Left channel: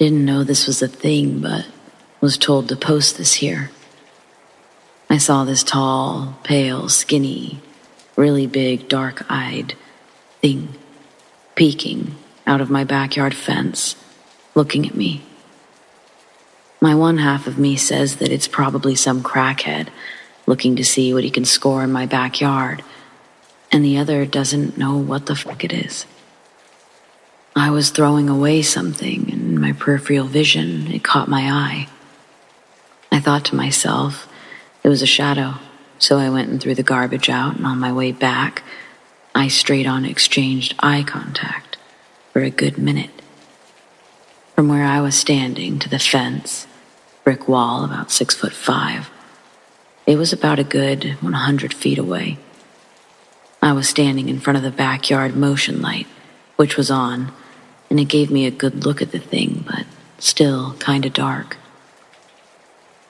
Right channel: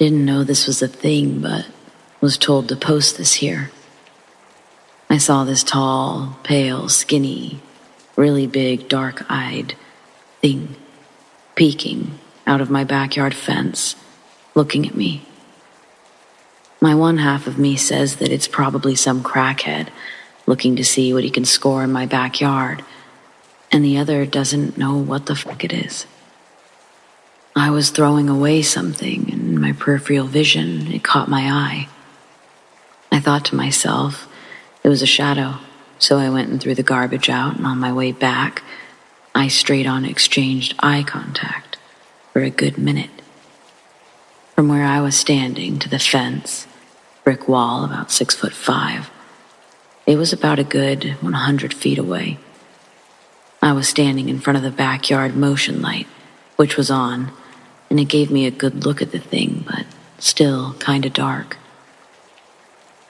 Didn't know this was a thing, but was told to post this here. I saw this tall, pale, skinny, really big, dark-eyed thing peeking out of my backyard fence, looking at me. My one half of me says that it's probably some crackhead looking to see what he can score in my backyard, and the other doesn't know what the fuck it is. I was throwing away something, and in my peripheral vision, it caught my eye. I thought to myself, it was a shadow, so I went and threw the garbage out, and on my way back, I straight on exchanged eye contact for a good minute. From where I was standing to the fence, brick wall about 6'5", it was about a good 100 feet away. I was standing in front of the backyard motion light, which was on, and it gave me a good look at the thing, but still kinda dark.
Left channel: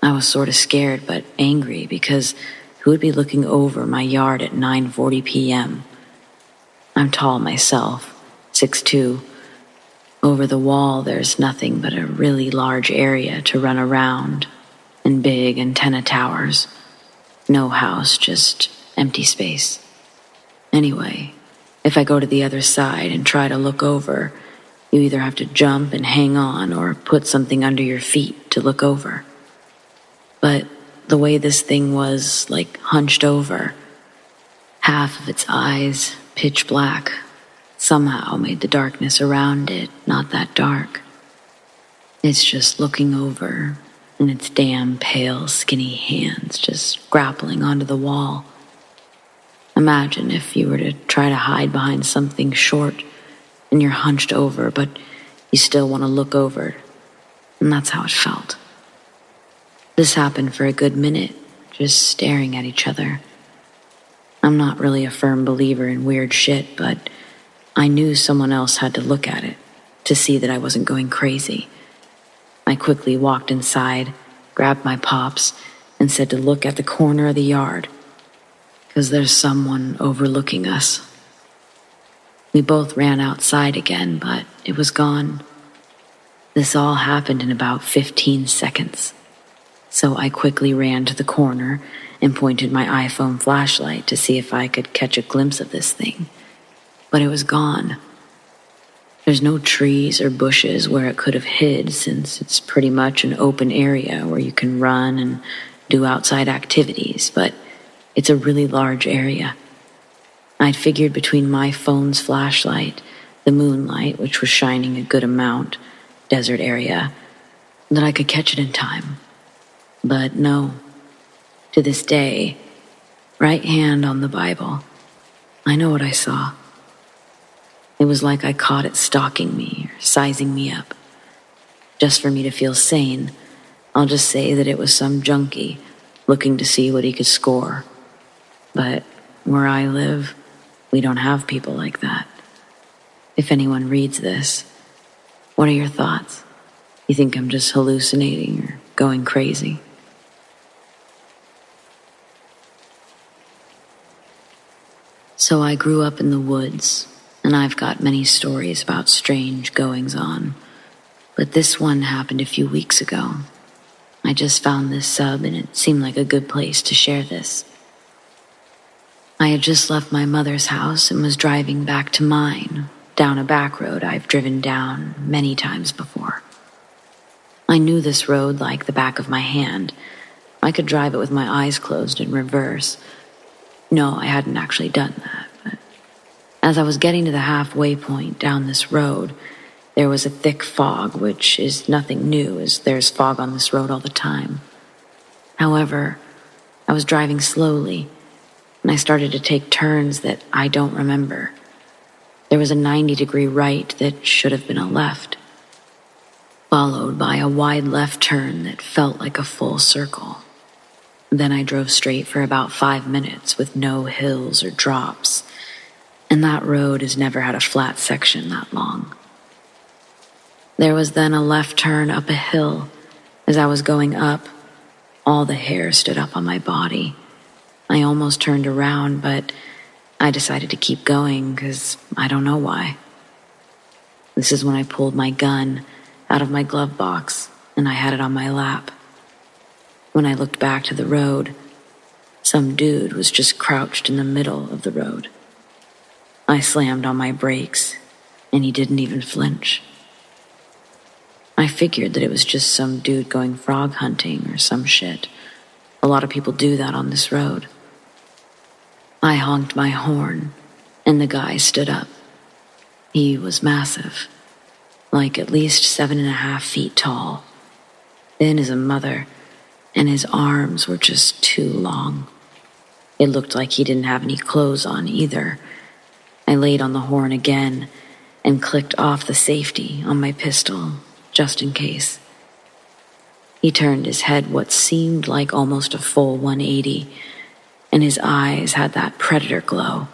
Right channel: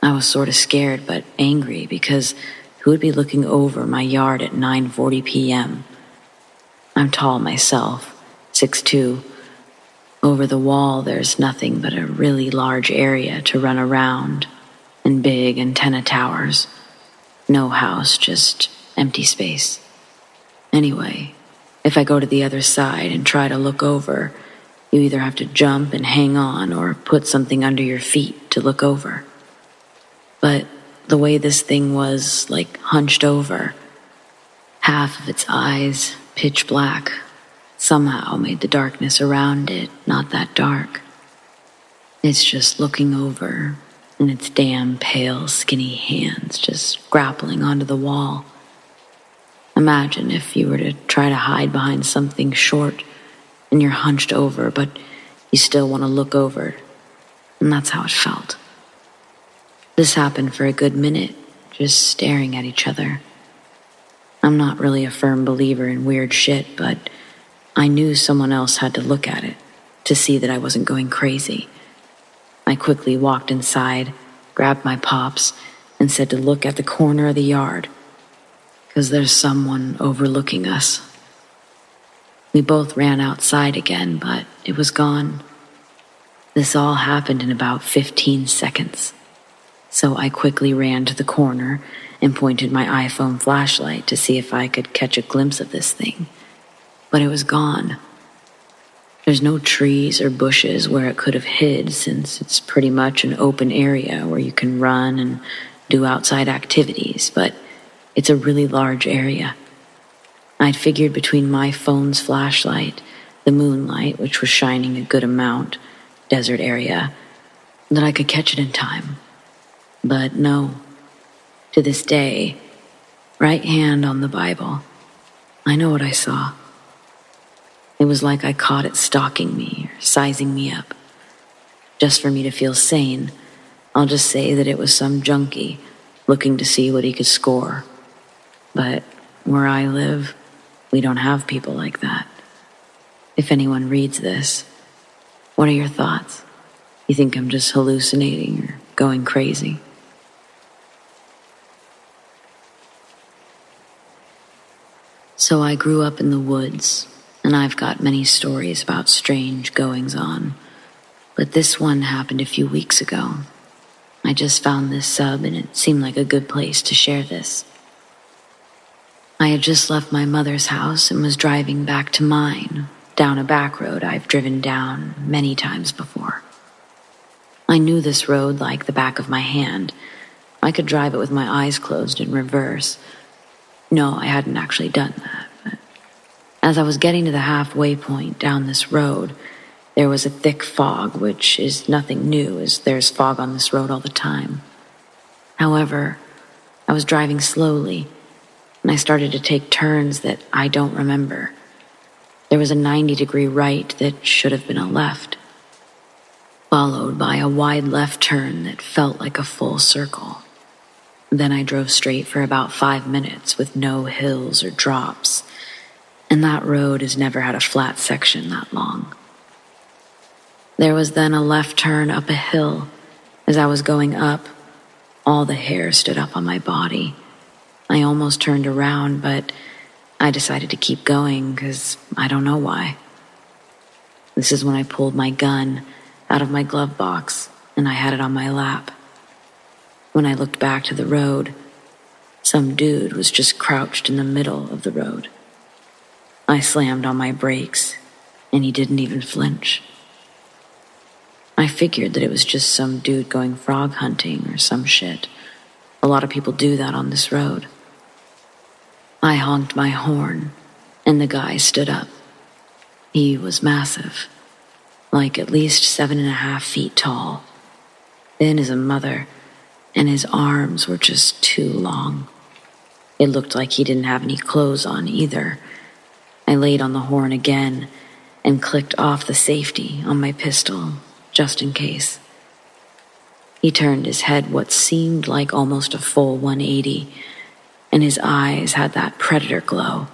I was sorta scared but angry because who would be looking over my yard at 9:40 p.m.? I'm tall myself, 6'2". Over the wall there's nothing but a really large area to run around, and big antenna towers. No house, just empty space. Anyway, if I go to the other side and try to look over, you either have to jump and hang on or put something under your feet to look over. But the way this thing was, like, hunched over, half of its eyes, pitch black, somehow made the darkness around it not that dark. It's just looking over, and its damn pale, skinny hands just grappling onto the wall. Imagine if you were to try to hide behind something short, and you're hunched over, but you still want to look over, and that's how it felt. This happened for a good minute, just staring at each other. I'm not really a firm believer in weird shit, but I knew someone else had to look at it to see that I wasn't going crazy. I quickly walked inside, grabbed my pops, and said to look at the corner of the yard, 'cause there's someone overlooking us. We both ran outside again, but it was gone. This all happened in about 15 seconds. So I quickly ran to the corner and pointed my iPhone flashlight to see if I could catch a glimpse of this thing. But it was gone. There's no trees or bushes where it could have hid, since it's pretty much an open area where you can run and do outside activities, but it's a really large area. I'd figured between my phone's flashlight, the moonlight, which was shining a good amount, desert area, that I could catch it in time. But no, to this day, right hand on the Bible, I know what I saw. It was like I caught it stalking me or sizing me up. Just for me to feel sane, I'll just say that it was some junkie looking to see what he could score. But where I live, we don't have people like that. If anyone reads this, what are your thoughts? You think I'm just hallucinating or going crazy? So I grew up in the woods, and I've got many stories about strange goings-on, but this one happened a few weeks ago. I just found this sub, and it seemed like a good place to share this. I had just left my mother's house and was driving back to mine, down a back road I've driven down many times before. I knew this road like the back of my hand. I could drive it with my eyes closed in reverse. No, I hadn't actually done that, but as I was getting to the halfway point down this road, there was a thick fog, which is nothing new, as there's fog on this road all the time. However, I was driving slowly, and I started to take turns that I don't remember. There was a 90-degree right that should have been a left, followed by a wide left turn that felt like a full circle. Then I drove straight for about 5 minutes with no hills or drops, and that road has never had a flat section that long. There was then a left turn up a hill. As I was going up, all the hair stood up on my body. I almost turned around, but I decided to keep going because I don't know why. This is when I pulled my gun out of my glove box, and I had it on my lap. When I looked back to the road, some dude was just crouched in the middle of the road. I slammed on my brakes, and he didn't even flinch. I figured that it was just some dude going frog hunting or some shit. A lot of people do that on this road. I honked my horn, and the guy stood up. He was massive, like at least 7.5 feet tall, thin as a mother, and his arms were just too long. It looked like he didn't have any clothes on either. I laid on the horn again and clicked off the safety on my pistol, just in case. He turned his head what seemed like almost a full 180, and his eyes had that predator glow,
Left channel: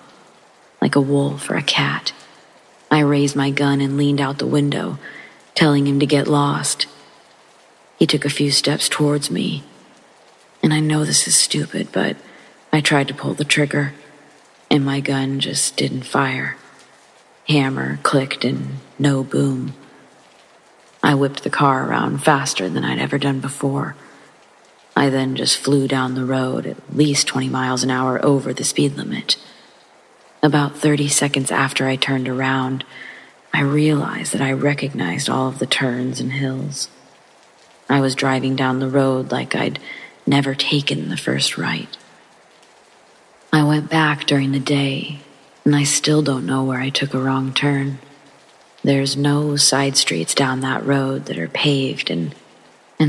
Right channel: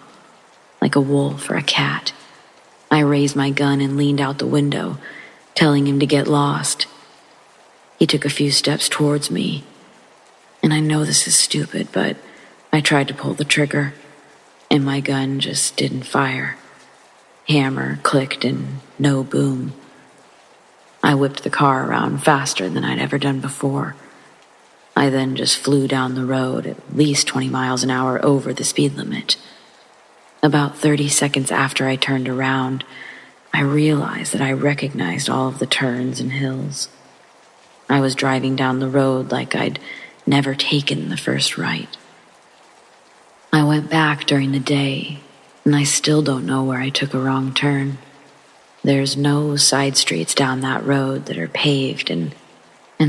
like a wolf or a cat. I raised my gun and leaned out the window, telling him to get lost. He took a few steps towards me, and I know this is stupid, but I tried to pull the trigger, and my gun just didn't fire. Hammer clicked and no boom. I whipped the car around faster than I'd ever done before. I then just flew down the road at least 20 miles an hour over the speed limit. About 30 seconds after I turned around, I realized that I recognized all of the turns and hills. I was driving down the road like I'd never taken the first right. I went back during the day, and I still don't know where I took a wrong turn. There's no side streets down that road that are paved, and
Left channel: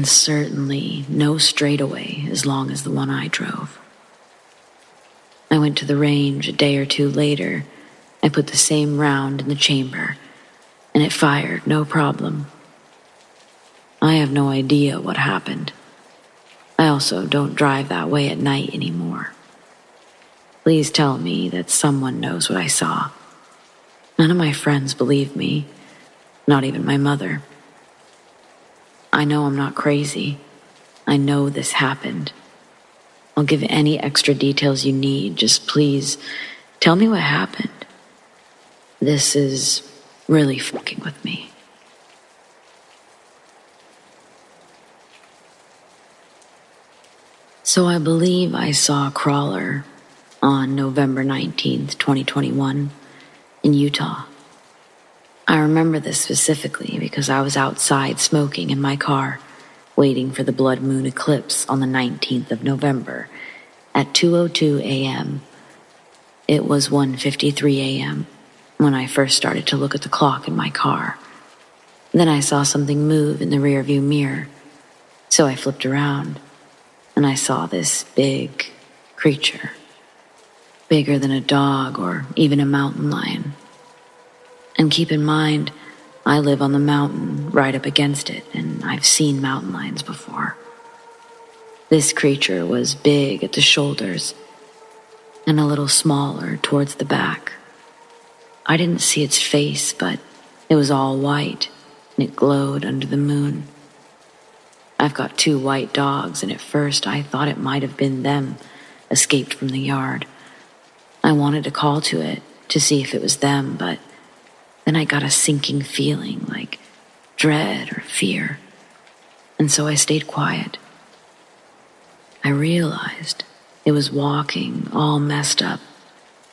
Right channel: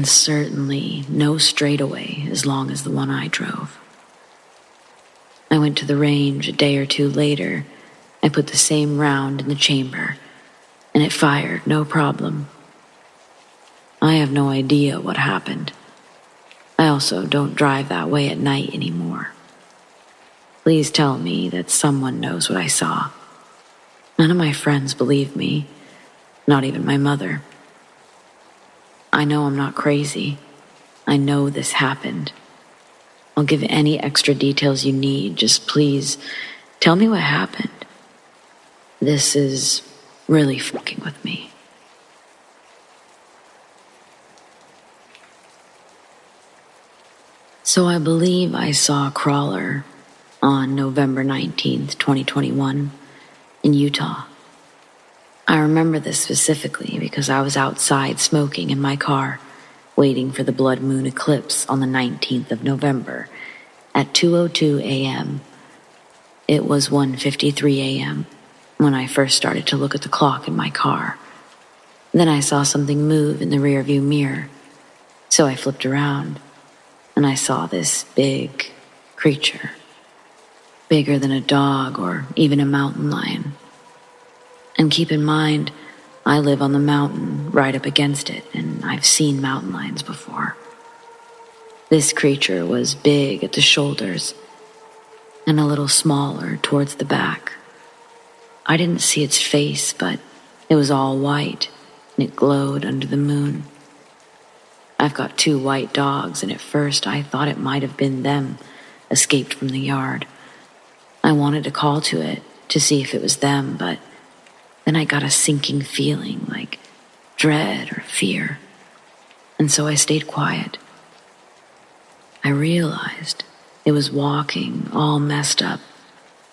certainly no straightaway as long as the one I drove. I went to the range a day or two later. I put the same round in the chamber, and it fired no problem. I have no idea what happened. I also don't drive that way at night anymore. Please tell me that someone knows what I saw. None of my friends believe me, not even my mother. I know I'm not crazy. I know this happened. I'll give any extra details you need. Just please tell me what happened. This is really fucking with me. So I believe I saw a crawler on November 19th, 2021 in Utah. I remember this specifically because I was outside smoking in my car, waiting for the blood moon eclipse on the 19th of November at 2:02 a.m. It was 1:53 a.m. when I first started to look at the clock in my car. Then I saw something move in the rearview mirror, so I flipped around, and I saw this big creature, bigger than a dog or even a mountain lion. And keep in mind, I live on the mountain right up against it, and I've seen mountain lions before. This creature was big at the shoulders and a little smaller towards the back. I didn't see its face, but it was all white, and it glowed under the moon. I've got 2 white dogs, and at first I thought it might have been them, escaped from the yard. I wanted to call to it to see if it was them, but then I got a sinking feeling like dread or fear, and so I stayed quiet. I realized it was walking all messed up,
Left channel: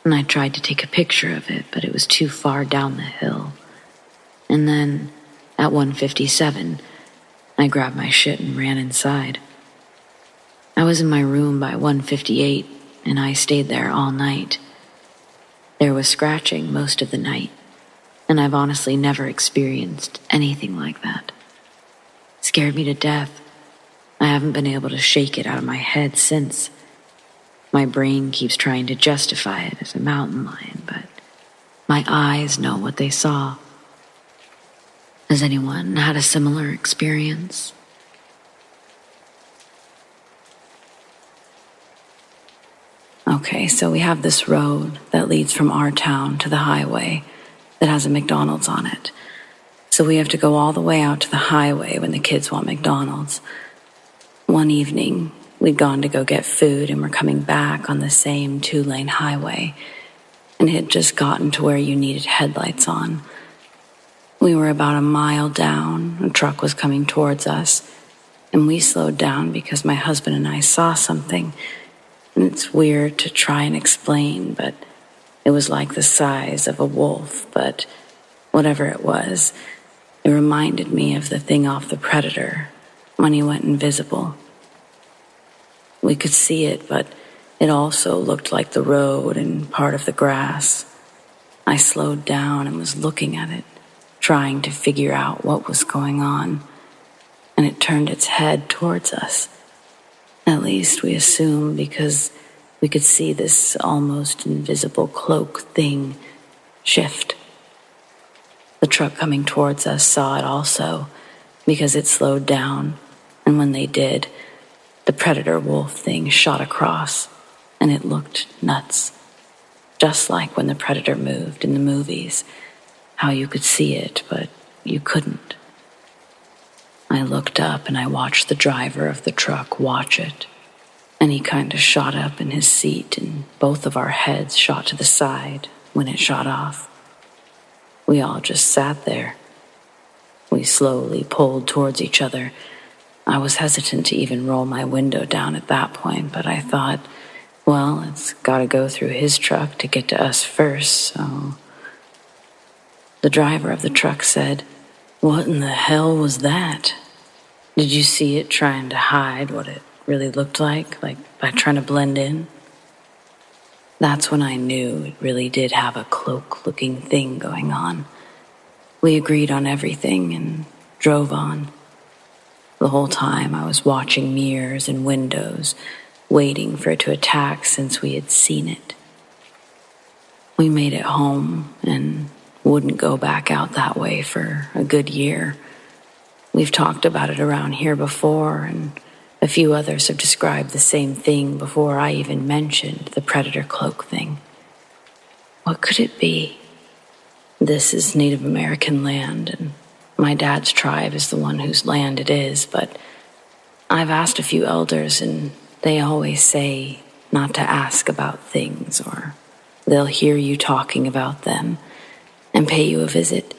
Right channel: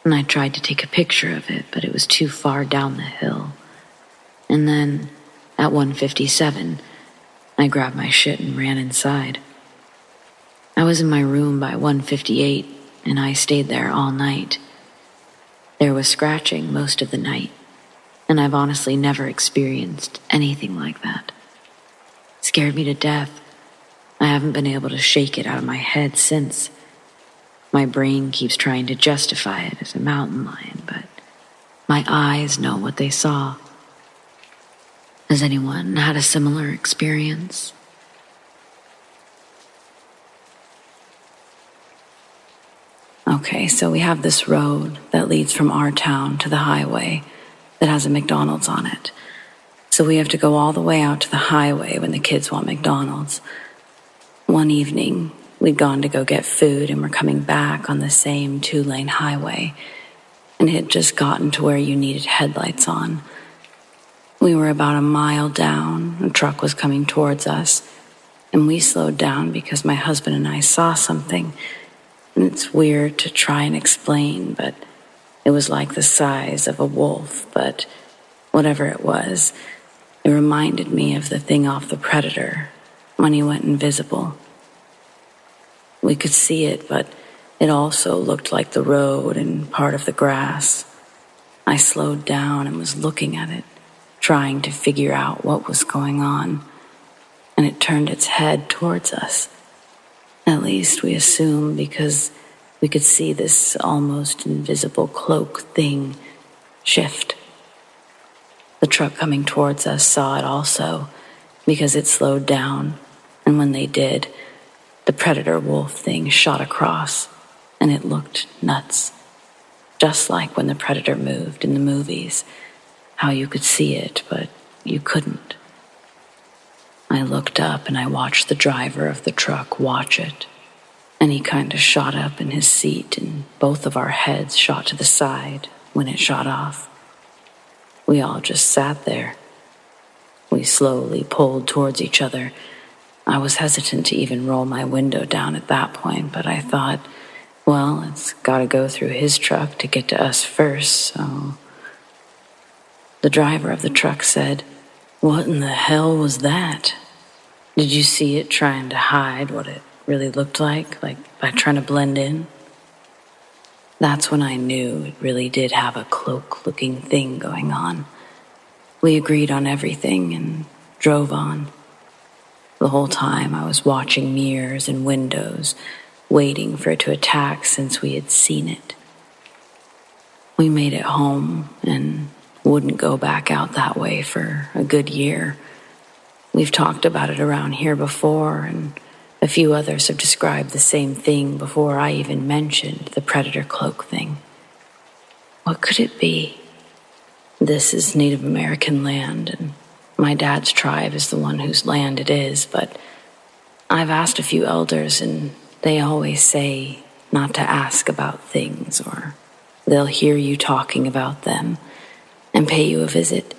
and I tried to take a picture of it, but it was too far down the hill. And then, at 1:57, I grabbed my shit and ran inside. I was in my room by 1:58, and I stayed there all night. There was scratching most of the night, and I've honestly never experienced anything like that. It scared me to death. I haven't been able to shake it out of my head since. My brain keeps trying to justify it as a mountain lion, but my eyes know what they saw. Has anyone had a similar experience? Okay, so we have this road that leads from our town to the highway that has a McDonald's on it. So we have to go all the way out to the highway when the kids want McDonald's. One evening, we'd gone to go get food and we're coming back on the same 2-lane highway, and it had just gotten to where you needed headlights on. We were about a mile down. A truck was coming towards us, and we slowed down because my husband and I saw something. And it's weird to try and explain, but it was like the size of a wolf, but whatever it was, it reminded me of the thing off The Predator when he went invisible. We could see it, but it also looked like the road and part of the grass. I slowed down and was looking at it, trying to figure out what was going on, and it turned its head towards us. At least we assumed, because we could see this almost invisible cloak thing shift. The truck coming towards us saw it also, because it slowed down, and when they did, the predator wolf thing shot across, and it looked nuts. Just like when the predator moved in the movies, how you could see it, but you couldn't. I looked up and I watched the driver of the truck watch it, and he kind of shot up in his seat, and both of our heads shot to the side when it shot off. We all just sat there. We slowly pulled towards each other. I was hesitant to even roll my window down at that point, but I thought, well, it's got to go through his truck to get to us first, so... The driver of the truck said, "What in the hell was that? Did you see it trying to hide what it really looked like by trying to blend in?" That's when I knew it really did have a cloak-looking thing going on. We agreed on everything and drove on. The whole time I was watching mirrors and windows, waiting for it to attack since we had seen it. We made it home and wouldn't go back out that way for a good year. We've talked about it around here before, and a few others have described the same thing before I even mentioned the predator cloak thing. What could it be? This is Native American land, and my dad's tribe is the one whose land it is, but I've asked a few elders, and they always say not to ask about things, or they'll hear you talking about them and pay you a visit.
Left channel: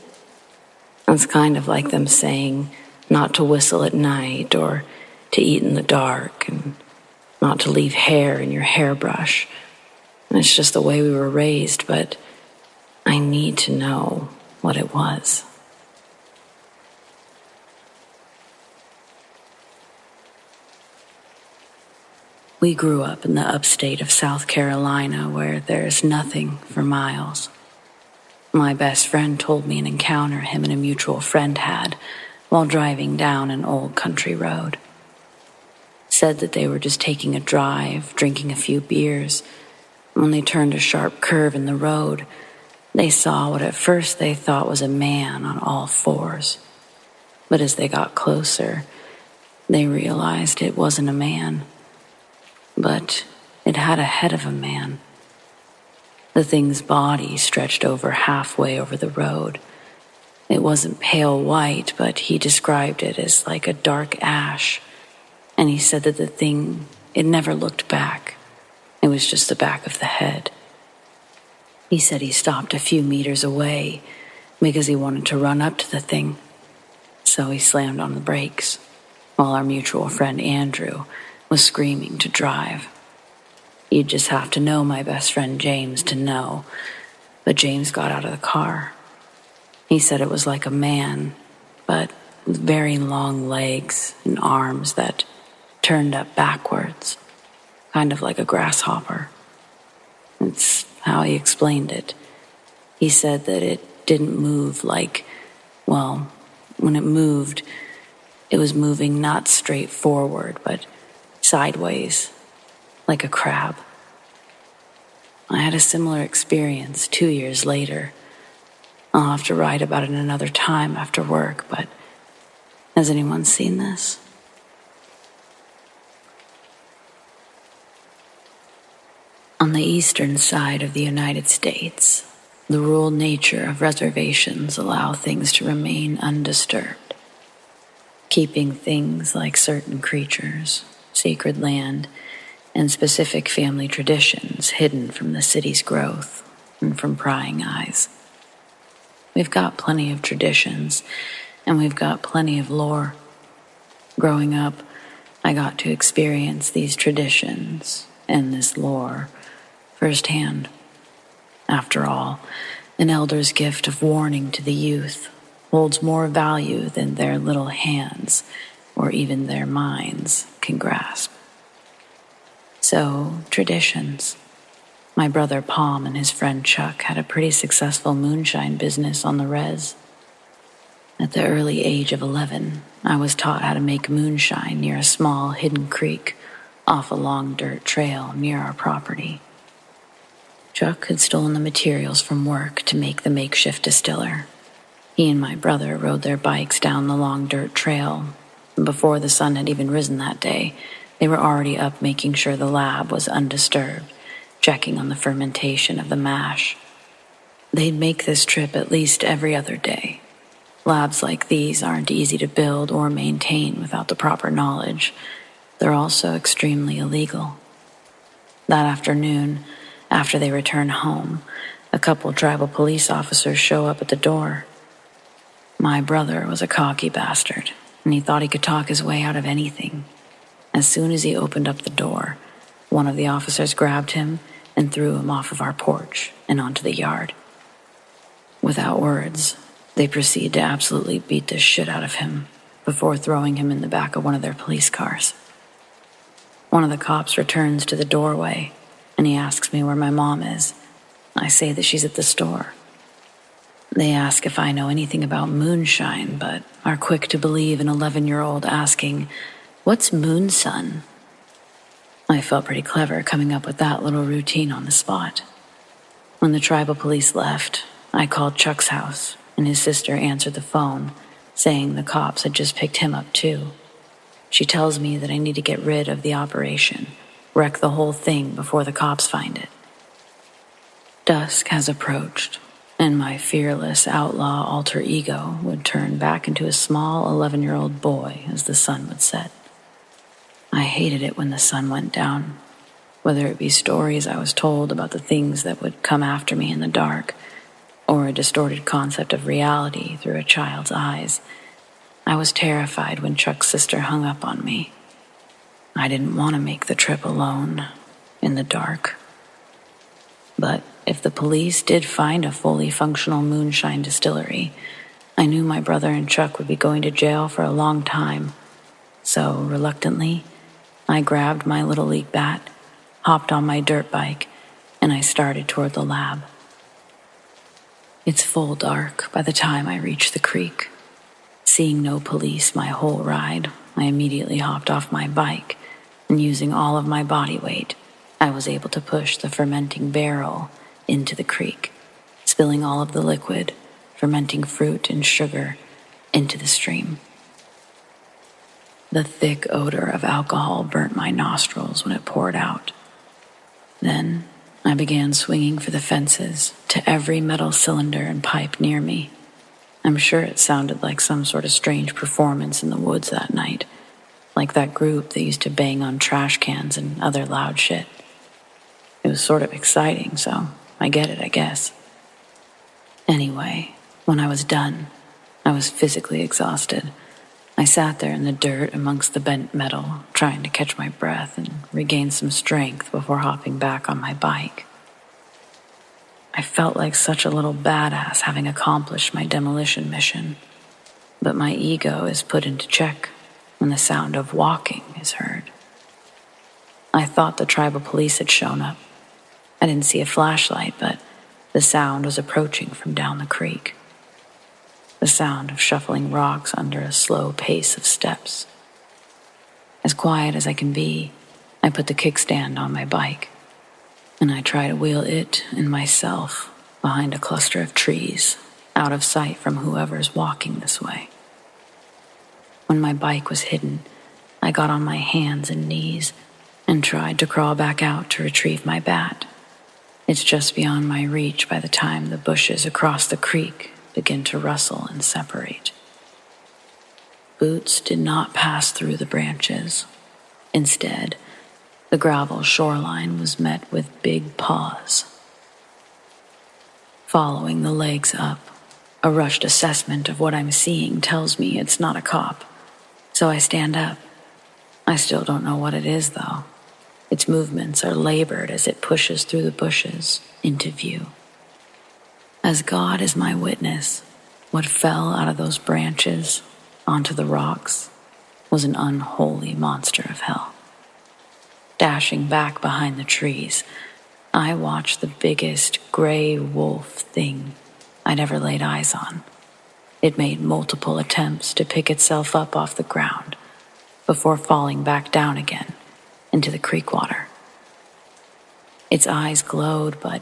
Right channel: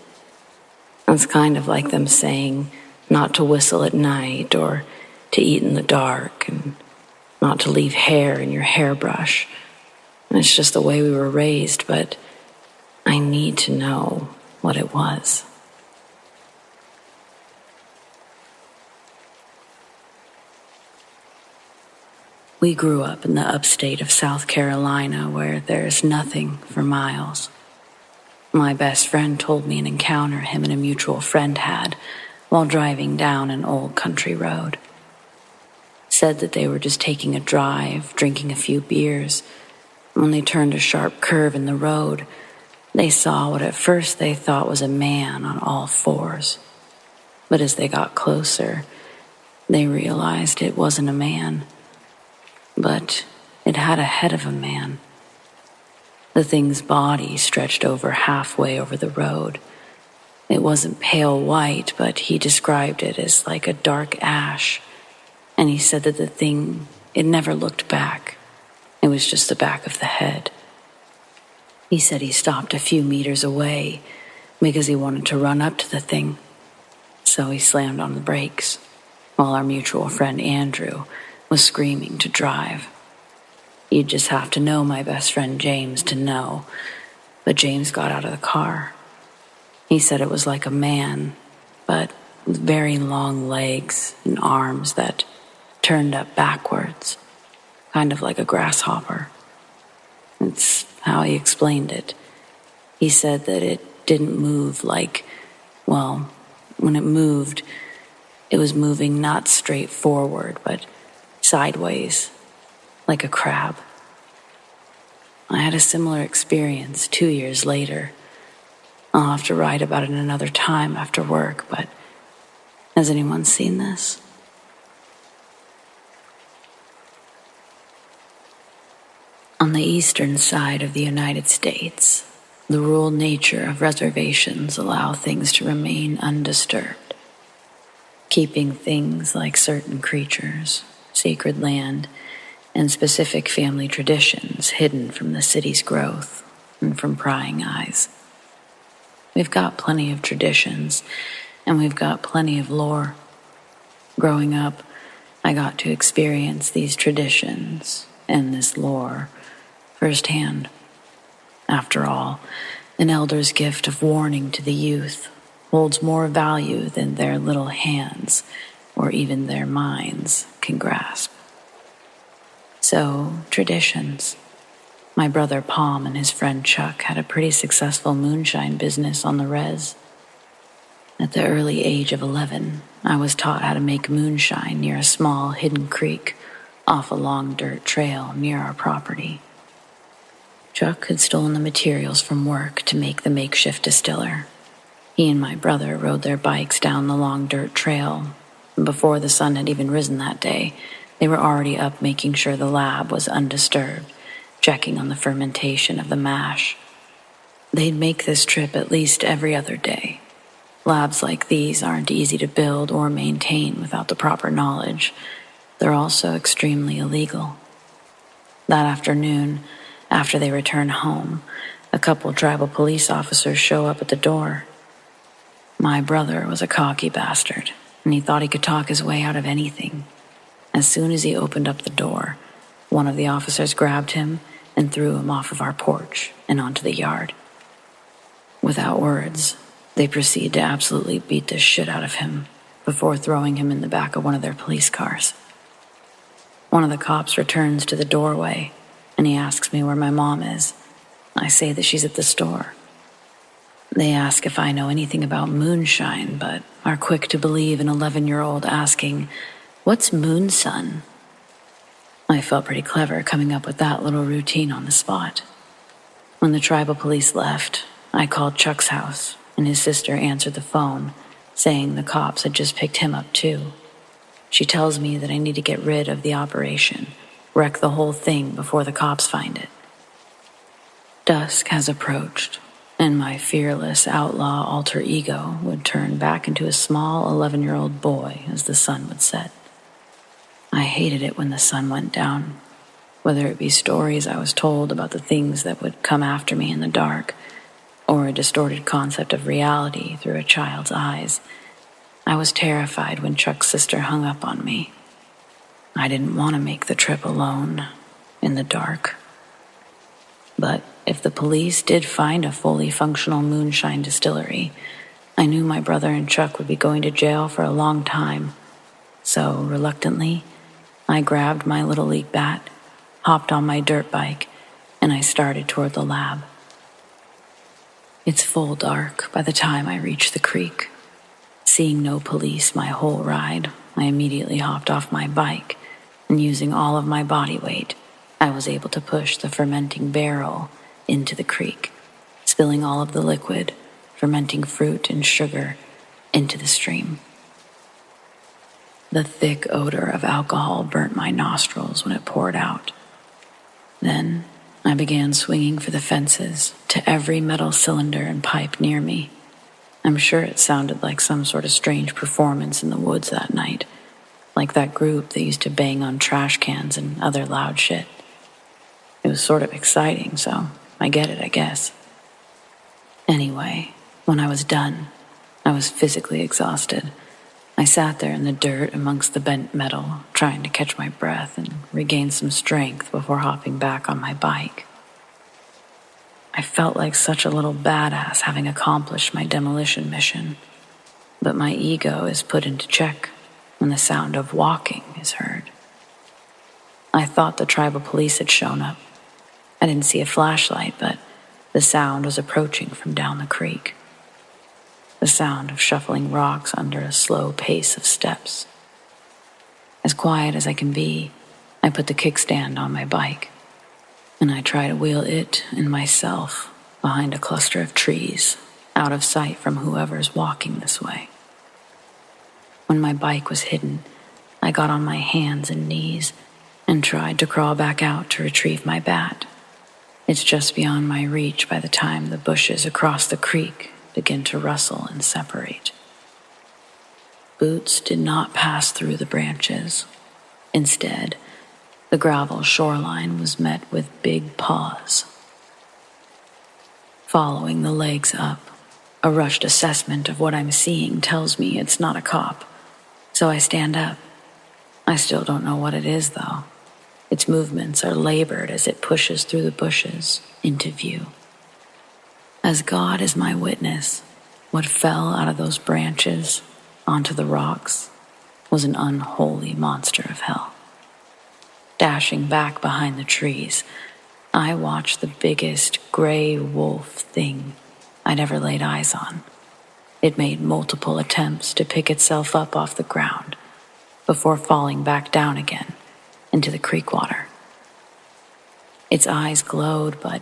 It's kind of like them saying not to whistle at night, or to eat in the dark, and not to leave hair in your hairbrush. And it's just the way we were raised, but I need to know what it was. We grew up in the upstate of South Carolina, where there's nothing for miles. My best friend told me an encounter him and a mutual friend had while driving down an old country road. Said that they were just taking a drive, drinking a few beers. When they turned a sharp curve in the road, they saw what at first they thought was a man on all fours. But as they got closer, they realized it wasn't a man, but it had a head of a man. The thing's body stretched over halfway over the road. It wasn't pale white, but he described it as like a dark ash. And he said that the thing, it never looked back. It was just the back of the head. He said he stopped a few meters away because he wanted to run up to the thing. So he slammed on the brakes while our mutual friend Andrew was screaming to drive. You'd just have to know my best friend James to know, but James got out of the car. He said it was like a man, but with very long legs and arms that turned up backwards, kind of like a grasshopper. It's how he explained it. He said that it didn't move like, well, when it moved, it was moving not straight forward, but sideways, like a crab. I had a similar experience 2 years later. I'll have to write about it another time after work, but has anyone seen this? On the eastern side of the United States, the rural nature of reservations allow things to remain undisturbed, keeping things like certain creatures, sacred land, and specific family traditions hidden from the city's growth and from prying eyes. we've got plenty of traditions, and we've got plenty of lore. Growing up, I got to experience these traditions and this lore firsthand. After all, an elder's gift of warning to the youth holds more value than their little hands or even their minds can grasp. So, traditions. My brother Palm and his friend Chuck had a pretty successful moonshine business on the res. At the early age of 11, I was taught how to make moonshine near a small hidden creek off a long dirt trail near our property. Chuck had stolen the materials from work to make the makeshift distiller. He and my brother rode their bikes down the long dirt trail, and before the sun had even risen that day, they were already up making sure the lab was undisturbed, checking on the fermentation of the mash. They'd make this trip at least every other day. Labs like these aren't easy to build or maintain without the proper knowledge. They're also extremely illegal. That afternoon, after they return home, a couple tribal police officers show up at the door. My brother was a cocky bastard, and he thought he could talk his way out of anything. As soon as he opened up the door, one of the officers grabbed him and threw him off of our porch and onto the yard. Without words, they proceed to absolutely beat the shit out of him before throwing him in the back of one of their police cars. One of the cops returns to the doorway, and he asks me where my mom is. I say that she's at the store. They ask if I know anything about moonshine, but are quick to believe an 11-year-old asking, "What's moonsun?" I felt pretty clever coming up with that little routine on the spot. When the tribal police left, I called Chuck's house, and his sister answered the phone, saying the cops had just picked him up too. She tells me that I need to get rid of the operation, wreck the whole thing before the cops find it. Dusk has approached, and my fearless outlaw alter ego would turn back into a small 11-year-old boy as the sun would set. I hated it when the sun went down, whether it be stories I was told about the things that would come after me in the dark, or a distorted concept of reality through a child's eyes. I was terrified when Chuck's sister hung up on me. I didn't want to make the trip alone, in the dark. But if the police did find a fully functional moonshine distillery, I knew my brother and Chuck would be going to jail for a long time. So, reluctantly, I grabbed my Little League bat, hopped on my dirt bike, and I started toward the lab. It's full dark by the time I reach the creek. Seeing no police my whole ride, I immediately hopped off my bike, and using all of my body weight, I was able to push the fermenting barrel into the creek, spilling all of the liquid, fermenting fruit and sugar, into the stream. The thick odor of alcohol burnt my nostrils when it poured out. Then I began swinging for the fences to every metal cylinder and pipe near me. I'm sure it sounded like some sort of strange performance in the woods that night, like that group that used to bang on trash cans and other loud shit. It was sort of exciting, so I get it, I guess. Anyway, when I was done, I was physically exhausted. I sat there in the dirt amongst the bent metal, trying to catch my breath and regain some strength before hopping back on my bike. I felt like such a little badass having accomplished my demolition mission, but my ego is put into check when the sound of walking is heard. I thought the tribal police had shown up. I didn't see a flashlight, but the sound was approaching from down the creek. The sound of shuffling rocks under a slow pace of steps. As quiet as I can be, I put the kickstand on my bike, and I try to wheel it and myself behind a cluster of trees, out of sight from whoever's walking this way. When my bike was hidden, I got on my hands and knees and tried to crawl back out to retrieve my bat. It's just beyond my reach by the time the bushes across the creek begin to rustle and separate. Boots did not pass through the branches. Instead, the gravel shoreline was met with big paws. Following the legs up, A rushed assessment of what I'm seeing tells me it's not a cop. So I stand up. I still don't know what it is, though. Its movements are labored as it pushes through the bushes into view. As God is my witness, what fell out of those branches onto the rocks was an unholy monster of hell. Dashing back behind the trees, I watched the biggest gray wolf thing I'd ever laid eyes on. It made multiple attempts to pick itself up off the ground before falling back down again into the creek water. Its eyes glowed, but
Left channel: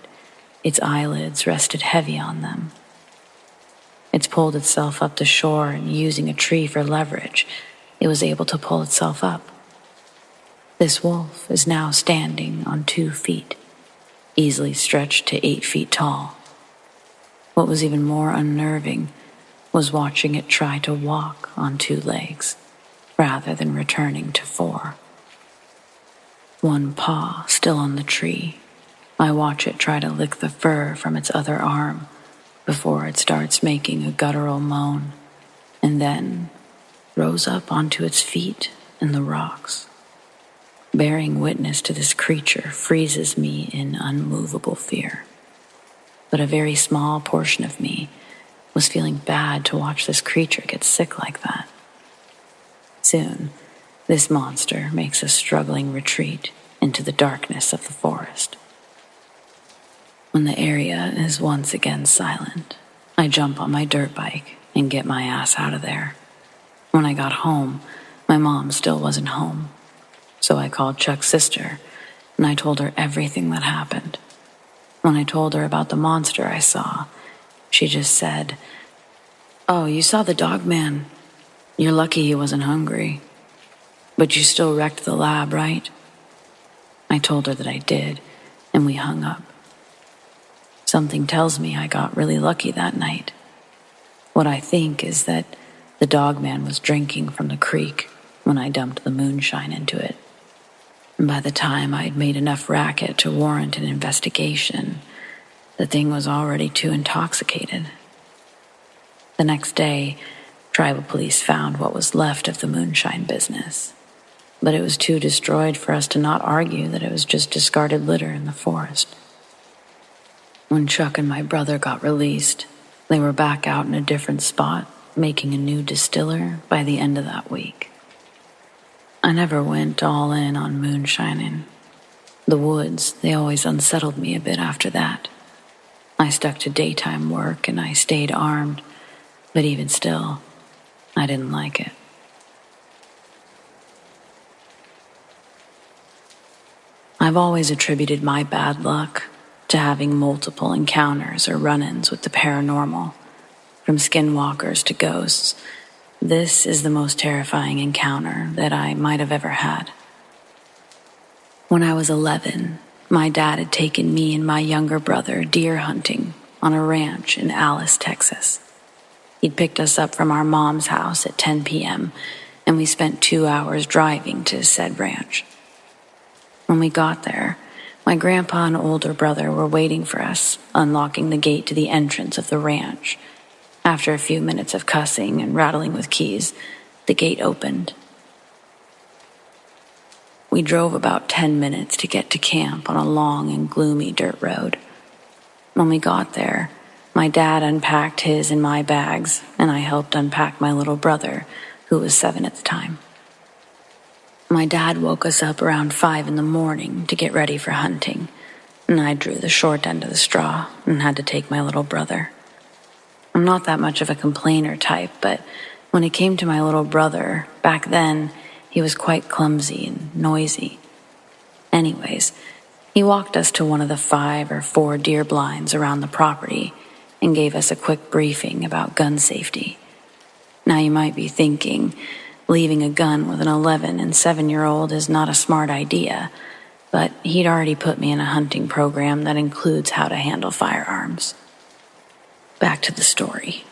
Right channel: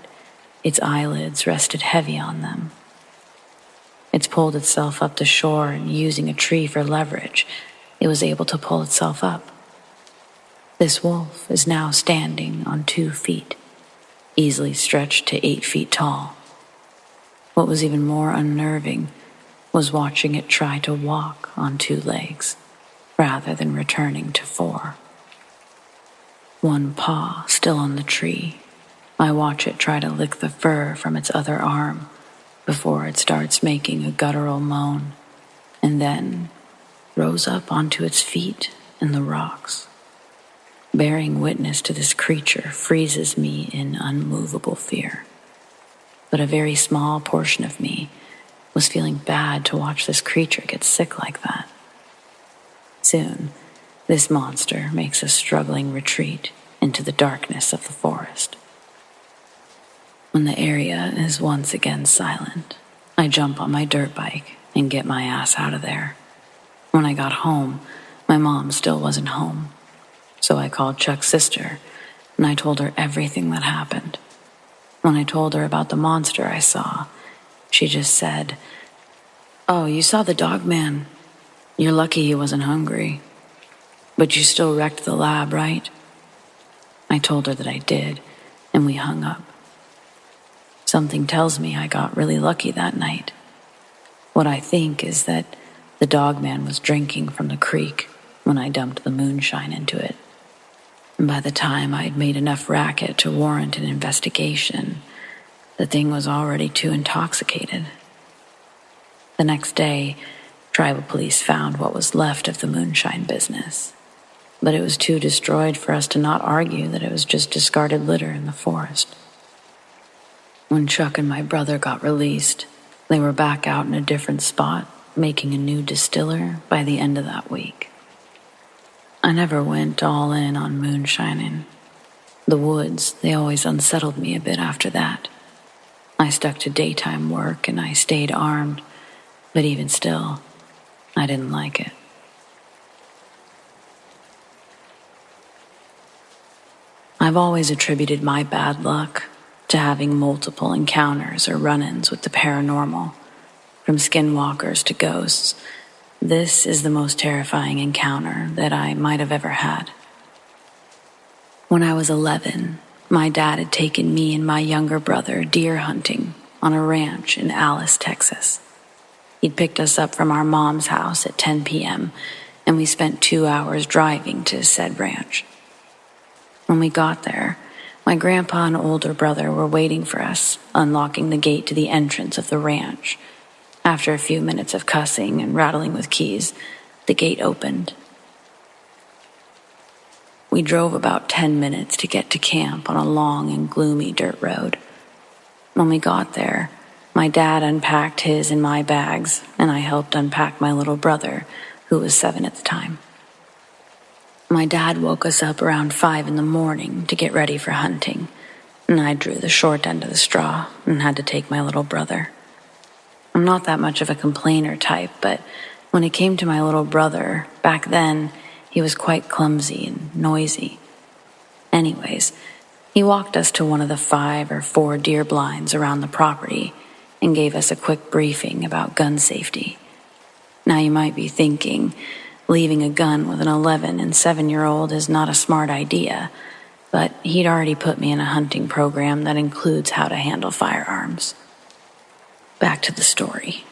its eyelids rested heavy on them. It's pulled itself up the shore, and using a tree for leverage, it was able to pull itself up. This wolf is now standing on 2 feet, easily stretched to 8 feet tall. What was even more unnerving was watching it try to walk on 2 legs, rather than returning to 4. One paw still on the tree, I watch it try to lick the fur from its other arm before it starts making a guttural moan, and then rose up onto its feet in the rocks. Bearing witness to this creature freezes me in unmovable fear. But a very small portion of me was feeling bad to watch this creature get sick like that. Soon, this monster makes a struggling retreat into the darkness of the forest. When the area is once again silent, I jump on my dirt bike and get my ass out of there. When I got home, my mom still wasn't home. So I called Chuck's sister, and I told her everything that happened. When I told her about the monster I saw, she just said, "Oh, you saw the dog man. You're lucky he wasn't hungry. But you still wrecked the lab, right?" I told her that I did, and we hung up. Something tells me I got really lucky that night. What I think is that the dog man was drinking from the creek when I dumped the moonshine into it. And by the time I'd made enough racket to warrant an investigation, the thing was already too intoxicated. The next day, tribal police found what was left of the moonshine business, but it was too destroyed for us to not argue that it was just discarded litter in the forest. When Chuck and my brother got released, they were back out in a different spot, making a new distiller by the end of that week. I never went all in on moonshining. The woods, they always unsettled me a bit after that. I stuck to daytime work and I stayed armed, but even still, I didn't like it. I've always attributed my bad luck to having multiple encounters or run-ins with the paranormal, from skinwalkers to ghosts. This is the most terrifying encounter that I might have ever had. When I was 11, my dad had taken me and my younger brother deer hunting on a ranch in Alice, Texas. He'd picked us up from our mom's house at 10 p.m., and we spent 2 hours driving to said ranch. When we got there, my grandpa and older brother were waiting for us, unlocking the gate to the entrance of the ranch. After a few minutes of cussing and rattling with keys, the gate opened. We drove about 10 minutes to get to camp on a long and gloomy dirt road. When we got there, my dad unpacked his and my bags, and I helped unpack my little brother, who was 7 at the time. My dad woke us up around 5 in the morning to get ready for hunting, and I drew the short end of the straw and had to take my little brother. I'm not that much of a complainer type, but when it came to my little brother, back then, he was quite clumsy and noisy. Anyways, he walked us to one of the 5 or 4 deer blinds around the property and gave us a quick briefing about gun safety. Now you might be thinking, leaving a gun with an 11 and 7-year-old is not a smart idea, but he'd already put me in a hunting program that includes how to handle firearms. Back to the story.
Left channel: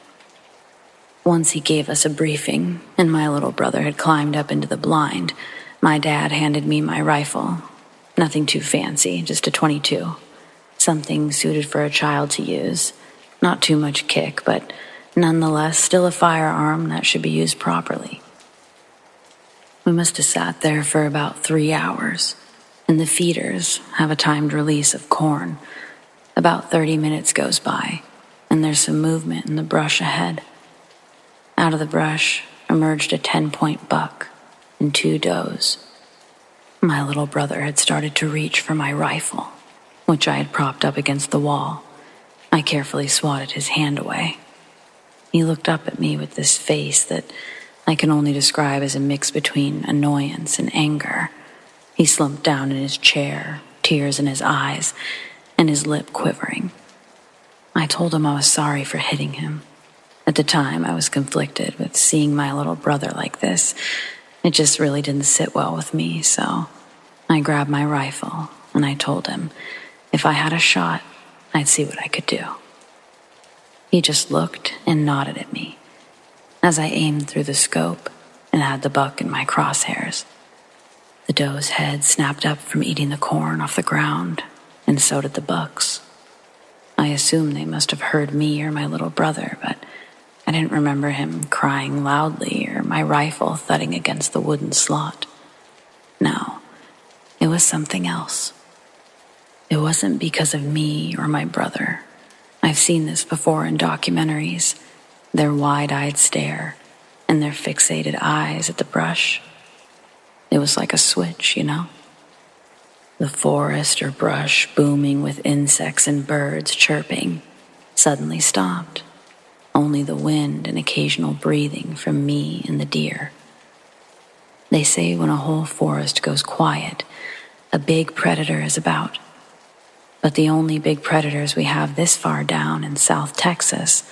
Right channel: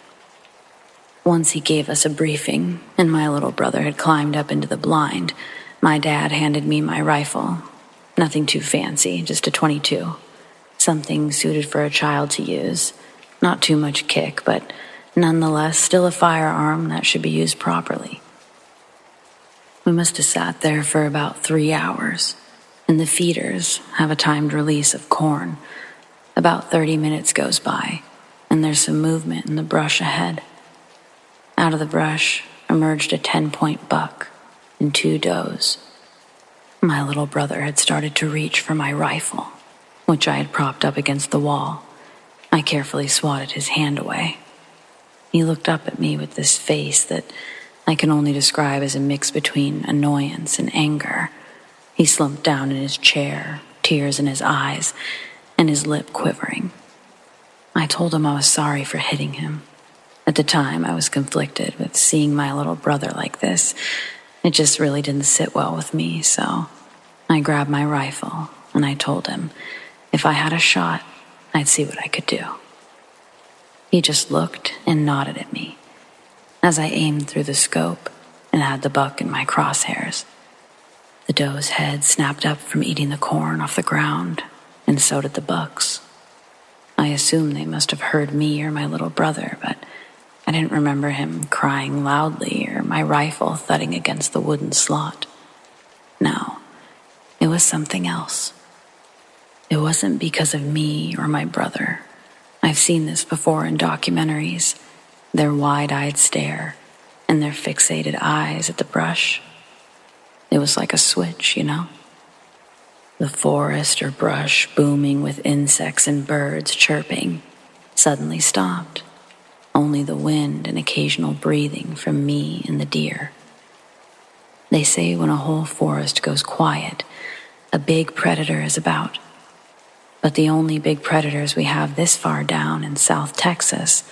Once he gave us a briefing, and my little brother had climbed up into the blind, my dad handed me my rifle. Nothing too fancy, just a .22. Something suited for a child to use. Not too much kick, but nonetheless still a firearm that should be used properly. We must have sat there for about 3 hours, and the feeders have a timed release of corn. About 30 minutes goes by, and there's some movement in the brush ahead. Out of the brush emerged a 10-point buck and 2 does. My little brother had started to reach for my rifle, which I had propped up against the wall. I carefully swatted his hand away. He looked up at me with this face that I can only describe as a mix between annoyance and anger. He slumped down in his chair, tears in his eyes, and his lip quivering. I told him I was sorry for hitting him. At the time, I was conflicted with seeing my little brother like this. It just really didn't sit well with me, so I grabbed my rifle and I told him if I had a shot, I'd see what I could do. He just looked and nodded at me as I aimed through the scope and had the buck in my crosshairs. The doe's head snapped up from eating the corn off the ground, and so did the buck's. I assumed they must have heard me or my little brother, but I didn't remember him crying loudly or my rifle thudding against the wooden slot. No, it was something else. It wasn't because of me or my brother. I've seen this before in documentaries, their wide-eyed stare and their fixated eyes at the brush. It was like a switch, you know? The forest or brush booming with insects and birds chirping suddenly stopped. Only the wind and occasional breathing from me and the deer. They say when a whole forest goes quiet, a big predator is about. But the only big predators we have this far down in South Texas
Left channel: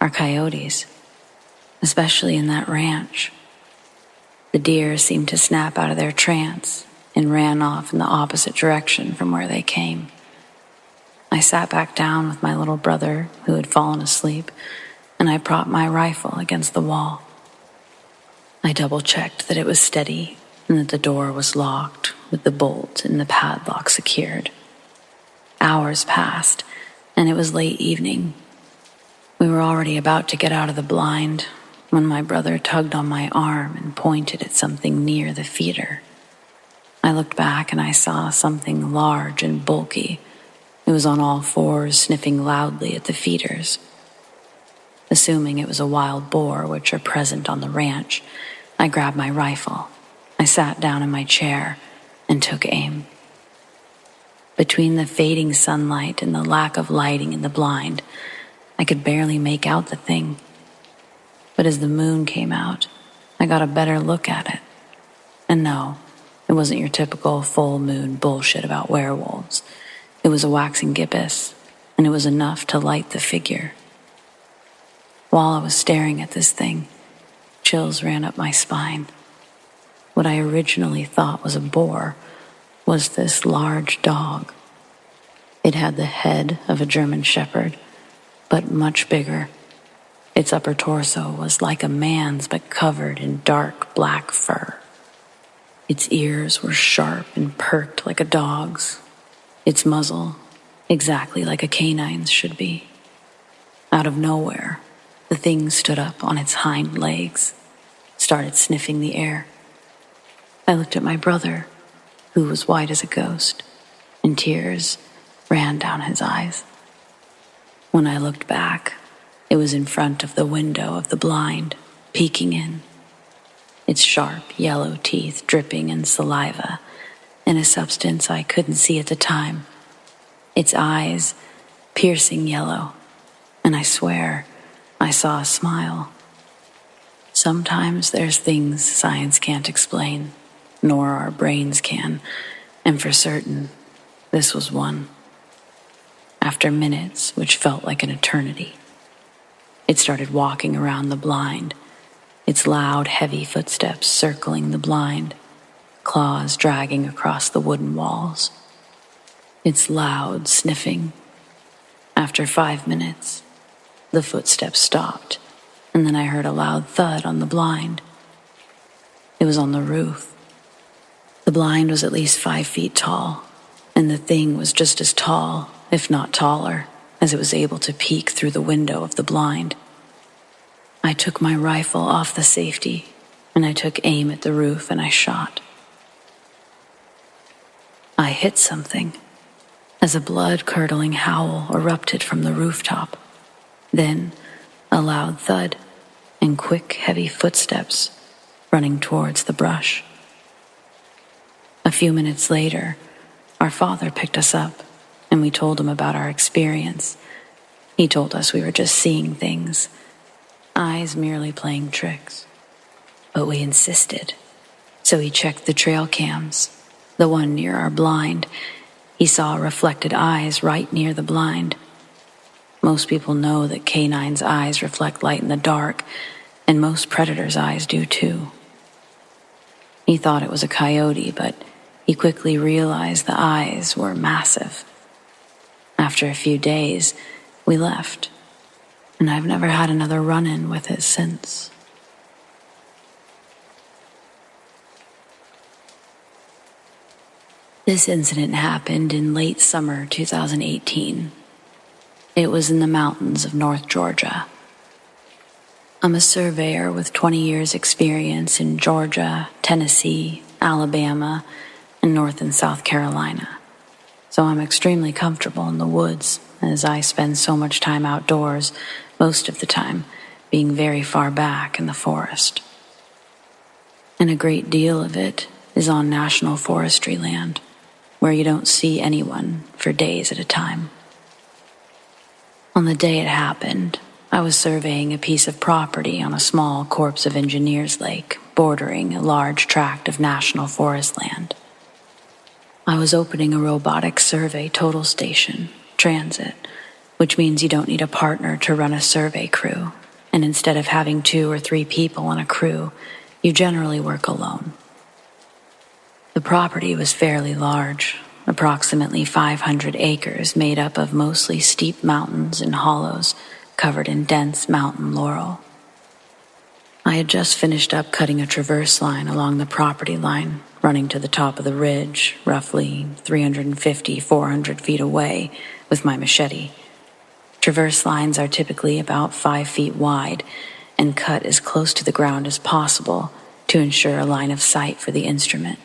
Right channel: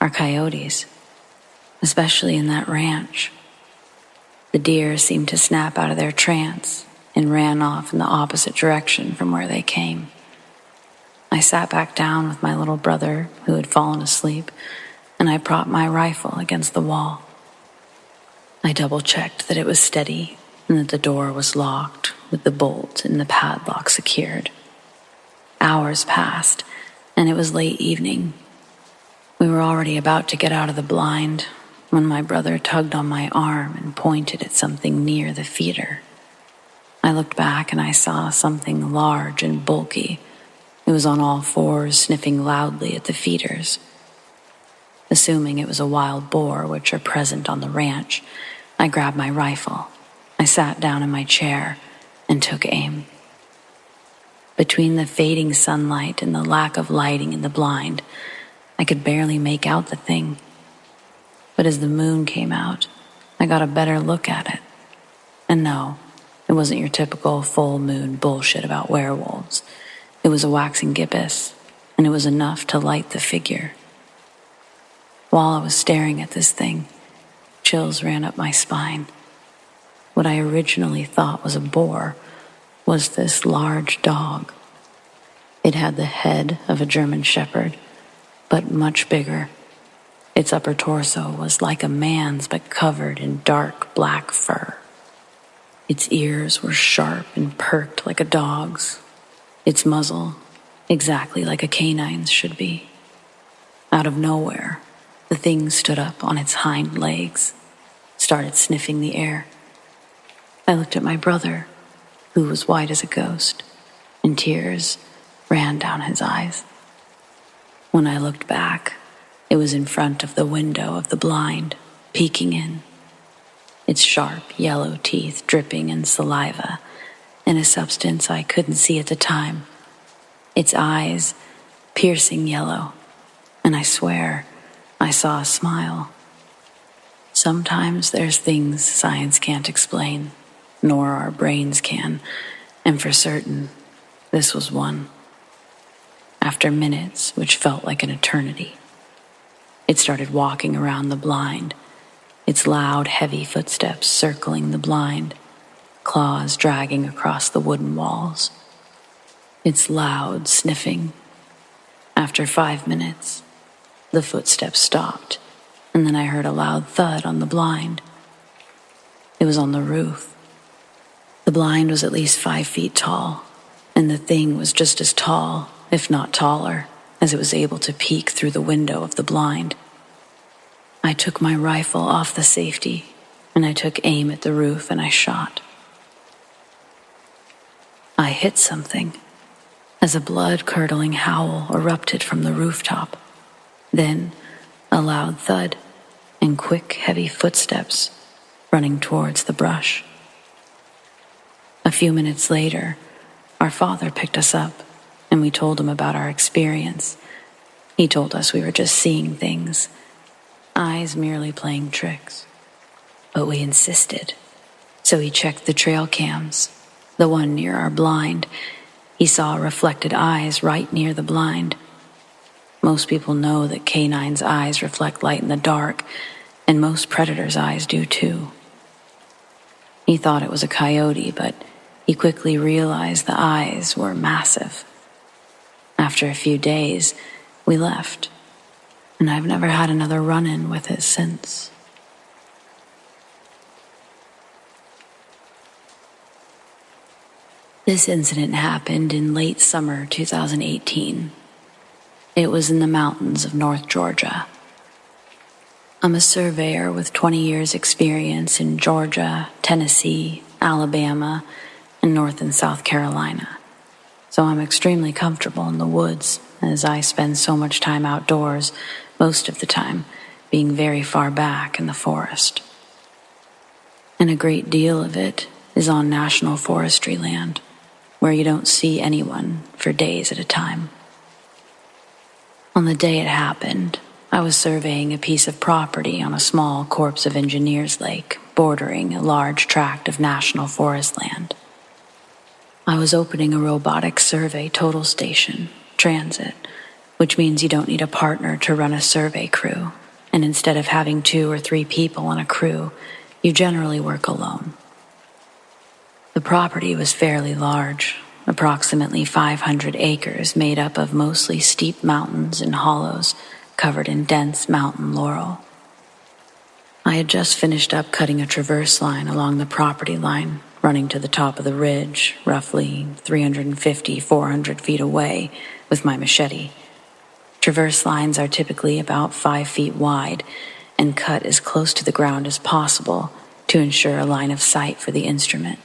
are coyotes, especially in that ranch. The deer seemed to snap out of their trance and ran off in the opposite direction from where they came. I sat back down with my little brother, who had fallen asleep, and I propped my rifle against the wall. I double-checked that it was steady and that the door was locked with the bolt and the padlock secured. Hours passed, and it was late evening. We were already about to get out of the blind when my brother tugged on my arm and pointed at something near the feeder. I looked back and I saw something large and bulky. It was on all fours, sniffing loudly at the feeders. Assuming it was a wild boar, which are present on the ranch, I grabbed my rifle. I sat down in my chair and took aim. Between the fading sunlight and the lack of lighting in the blind, I could barely make out the thing. But as the moon came out, I got a better look at it. And no, it wasn't your typical full moon bullshit about werewolves. It was a waxing gibbous, and it was enough to light the figure. While I was staring at this thing, chills ran up my spine. What I originally thought was a boar was this large dog. It had the head of a German shepherd, but much bigger. Its upper torso was like a man's, but covered in dark black fur. Its ears were sharp and perked like a dog's. Its muzzle, exactly like a canine's should be. Out of nowhere, the thing stood up on its hind legs, started sniffing the air. I looked at my brother, who was white as a ghost, and tears ran down his eyes. When I looked back, it was in front of the window of the blind, peeking in. Its sharp yellow teeth dripping in saliva and a substance I couldn't see at the time. Its eyes piercing yellow, and I swear I saw a smile. Sometimes there's things science can't explain, nor our brains can, and for certain, this was one. After minutes, which felt like an eternity, it started walking around the blind, its loud, heavy footsteps circling the blind, claws dragging across the wooden walls. Its loud sniffing. After 5 minutes, the footsteps stopped, and then I heard a loud thud on the blind. It was on the roof. The blind was at least 5 feet tall, and the thing was just as tall, if not taller, as it was able to peek through the window of the blind. I took my rifle off the safety, and I took aim at the roof and I shot. I hit something as a blood-curdling howl erupted from the rooftop. Then a loud thud and quick, heavy footsteps running towards the brush. A few minutes later, our father picked us up and we told him about our experience. He told us we were just seeing things, eyes merely playing tricks. But we insisted, so he checked the trail cams, the one near our blind. He saw reflected eyes right near the blind. Most people know that canines' eyes reflect light in the dark, and most predators' eyes do too. He thought it was a coyote, but he quickly realized the eyes were massive. After a few days, we left, and I've never had another run-in with it since. This incident happened in late summer 2018. It was in the mountains of North Georgia. I'm a surveyor with 20 years experience in Georgia, Tennessee, Alabama, and North and South Carolina. So I'm extremely comfortable in the woods, as I spend so much time outdoors, most of the time being very far back in the forest. And a great deal of it is on national forestry land, where you don't see anyone for days at a time. On the day it happened, I was surveying a piece of property on a small Corps of Engineers lake bordering a large tract of national forest land. I was opening a robotic survey total station, transit, which means you don't need a partner to run a survey crew, and instead of having 2 or 3 people on a crew, you generally work alone. The property was fairly large, approximately 500 acres made up of mostly steep mountains and hollows covered in dense mountain laurel. I had just finished up cutting a traverse line along the property line, running to the top of the ridge, roughly 350-400 feet away, with my machete. Traverse lines are typically about 5 feet wide and cut as close to the ground as possible to ensure a line of sight for the instrument.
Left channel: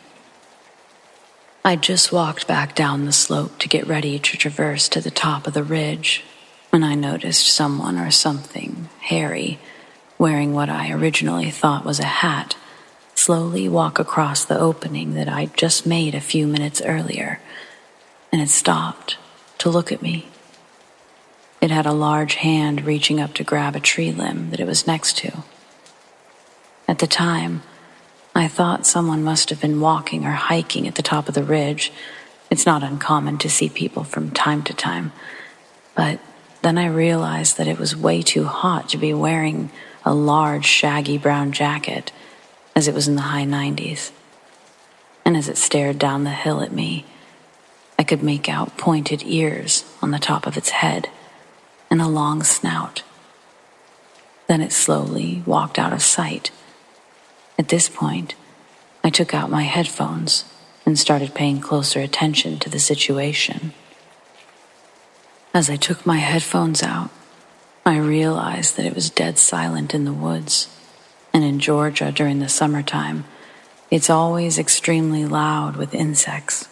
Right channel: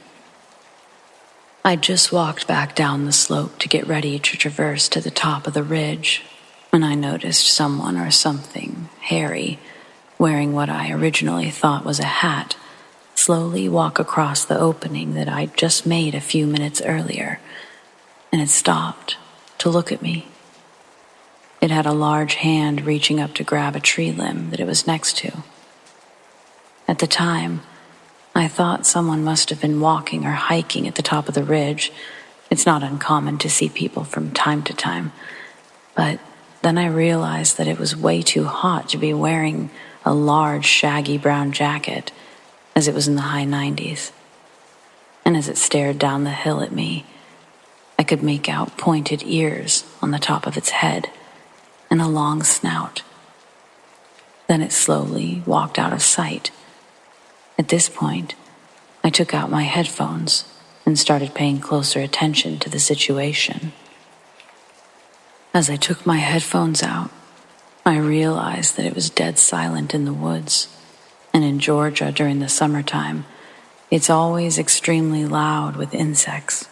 I just walked back down the slope to get ready to traverse to the top of the ridge when I noticed someone or something hairy, wearing what I originally thought was a hat, slowly walk across the opening that I'd just made a few minutes earlier, and it stopped to look at me. It had a large hand reaching up to grab a tree limb that it was next to. At the time, I thought someone must have been walking or hiking at the top of the ridge. It's not uncommon to see people from time to time. But then I realized that it was way too hot to be wearing a large, shaggy brown jacket, as it was in the high 90s. And as it stared down the hill at me, I could make out pointed ears on the top of its head and a long snout. Then it slowly walked out of sight. At this point, I took out my headphones and started paying closer attention to the situation. As I took my headphones out, I realized that it was dead silent in the woods, and in Georgia during the summertime, it's always extremely loud with insects.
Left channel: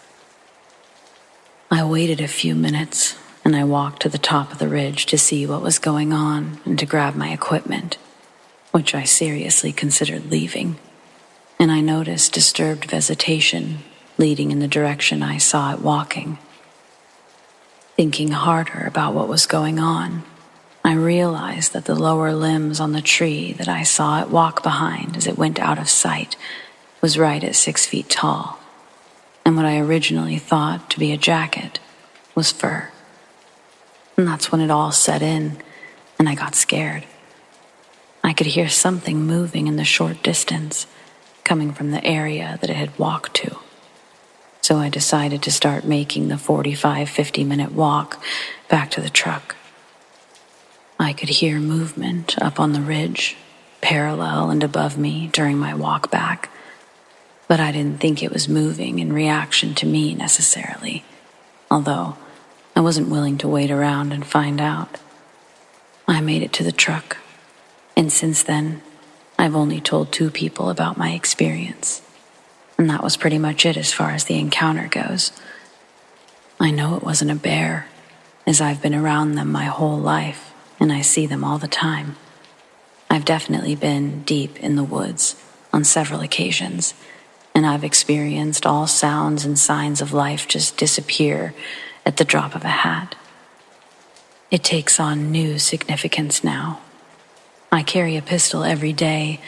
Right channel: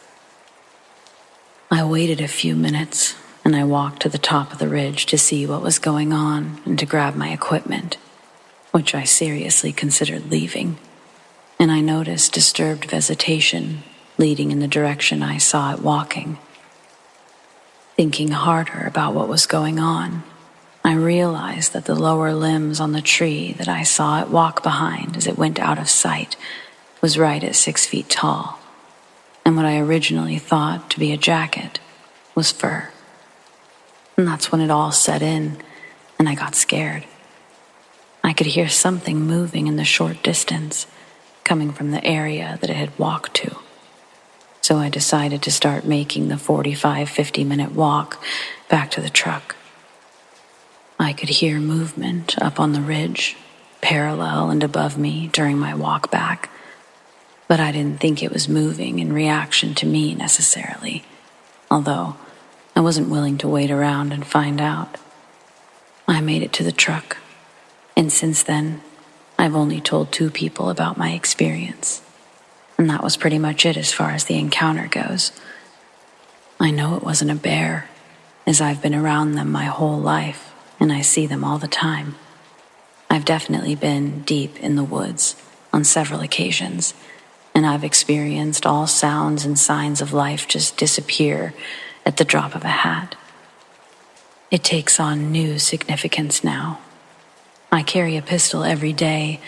I waited a few minutes, and I walked to the top of the ridge to see what was going on and to grab my equipment, which I seriously considered leaving, and I noticed disturbed vegetation leading in the direction I saw it walking. Thinking harder about what was going on, I realized that the lower limbs on the tree that I saw it walk behind as it went out of sight was right at 6 feet tall, and what I originally thought to be a jacket was fur. And that's when it all set in, and I got scared. I could hear something moving in the short distance, coming from the area that it had walked to. So I decided to start making the 45-50-minute walk back to the truck. I could hear movement up on the ridge, parallel and above me during my walk back, but I didn't think it was moving in reaction to me necessarily, although I wasn't willing to wait around and find out. I made it to the truck, And since then, I've only told 2 people about my experience. And that was pretty much it as far as the encounter goes. I know it wasn't a bear, as I've been around them my whole life, and I see them all the time. I've definitely been deep in the woods on several occasions, and I've experienced all sounds and signs of life just disappear at the drop of a hat. It takes on new significance now. I carry a pistol every day,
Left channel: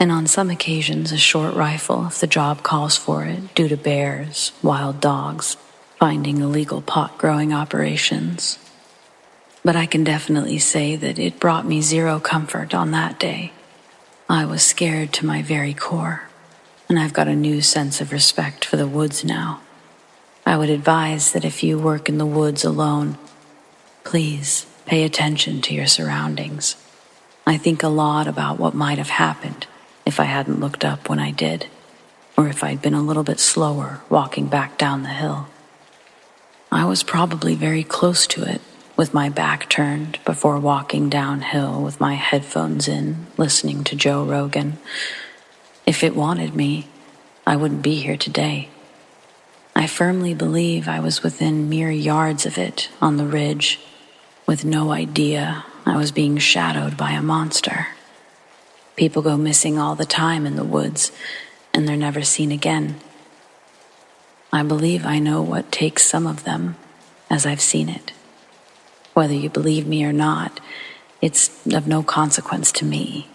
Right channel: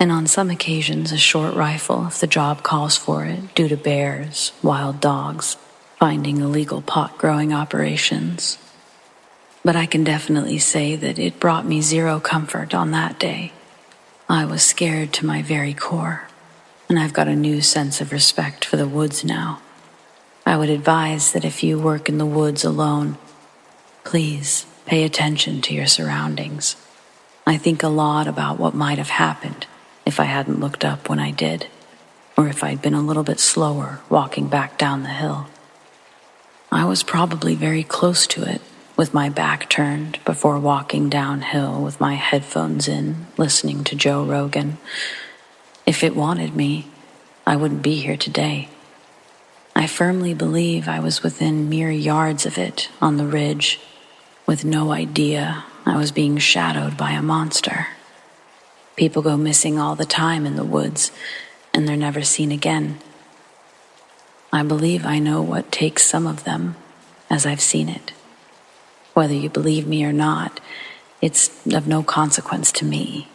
and on some occasions a short rifle if the job calls for it due to bears, wild dogs, finding illegal pot-growing operations. But I can definitely say that it brought me zero comfort on that day. I was scared to my very core, and I've got a new sense of respect for the woods now. I would advise that if you work in the woods alone, please pay attention to your surroundings. I think a lot about what might have happened if I hadn't looked up when I did, or if I'd been a little bit slower walking back down the hill. I was probably very close to it, with my back turned before walking downhill with my headphones in, listening to Joe Rogan. If it wanted me, I wouldn't be here today. I firmly believe I was within mere yards of it on the ridge, with no idea I was being shadowed by a monster. People go missing all the time in the woods, and they're never seen again. I believe I know what takes some of them, as I've seen it. Whether you believe me or not, it's of no consequence to me.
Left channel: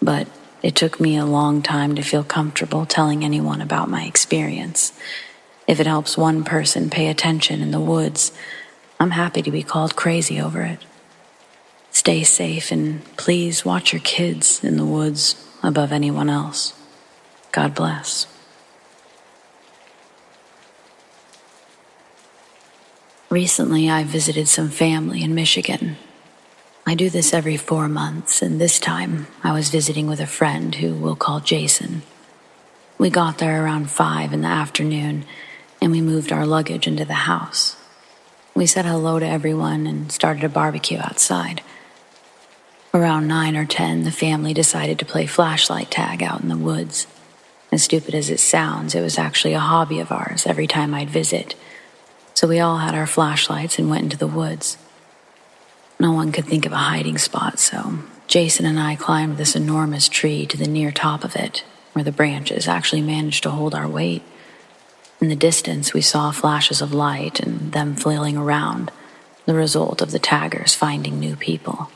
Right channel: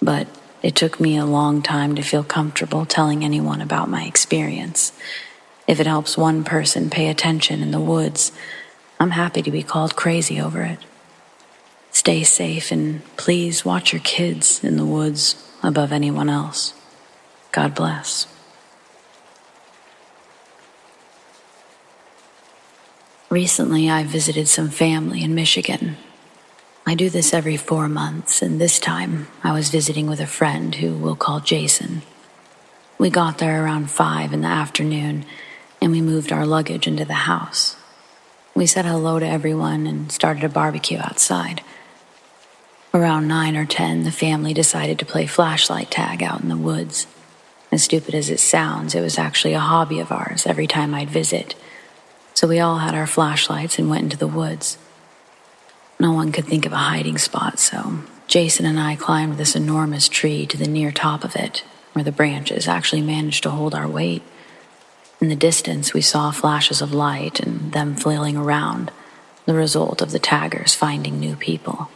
But it took me a long time to feel comfortable telling anyone about my experience. If it helps one person pay attention in the woods, I'm happy to be called crazy over it. Stay safe and please watch your kids in the woods above anyone else. God bless. Recently, I visited some family in Michigan. I do this every 4 months, and this time I was visiting with a friend who we'll call Jason. We got there around 5 in the afternoon, and we moved our luggage into the house. We said hello to everyone and started a barbecue outside. Around 9 or 10, the family decided to play flashlight tag out in the woods. As stupid as it sounds, it was actually a hobby of ours every time I'd visit. So we all had our flashlights and went into the woods. No one could think of a hiding spot, so Jason and I climbed this enormous tree to the near top of it, where the branches actually managed to hold our weight. In the distance, we saw flashes of light and them flailing around, the result of the taggers finding new people.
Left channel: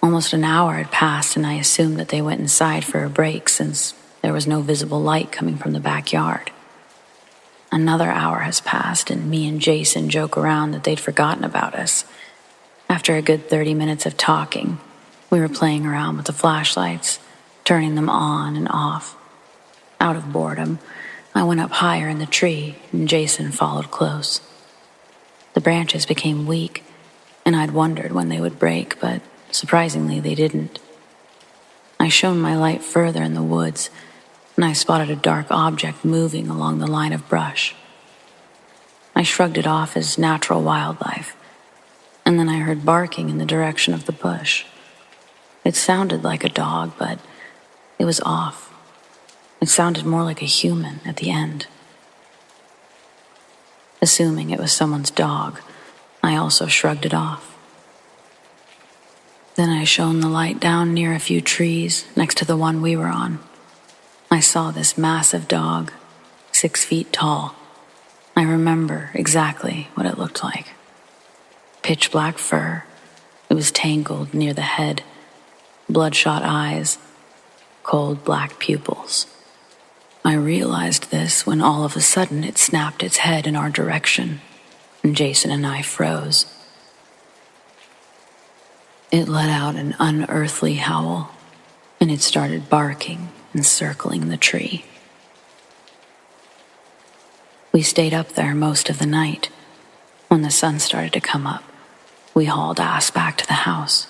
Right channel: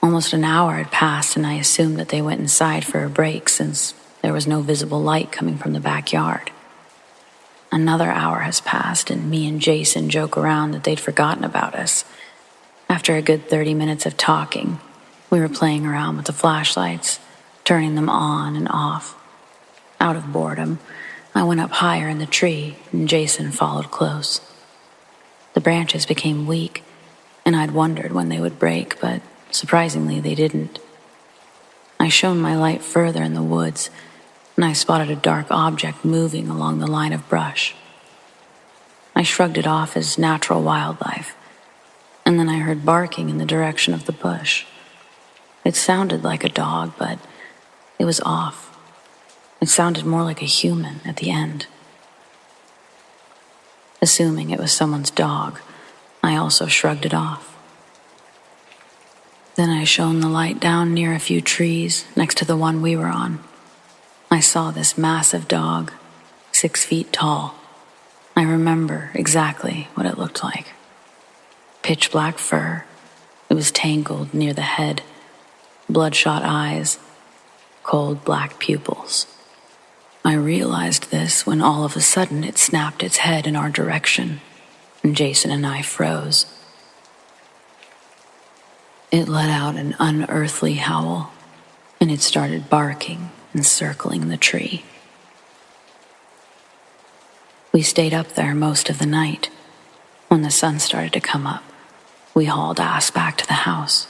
Almost an hour had passed, and I assumed that they went inside for a break since there was no visible light coming from the backyard. Another hour has passed, and me and Jason joke around that they'd forgotten about us. After a good 30 minutes of talking, we were playing around with the flashlights, turning them on and off. Out of boredom, I went up higher in the tree, and Jason followed close. The branches became weak, and I'd wondered when they would break, but surprisingly, they didn't. I shone my light further in the woods, and I spotted a dark object moving along the line of brush. I shrugged it off as natural wildlife, and then I heard barking in the direction of the bush. It sounded like a dog, but it was off. It sounded more like a human at the end. Assuming it was someone's dog, I also shrugged it off. Then I shone the light down near a few trees next to the one we were on. I saw this massive dog, 6 feet tall. I remember exactly what it looked like. Pitch black fur. It was tangled near the head. Bloodshot eyes. Cold black pupils. I realized this when all of a sudden it snapped its head in our direction, and Jason and I froze. It let out an unearthly howl, and it started barking and circling the tree. We stayed up there most of the night. When the sun started to come up, we hauled ass back to the house.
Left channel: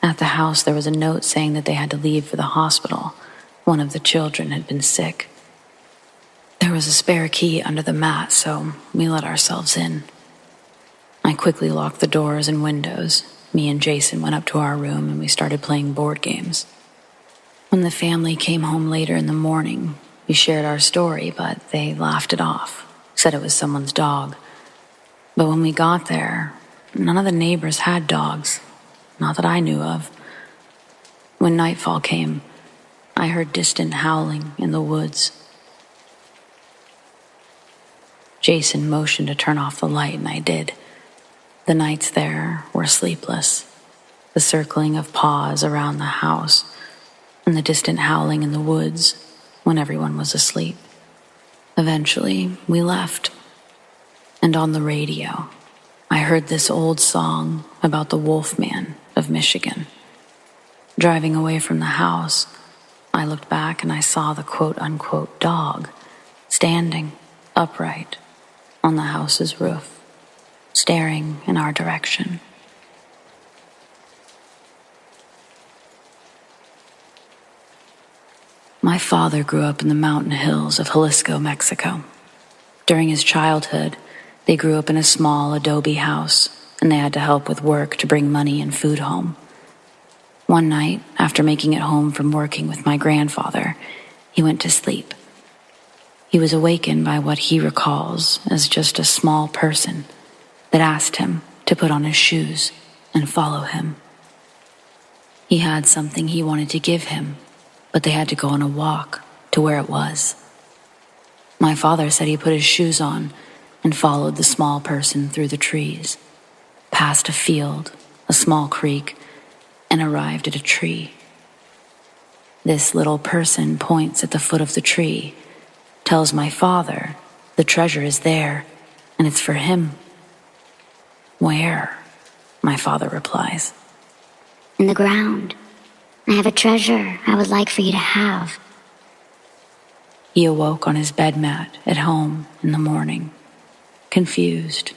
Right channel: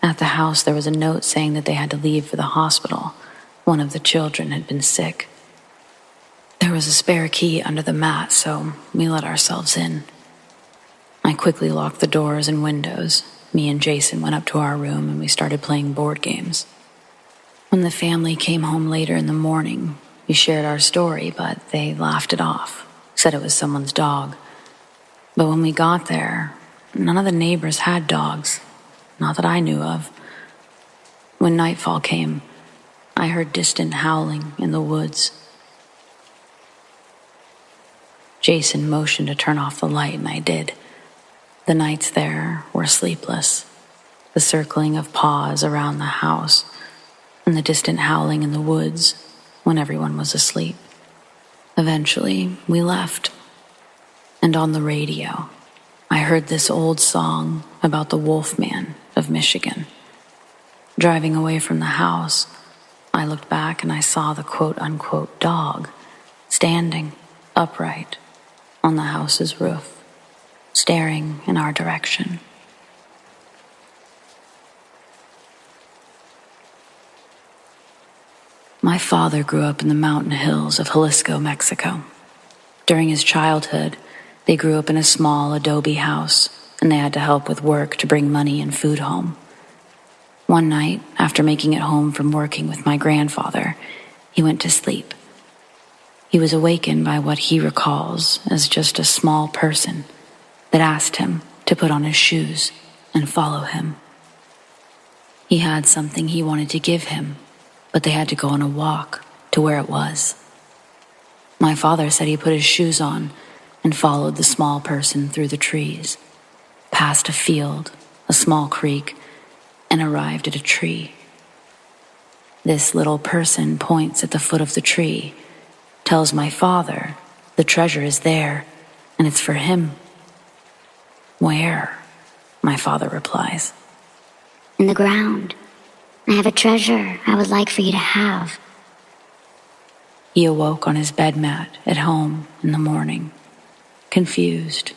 At the house, there was a note saying that they had to leave for the hospital. One of the children had been sick. There was a spare key under the mat, so we let ourselves in. I quickly locked the doors and windows me and Jason went up to our room and we started playing board games. When the family came home later in the morning, we shared our story, but they laughed it off, said it was someone's dog. But when we got there, none of the neighbors had dogs, not that I knew of. When nightfall came, I heard distant howling in the woods. Jason motioned to turn off the light, and I did. The nights there were sleepless, the circling of paws around the house, and the distant howling in the woods when everyone was asleep. Eventually, we left, and on the radio, I heard this old song about the Wolfman of Michigan. Driving away from the house, I looked back and I saw the quote-unquote dog standing upright on the house's roof, staring in our direction. My father grew up in the mountain hills of Jalisco, Mexico. During his childhood, they grew up in a small adobe house, and they had to help with work to bring money and food home. One night, after making it home from working with my grandfather, he went to sleep. He was awakened by what he recalls as just a small person that asked him to put on his shoes and follow him. He had something he wanted to give him, but they had to go on a walk to where it was. My father said he put his shoes on and followed the small person through the trees, past a field, a small creek, and arrived at a tree. This little person points at the foot of the tree, tells my father the treasure is there and it's for him. Where? My father replies. In the ground. I have a treasure I would like for you to have. He awoke on his bed mat at home in the morning, confused.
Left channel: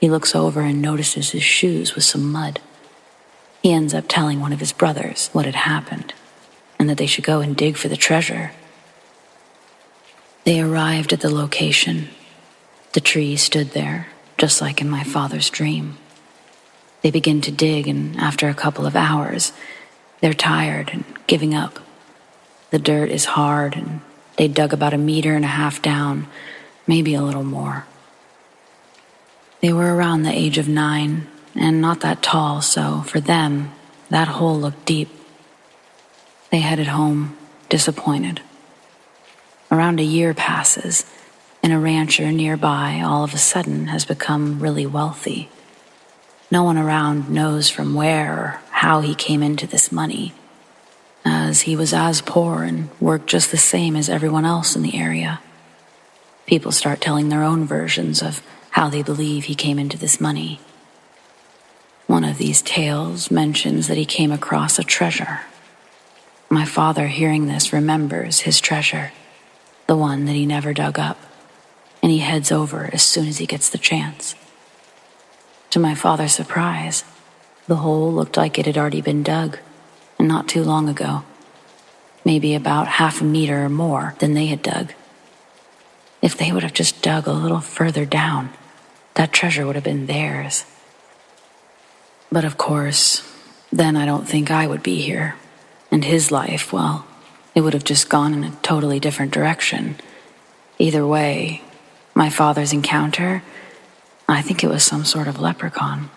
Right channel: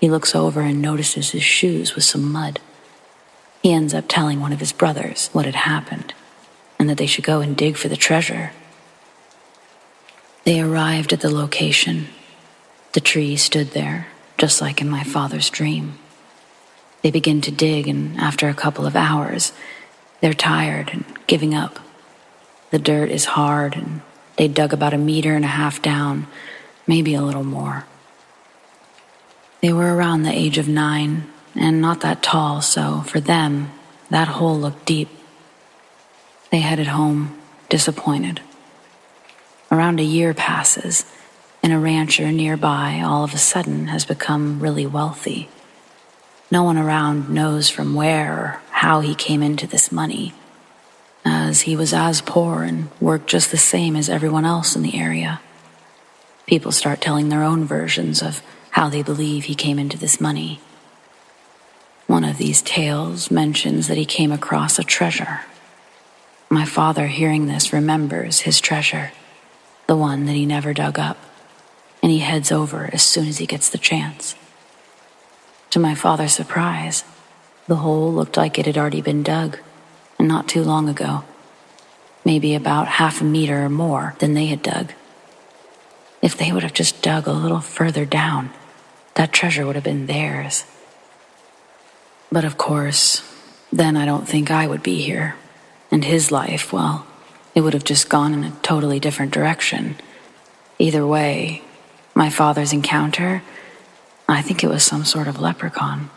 He looks over and notices his shoes with some mud. He ends up telling one of his brothers what had happened and that they should go and dig for the treasure. They arrived at the location. The tree stood there, just like in my father's dream. They begin to dig, and after a couple of hours, they're tired and giving up. The dirt is hard, and they dug about 1.5 meters down, maybe a little more. They were around the age of 9 and not that tall, so for them, that hole looked deep. They headed home, disappointed. Around a year passes, and a rancher nearby all of a sudden has become really wealthy. No one around knows from where or how he came into this money, as he was as poor and worked just the same as everyone else in the area. People start telling their own versions of how they believe he came into this money. One of these tales mentions that he came across a treasure. My father, hearing this, remembers his treasure, the one that he never dug up, and he heads over as soon as he gets the chance. To my father's surprise, the hole looked like it had already been dug, and not too long ago, maybe about 0.5 meters or more than they had dug. If they would have just dug a little further down, that treasure would have been theirs. But of course, then I don't think I would be here, and his life, well, it would have just gone in a totally different direction. Either way, my father's encounter, I think it was some sort of leprechaun.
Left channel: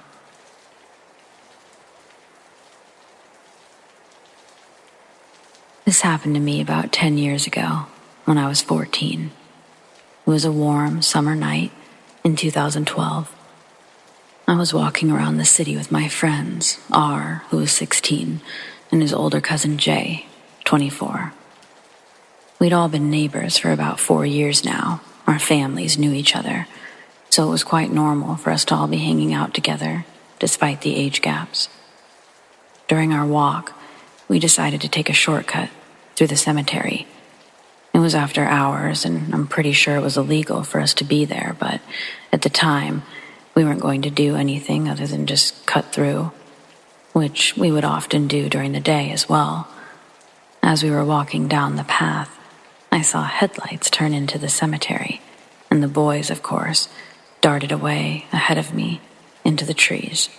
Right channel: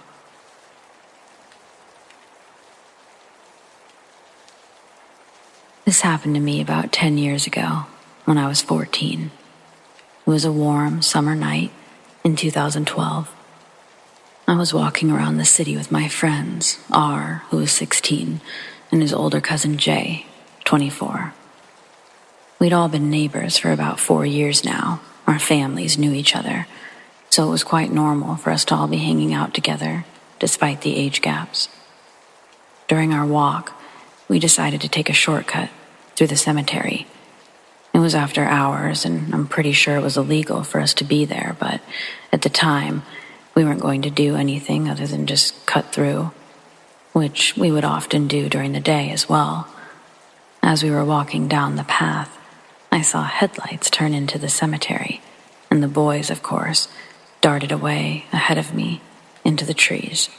This happened to me about 10 years ago, when I was 14. It was a warm summer night in 2012. I was walking around the city with my friends, R, who was 16, and his older cousin J, 24. We'd all been neighbors for about 4 years now. Our families knew each other, so it was quite normal for us to all be hanging out together, despite the age gaps. During our walk, we decided to take a shortcut through the cemetery. It was after hours, and I'm pretty sure it was illegal for us to be there, but at the time, we weren't going to do anything other than just cut through, which we would often do during the day as well. As we were walking down the path, I saw headlights turn into the cemetery, and the boys, of course, darted away ahead of me into the trees.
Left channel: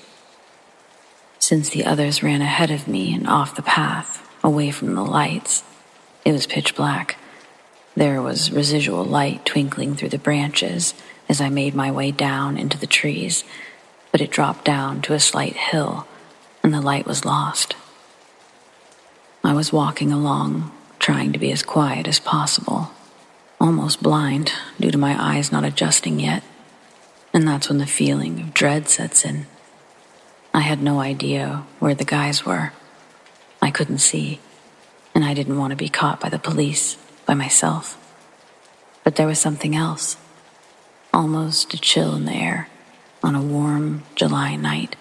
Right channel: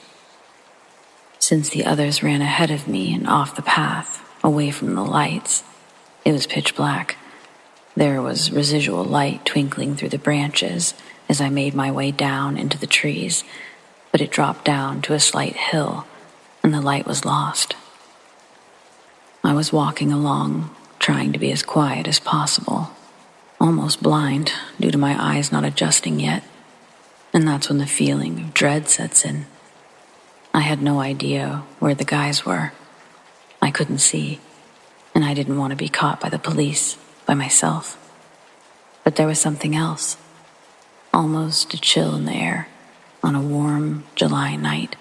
Since the others ran ahead of me and off the path, away from the lights, it was pitch black. There was residual light twinkling through the branches as I made my way down into the trees, but it dropped down to a slight hill, and the light was lost. I was walking along, trying to be as quiet as possible, almost blind due to my eyes not adjusting yet, and that's when the feeling of dread sets in. I had no idea where the guys were. I couldn't see, and I didn't want to be caught by the police, by myself. But there was something else, almost a chill in the air on a warm July night.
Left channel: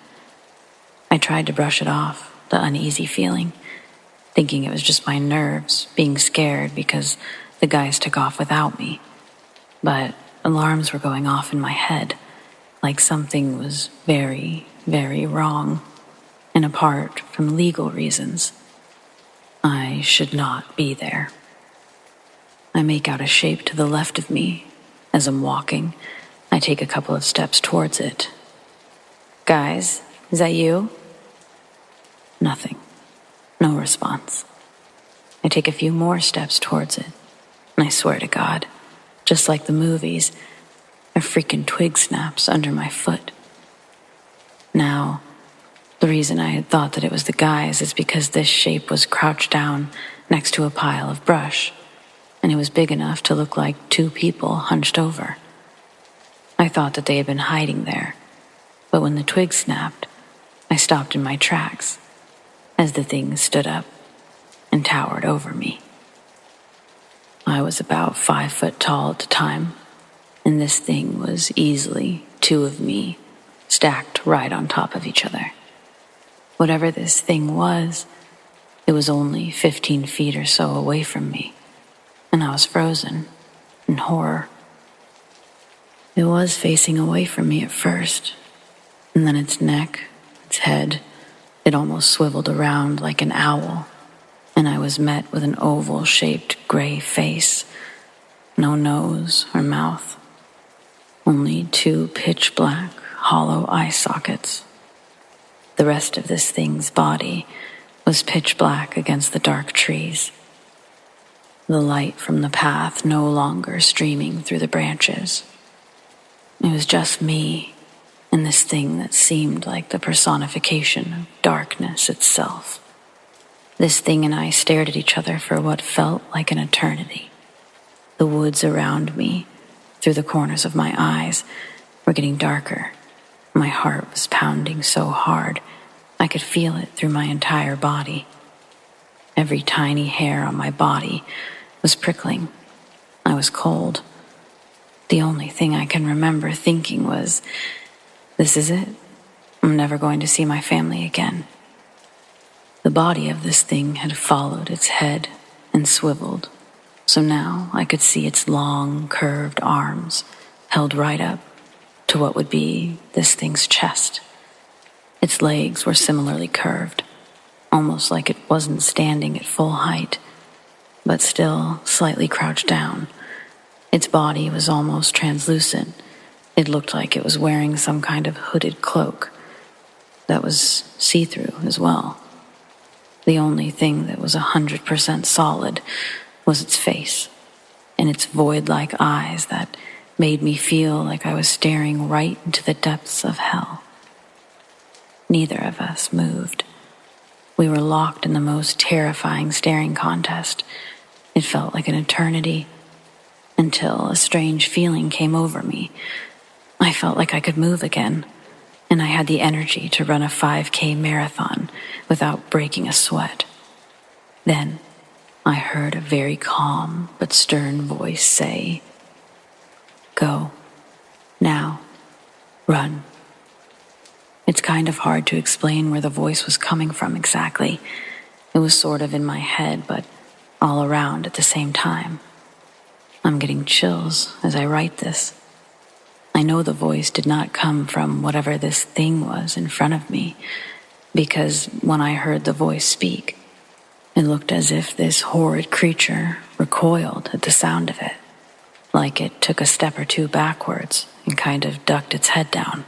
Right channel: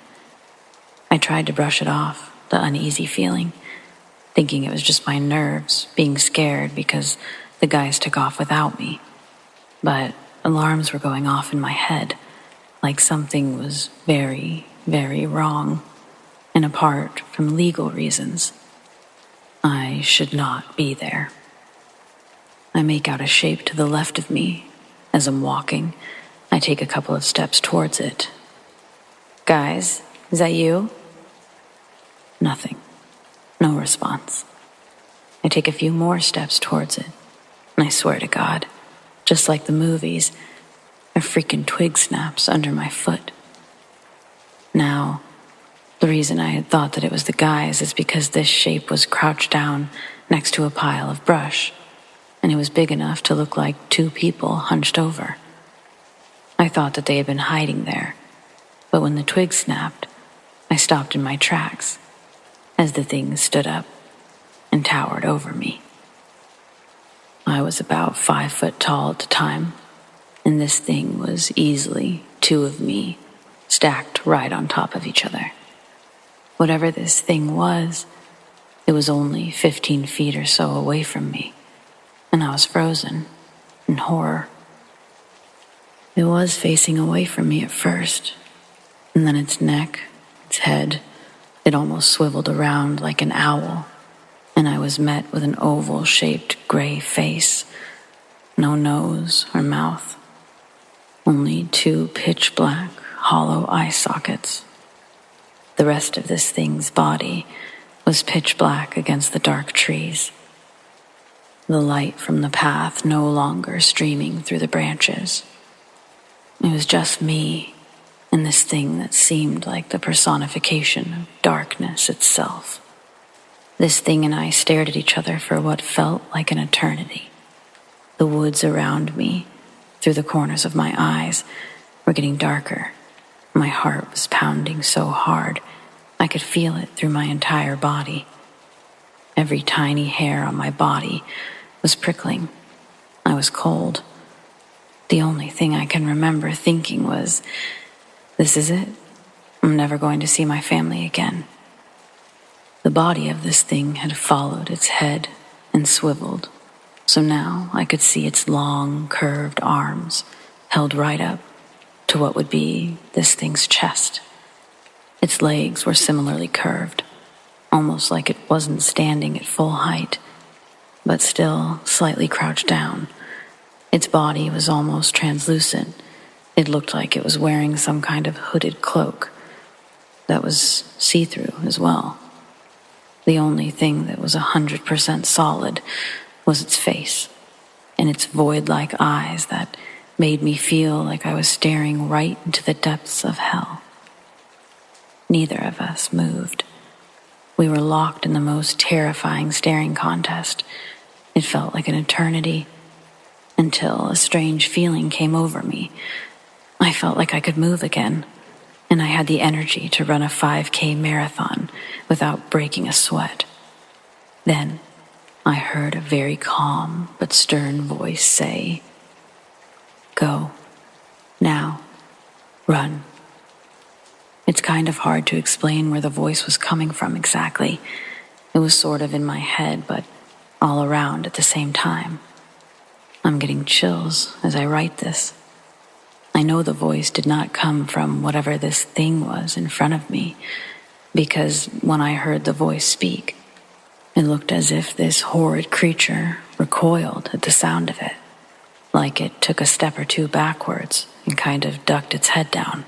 I tried to brush it off, the uneasy feeling, thinking it was just my nerves being scared because the guys took off without me. But alarms were going off in my head, like something was very, very wrong, and apart from legal reasons, I should not be there. I make out a shape to the left of me. As I'm walking, I take a couple of steps towards it. Guys, is that you? Nothing. No response. I take a few more steps towards it, and I swear to God, just like the movies, a freaking twig snaps under my foot. Now, the reason I had thought that it was the guys is because this shape was crouched down next to a pile of brush, and it was big enough to look like two people hunched over. I thought that they had been hiding there, but when the twig snapped, I stopped in my tracks as the thing stood up and towered over me. I was about 5 foot tall at the time, and this thing was easily 2 of me stacked right on top of each other. Whatever this thing was, it was only 15 feet or so away from me, and I was frozen in horror. It was facing away from me at first, and then its neck, its head, it almost swiveled around like an owl, and I was met with an oval-shaped gray face, no nose or mouth, only 2 pitch-black, hollow eye sockets. The rest of this thing's body was pitch black against the dark trees, the light from the path no longer streaming through the branches. It was just me and this thing that seemed like the personification of darkness itself. This thing and I stared at each other for what felt like an eternity. The woods around me, through the corners of my eyes, were getting darker. My heart was pounding so hard, I could feel it through my entire body. Every tiny hair on my body was prickling. I was cold. The only thing I can remember thinking was, this is it. I'm never going to see my family again. The body of this thing had followed its head and swiveled, so now I could see its long, curved arms held right up to what would be this thing's chest. Its legs were similarly curved, almost like it wasn't standing at full height, but still slightly crouched down. Its body was almost translucent. It looked like it was wearing some kind of hooded cloak that was see-through as well. The only thing that was 100% solid was its face and its void-like eyes that made me feel like I was staring right into the depths of hell. Neither of us moved. We were locked in the most terrifying staring contest. It felt like an eternity, until a strange feeling came over me. I felt like I could move again, and I had the energy to run a 5K marathon without breaking a sweat. Then I heard a very calm but stern voice say, "Go. Now. Run." It's kind of hard to explain where the voice was coming from exactly. It was sort of in my head, but all around at the same time. I'm getting chills as I write this. I know the voice did not come from whatever this thing was in front of me, because when I heard the voice speak, it looked as if this horrid creature recoiled at the sound of it, like it took a step or two backwards and kind of ducked its head down.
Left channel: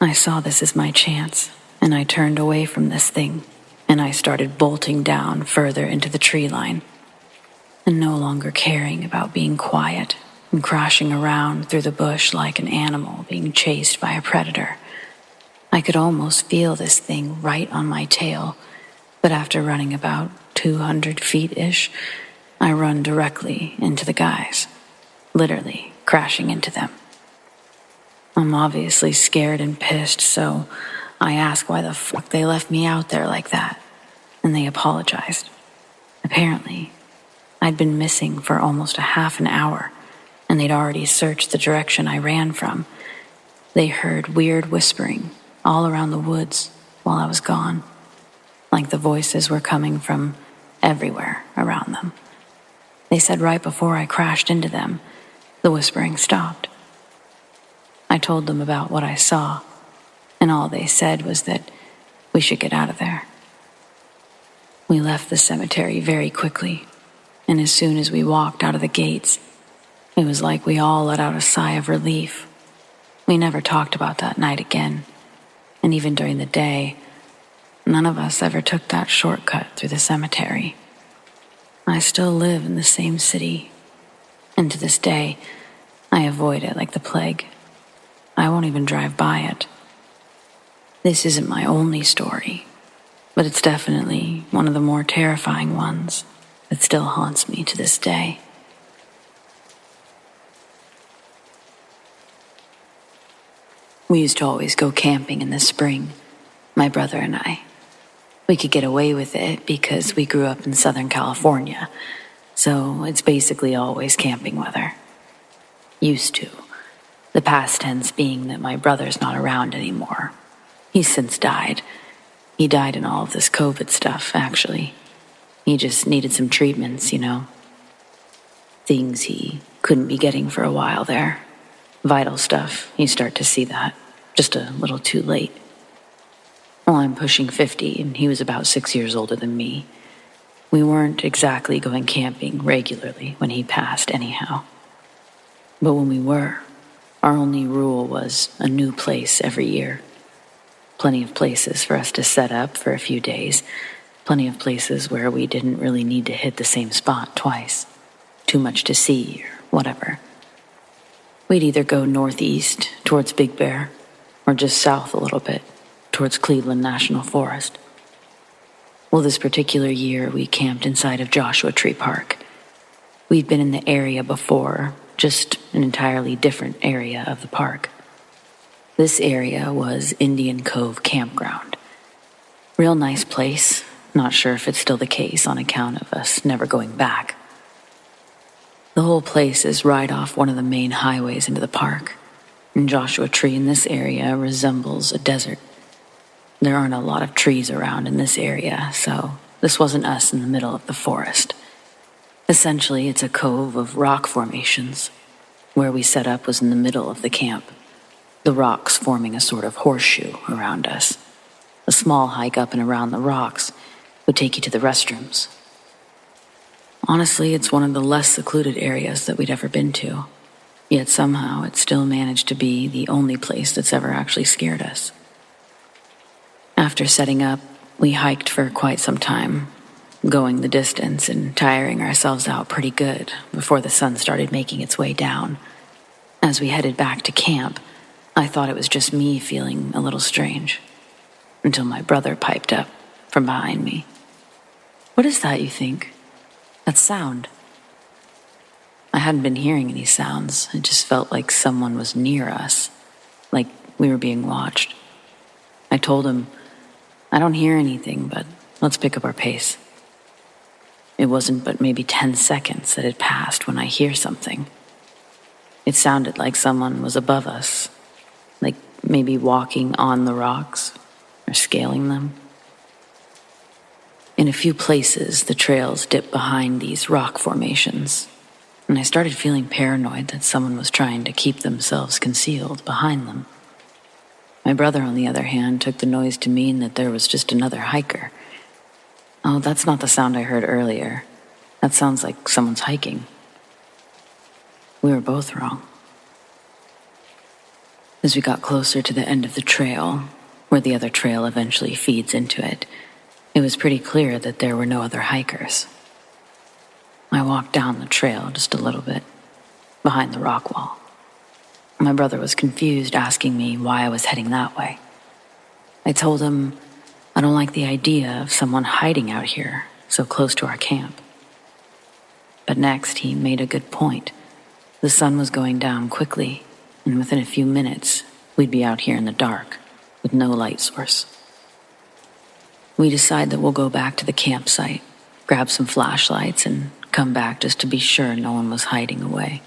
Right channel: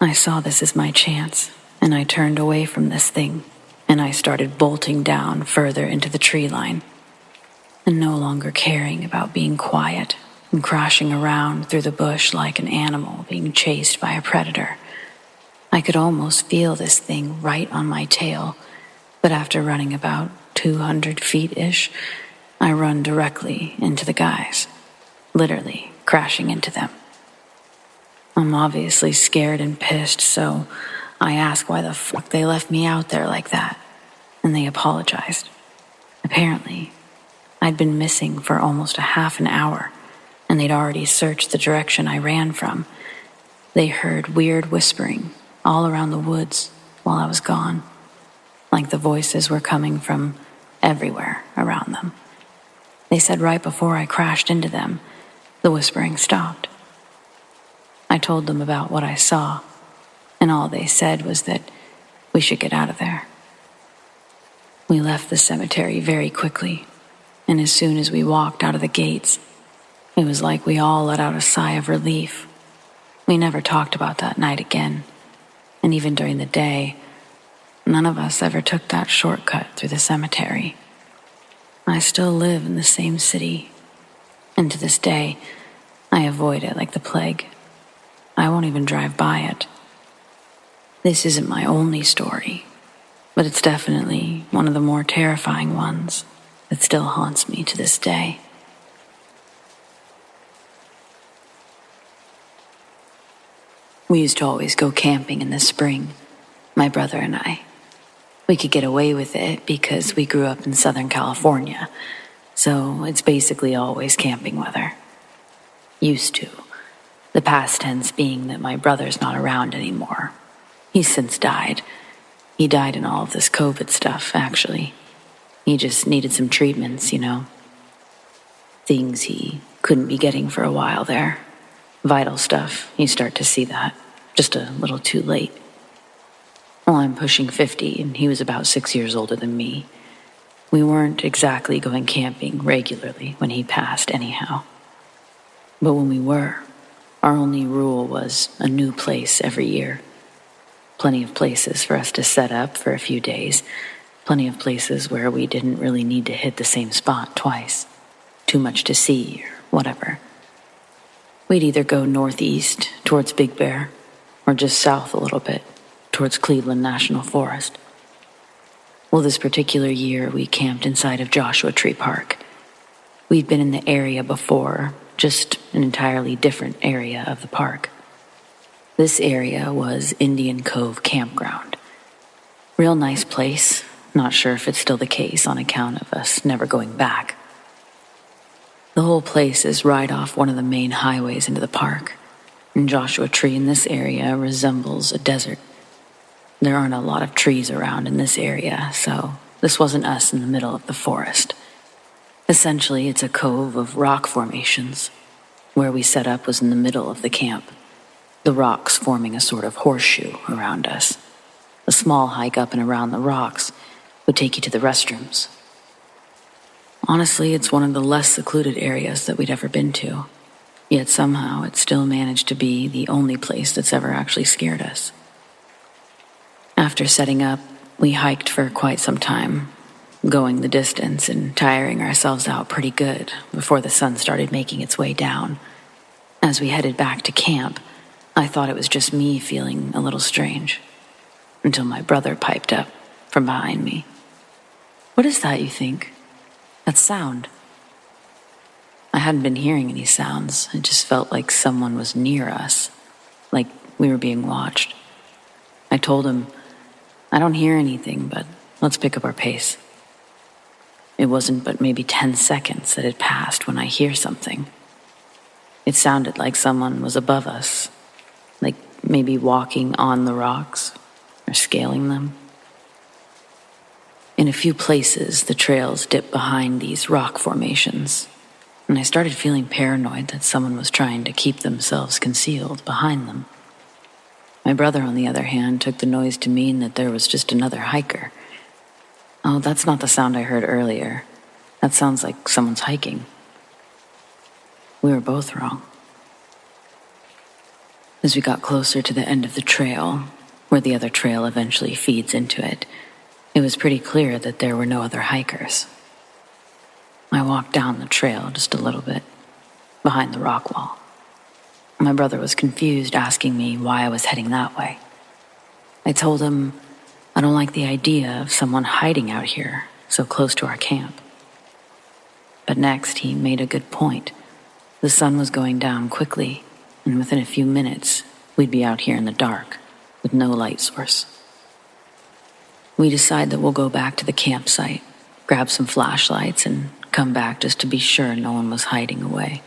I saw this as my chance, and I turned away from this thing, and I started bolting down further into the tree line, and no longer caring about being quiet and crashing around through the bush like an animal being chased by a predator. I could almost feel this thing right on my tail, but after running about 200 feet-ish, I run directly into the guys, literally crashing into them. I'm obviously scared and pissed, so I ask why the fuck they left me out there like that, and they apologized. Apparently, I'd been missing for almost a half an hour, and they'd already searched the direction I ran from. They heard weird whispering all around the woods while I was gone, like the voices were coming from everywhere around them. They said right before I crashed into them, the whispering stopped. I told them about what I saw, and all they said was that we should get out of there. We left the cemetery very quickly, and as soon as we walked out of the gates, it was like we all let out a sigh of relief. We never talked about that night again, and even during the day, none of us ever took that shortcut through the cemetery. I still live in the same city, and to this day, I avoid it like the plague. I won't even drive by it. This isn't my only story, but it's definitely one of the more terrifying ones that still haunts me to this day. We used to always go camping in the spring, my brother and I. We could get away with it because we grew up in Southern California, so it's basically always camping weather. Used to. The past tense being that my brother's not around anymore. He's since died. He died in all of this COVID stuff, actually. He just needed some treatments, you know. Things he couldn't be getting for a while there. Vital stuff, you start to see that. Just a little too late. Well, I'm pushing 50, and he was about 6 years older than me. We weren't exactly going camping regularly when he passed anyhow. But when we were, our only rule was a new place every year. Plenty of places for us to set up for a few days. Plenty of places where we didn't really need to hit the same spot twice. Too much to see or whatever. We'd either go northeast towards Big Bear or just south a little bit towards Cleveland National Forest. Well, this particular year we camped inside of Joshua Tree Park. We'd been in the area before, just an entirely different area of the park. This area was Indian Cove Campground. Real nice place. Not sure if it's still the case on account of us never going back. The whole place is right off one of the main highways into the park, and Joshua Tree in this area resembles a desert. There aren't a lot of trees around in this area, so this wasn't us in the middle of the forest. Essentially, it's a cove of rock formations. Where we set up was in the middle of the camp, the rocks forming a sort of horseshoe around us. A small hike up and around the rocks would take you to the restrooms. Honestly, it's one of the less secluded areas that we'd ever been to, yet somehow it still managed to be the only place that's ever actually scared us. After setting up, we hiked for quite some time, going the distance and tiring ourselves out pretty good before the sun started making its way down. As we headed back to camp, I thought it was just me feeling a little strange, until my brother piped up from behind me. "What is that, you think? That sound?" I hadn't been hearing any sounds. It just felt like someone was near us, like we were being watched. I told him, "I don't hear anything, but let's pick up our pace." It wasn't but maybe 10 seconds that had passed when I hear something. It sounded like someone was above us, like maybe walking on the rocks or scaling them. In a few places, the trails dipped behind these rock formations, and I started feeling paranoid that someone was trying to keep themselves concealed behind them. My brother, on the other hand, took the noise to mean that there was just another hiker. "Oh, that's not the sound I heard earlier. That sounds like someone's hiking." We were both wrong. As we got closer to the end of the trail, where the other trail eventually feeds into it, it was pretty clear that there were no other hikers. I walked down the trail just a little bit, behind the rock wall. My brother was confused, asking me why I was heading that way. I told him I don't like the idea of someone hiding out here so close to our camp. But next he made a good point. The sun was going down quickly, and within a few minutes, we'd be out here in the dark with no light source. We decide that we'll go back to the campsite, grab some flashlights, and come back just to be sure no one was hiding away.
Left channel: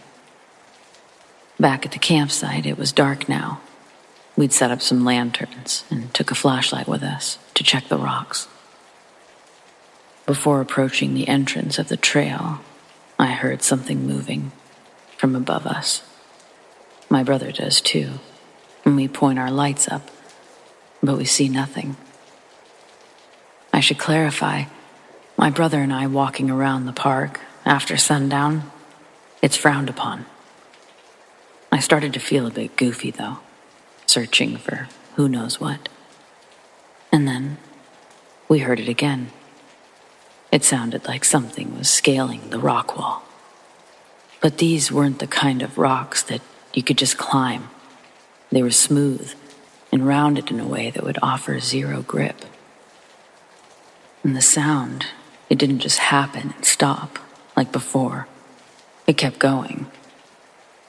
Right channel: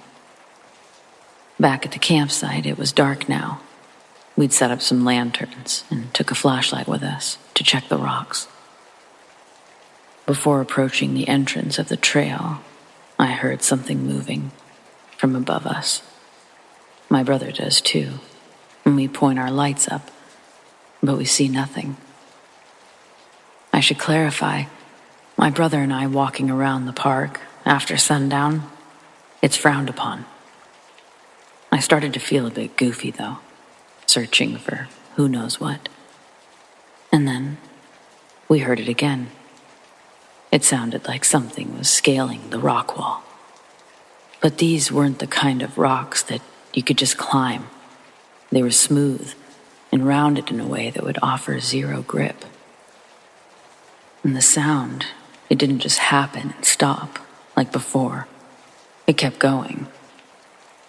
Back at the campsite, it was dark now. We'd set up some lanterns and took a flashlight with us to check the rocks. Before approaching the entrance of the trail, I heard something moving from above us. My brother does too, and we point our lights up, but we see nothing. I should clarify, my brother and I walking around the park after sundown, it's frowned upon. I started to feel a bit goofy though, searching for who knows what. And then we heard it again. It sounded like something was scaling the rock wall. But these weren't the kind of rocks that you could just climb. They were smooth and rounded in a way that would offer zero grip. And the sound, it didn't just happen and stop like before. It kept going.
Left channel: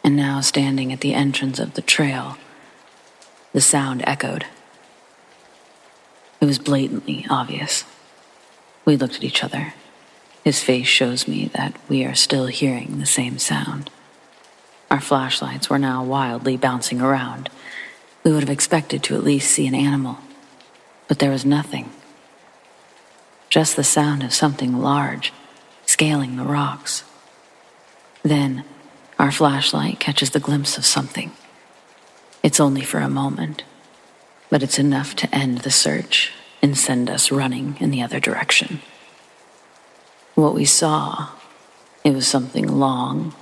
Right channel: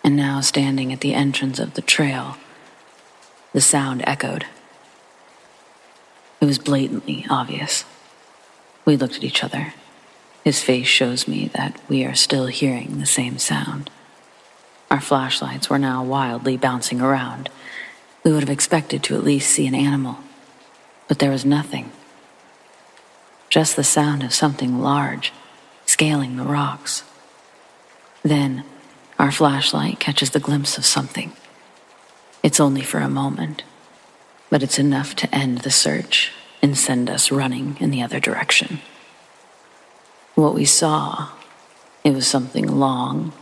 And now, standing at the entrance of the trail, the sound echoed. It was blatantly obvious. We looked at each other. His face shows me that we are still hearing the same sound. Our flashlights were now wildly bouncing around. We would have expected to at least see an animal, but there was nothing. Just the sound of something large scaling the rocks. Then, our flashlight catches the glimpse of something. It's only for a moment, but it's enough to end the search and send us running in the other direction. What we saw, it was something long,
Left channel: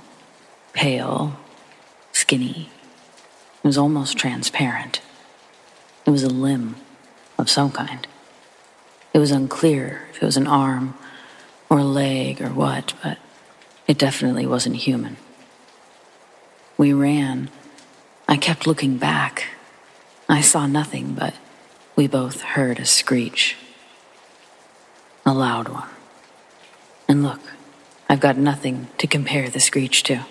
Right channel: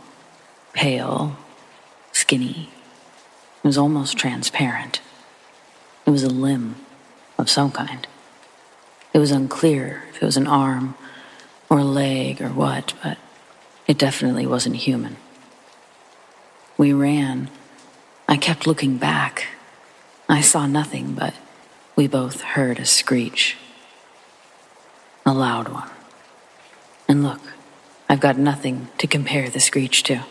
pale, skinny. It was almost transparent. It was a limb of some kind. It was unclear if it was an arm or a leg or what, but it definitely wasn't human. We ran. I kept looking back. I saw nothing, but we both heard a screech. A loud one. And look, I've got nothing to compare the screech to.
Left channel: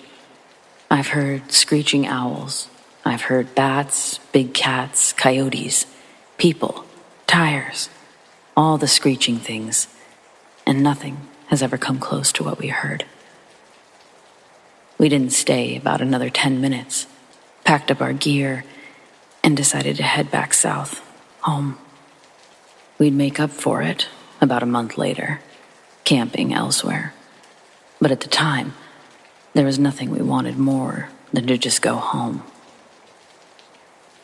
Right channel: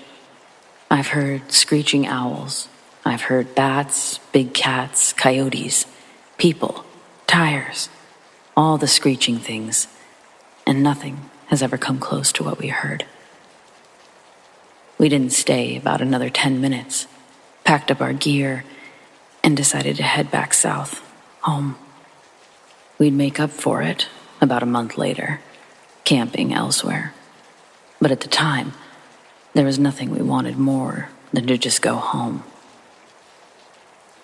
I've heard screeching owls. I've heard bats, big cats, coyotes, people, tires, all the screeching things, and nothing has ever come close to what we heard. We didn't stay about another 10 minutes, packed up our gear, and decided to head back south, home. We'd make up for it about a month later, camping elsewhere. But at the time, there was nothing we wanted more than to just go home.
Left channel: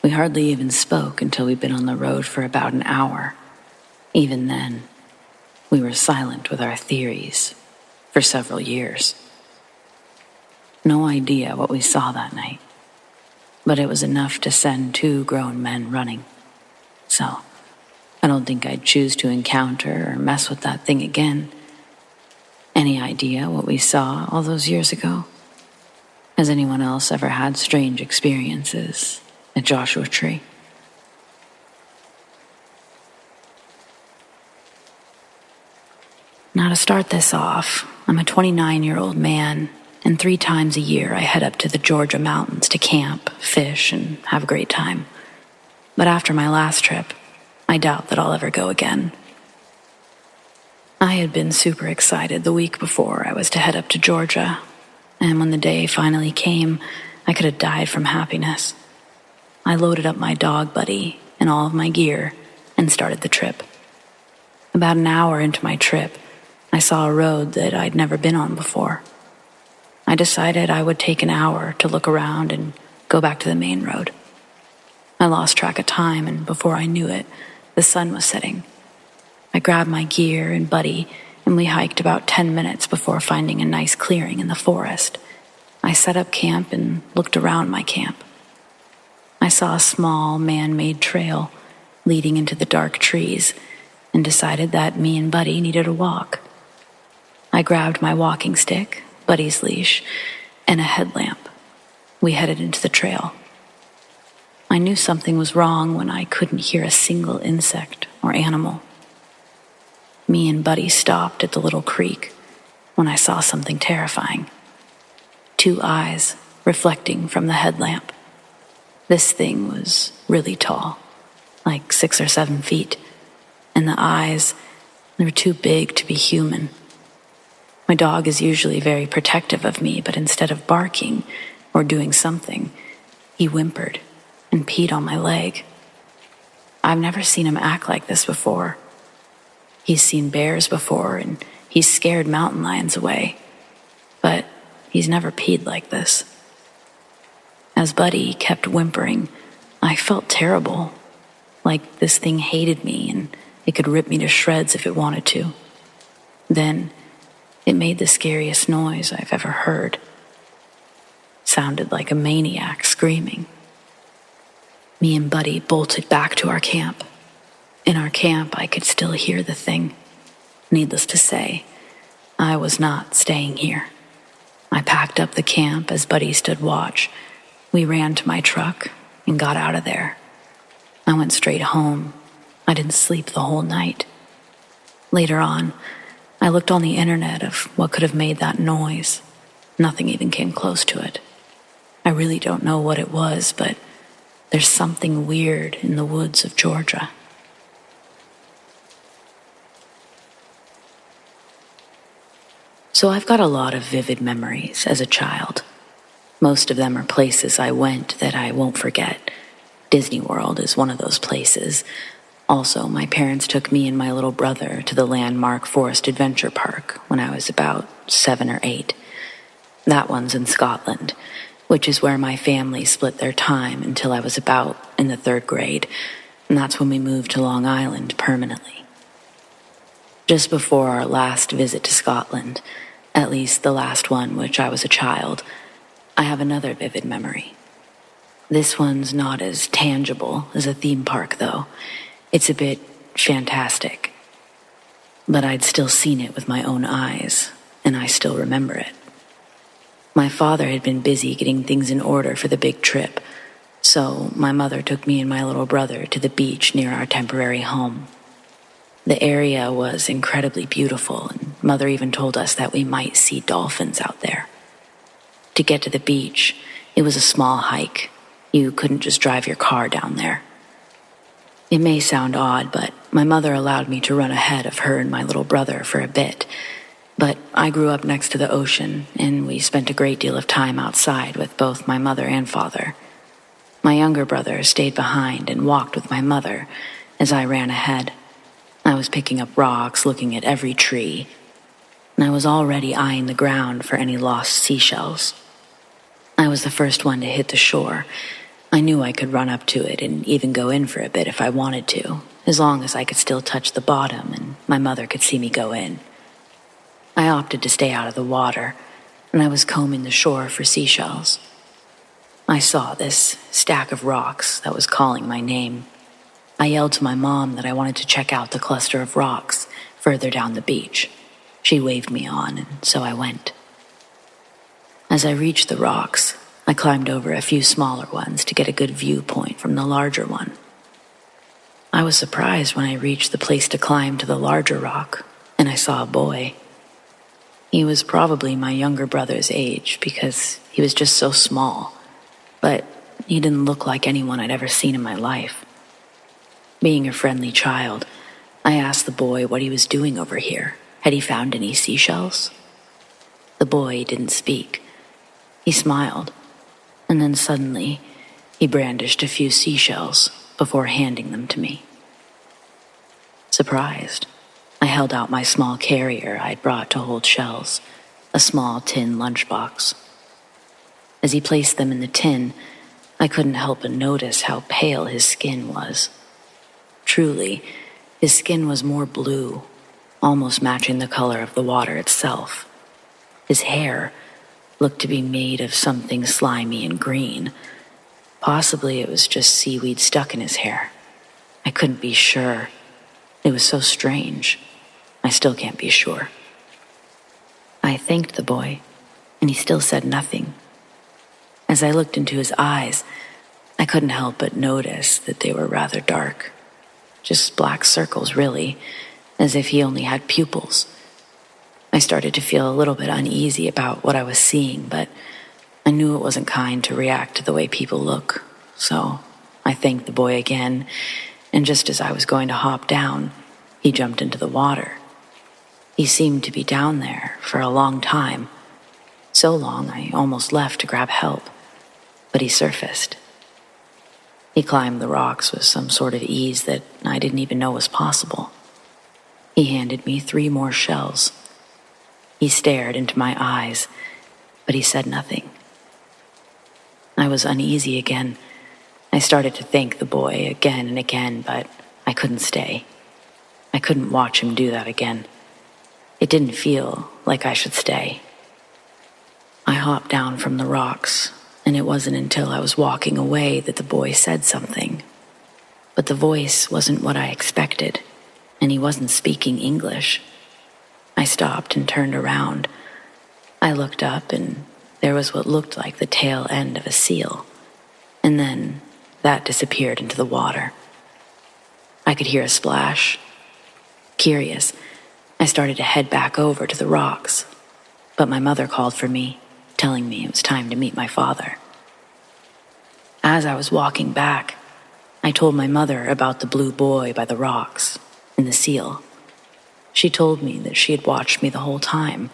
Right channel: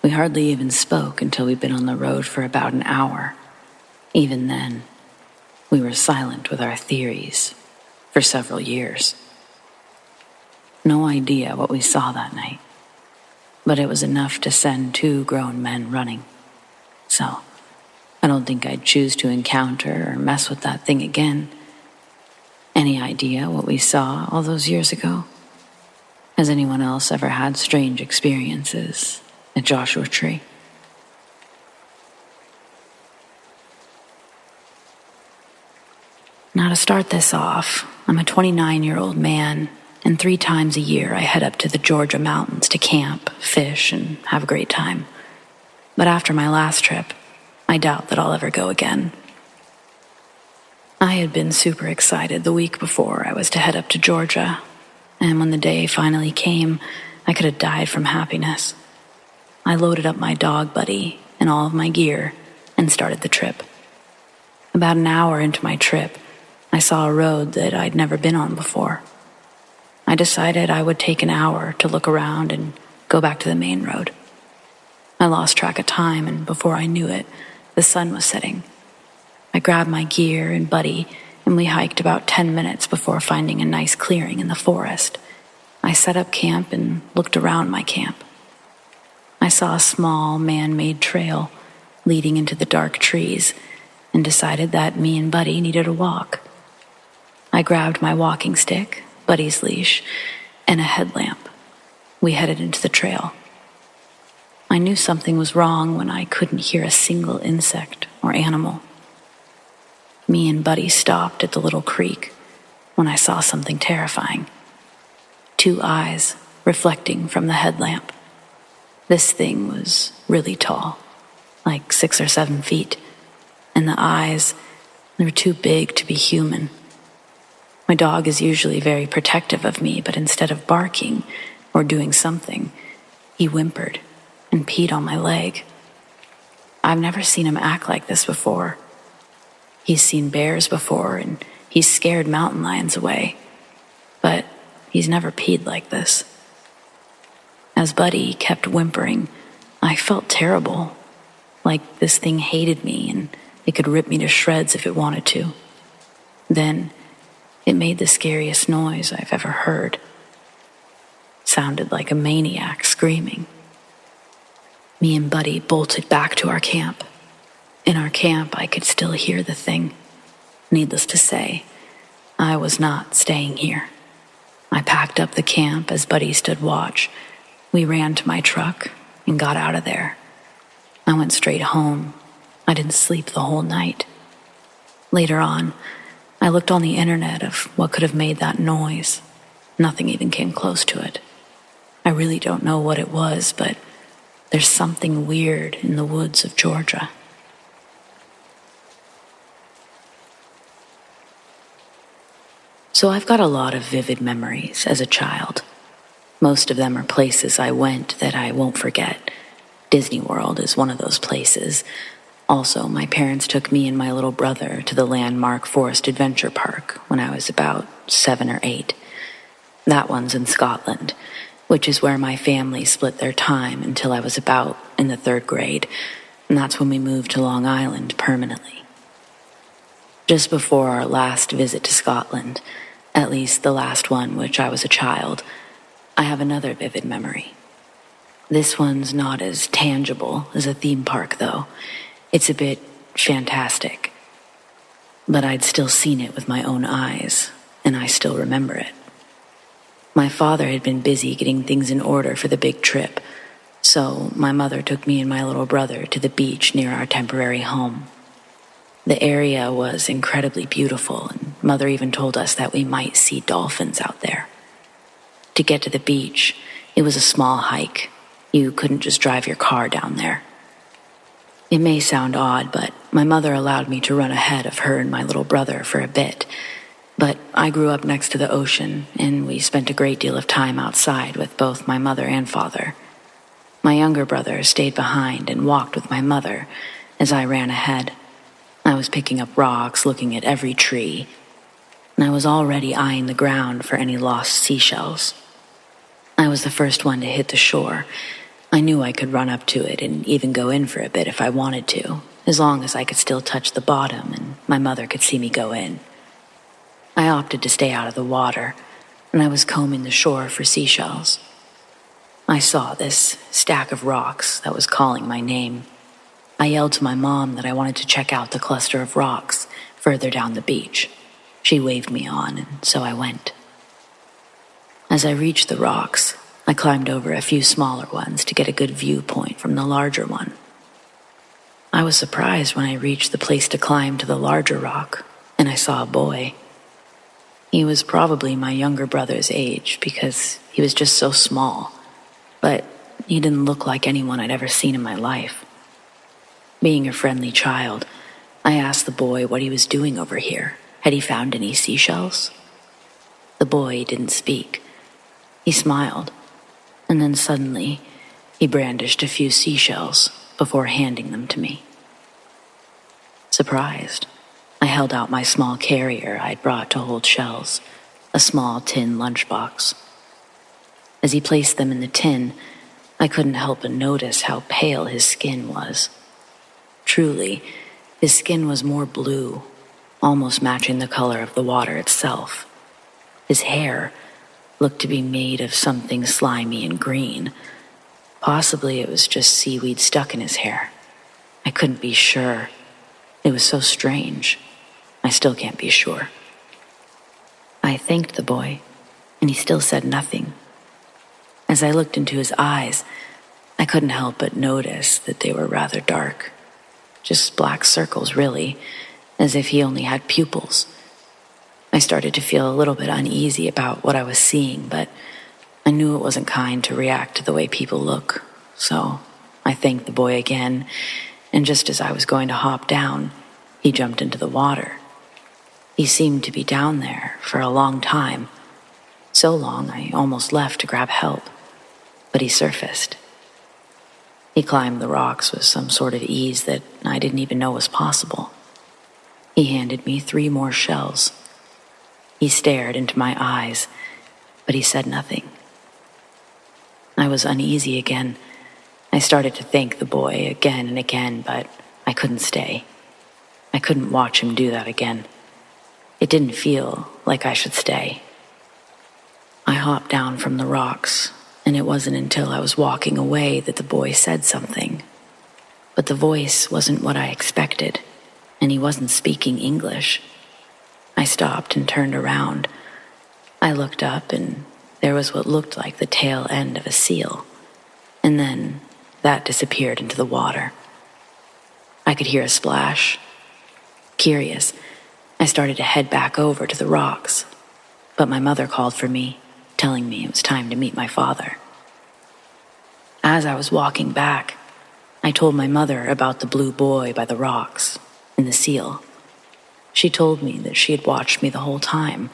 We hardly even spoke until we'd been on the road for about an hour. Even then, we were silent with our theories for several years. No idea what we saw that night, but it was enough to send 2 grown men running. So, I don't think I'd choose to encounter or mess with that thing again. Any idea what we saw all those years ago? Has anyone else ever had strange experiences at Joshua Tree? Now to start this off, I'm a 29-year-old man, and 3 times a year I head up to the Georgia mountains to camp, fish, and have a great time. But after my last trip, I doubt that I'll ever go again. I had been super excited the week before I was to head up to Georgia, and when the day finally came, I could have died from happiness. I loaded up my dog buddy and all of my gear and started the trip. About an hour into my trip, I saw a road that I'd never been on before. I decided I would take an hour to look around and go back to the main road. I lost track of time, and before I knew it, the sun was setting. I grabbed my gear and buddy, and we hiked about 10 minutes before finding a nice clearing in the forest. I set up camp and looked around my camp. I saw a small man-made trail leading into the dark trees, and decided that me and Buddy needed a walk. I grabbed my walking stick, Buddy's leash, and a headlamp. We headed into the trail. I knew something was wrong when I couldn't hear a single insect or animal. Me and Buddy stopped at the little creek when I saw something terrifying. 2 eyes reflecting from the headlamp. This thing was really tall, like 6 or 7 feet, and the eyes, they were too big to be human. My dog is usually very protective of me, but instead of barking or doing something, he whimpered and peed on my leg. I've never seen him act like this before. He's seen bears before, and he's scared mountain lions away, but he's never peed like this. As Buddy kept whimpering, I felt terrible, like this thing hated me and it could rip me to shreds if it wanted to. Then it made the scariest noise I've ever heard. Sounded like a maniac screaming. Me and Buddy bolted back to our camp. In our camp, I could still hear the thing. Needless to say, I was not staying here. I packed up the camp as Buddy stood watch. We ran to my truck and got out of there. I went straight home. I didn't sleep the whole night. Later on, I looked on the internet of what could have made that noise. Nothing even came close to it. I really don't know what it was, but there's something weird in the woods of Georgia. So I've got a lot of vivid memories as a child. Most of them are places I went that I won't forget. Disney World is one of those places. Also, my parents took me and my little brother to the landmark Forest Adventure Park when I was about 7 or 8. That one's in Scotland, which is where my family split their time until I was about in the 3rd grade, and that's when we moved to Long Island permanently. Just before our last visit to Scotland, at least the last one which I was a child, I have another vivid memory. This one's not as tangible as a theme park, though. It's a bit fantastic. But I'd still seen it with my own eyes, and I still remember it. My father had been busy getting things in order for the big trip, so my mother took me and my little brother to the beach near our temporary home. The area was incredibly beautiful, and Mother even told us that we might see dolphins out there. To get to the beach, it was a small hike. You couldn't just drive your car down there. It may sound odd, but my mother allowed me to run ahead of her and my little brother for a bit. But I grew up next to the ocean, and we spent a great deal of time outside with both my mother and father. My younger brother stayed behind and walked with my mother as I ran ahead. I was picking up rocks, looking at every tree, and I was already eyeing the ground for any lost seashells. I was the first one to hit the shore. I knew I could run up to it and even go in for a bit if I wanted to, as long as I could still touch the bottom and my mother could see me go in. I opted to stay out of the water, and I was combing the shore for seashells. I saw this stack of rocks that was calling my name. I yelled to my mom that I wanted to check out the cluster of rocks further down the beach. She waved me on, and so I went. As I reached the rocks, I climbed over a few smaller ones to get a good viewpoint from the larger one. I was surprised when I reached the place to climb to the larger rock, and I saw a boy. He was probably my younger brother's age because he was just so small, but he didn't look like anyone I'd ever seen in my life. Being a friendly child, I asked the boy what he was doing over here. Had he found any seashells? The boy didn't speak. He smiled, and then suddenly he brandished a few seashells before handing them to me. Surprised, I held out my small carrier I'd brought to hold shells, a small tin lunchbox. As he placed them in the tin, I couldn't help but notice how pale his skin was. Truly, his skin was more blue, almost matching the color of the water itself. His hair looked to be made of something slimy and green. Possibly it was just seaweed stuck in his hair. I couldn't be sure. It was so strange. I still can't be sure. I thanked the boy, and he still said nothing. As I looked into his eyes, I couldn't help but notice that they were rather dark. Just black circles, really, as if he only had pupils. I started to feel a little bit uneasy about what I was seeing, but I knew it wasn't kind to react to the way people look, so I thanked the boy again, and just as I was going to hop down, he jumped into the water. He seemed to be down there for a long time, so long I almost left to grab help, but he surfaced. He climbed the rocks with some sort of ease that I didn't even know was possible. He handed me 3 more shells. He stared into my eyes, but he said nothing. I was uneasy again. I started to thank the boy again and again, but I couldn't stay. I couldn't watch him do that again. It didn't feel like I should stay. I hopped down from the rocks, and it wasn't until I was walking away that the boy said something. But the voice wasn't what I expected, and he wasn't speaking English. I stopped and turned around. I looked up, and there was what looked like the tail end of a seal, and then that disappeared into the water. I could hear a splash. Curious, I started to head back over to the rocks, but my mother called for me, telling me it was time to meet my father. As I was walking back, I told my mother about the blue boy by the rocks and the seal. She told me that she had watched me the whole time.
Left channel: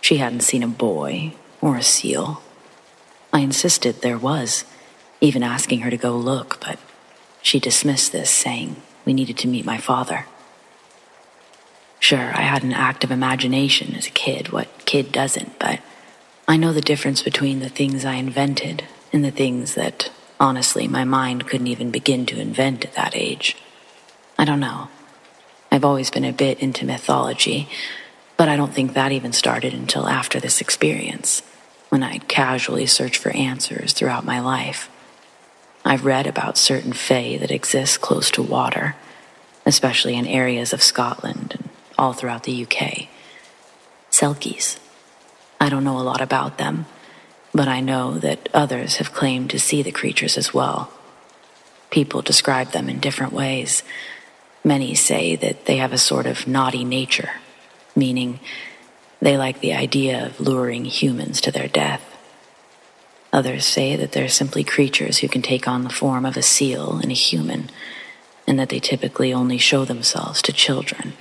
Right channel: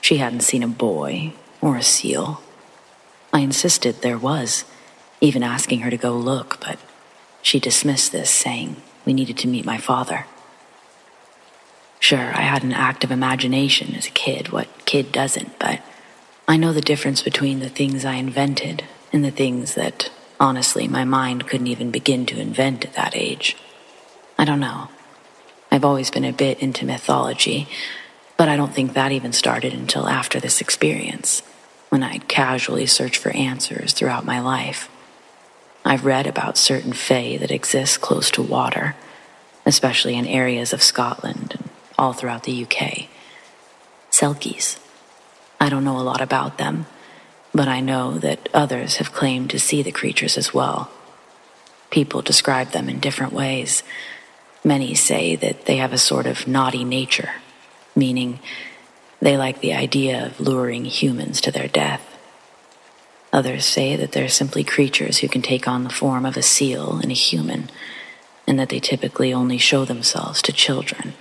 She hadn't seen a boy or a seal. I insisted there was, even asking her to go look, but she dismissed this, saying we needed to meet my father. Sure, I had an active imagination as a kid, what kid doesn't, but I know the difference between the things I invented and the things that, honestly, my mind couldn't even begin to invent at that age. I don't know. I've always been a bit into mythology, but I don't think that even started until after this experience, when I'd casually searched for answers throughout my life. I've read about certain fae that exist close to water, especially in areas of Scotland and all throughout the UK. Selkies. I don't know a lot about them, but I know that others have claimed to see the creatures as well. People describe them in different ways. Many say that they have a sort of naughty nature, meaning they like the idea of luring humans to their death. Others say that they're simply creatures who can take on the form of a seal and a human, and that they typically only show themselves to children.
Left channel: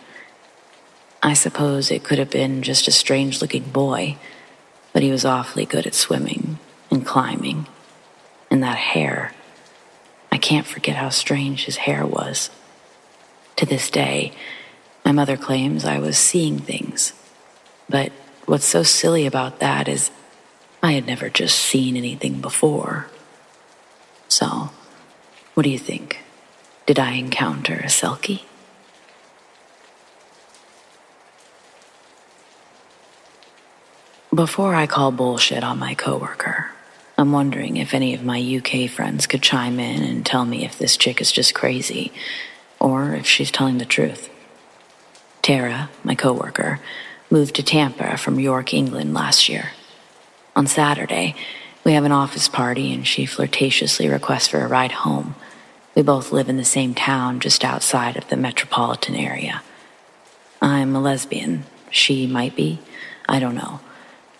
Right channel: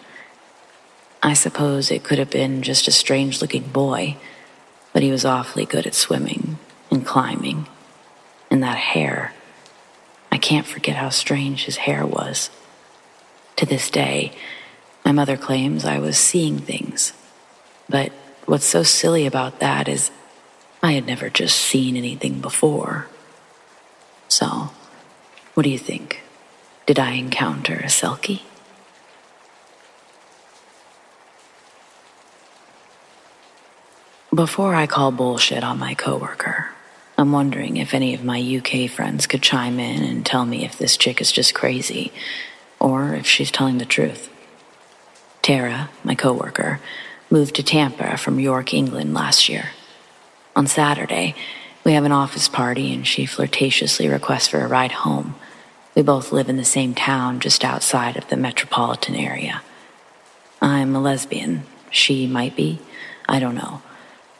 I suppose it could have been just a strange-looking boy, but he was awfully good at swimming and climbing. And that hair, I can't forget how strange his hair was. To this day, my mother claims I was seeing things. But what's so silly about that is I had never just seen anything before. So, what do you think? Did I encounter a Selkie? Before I call bullshit on my coworker, I'm wondering if any of my UK friends could chime in and tell me if this chick is just crazy, or if she's telling the truth. Tara, my coworker, moved to Tampa from York, England last year. On Saturday, we have an office party and she flirtatiously requests for a ride home. We both live in the same town just outside of the metropolitan area. I'm a lesbian. She might be. I don't know.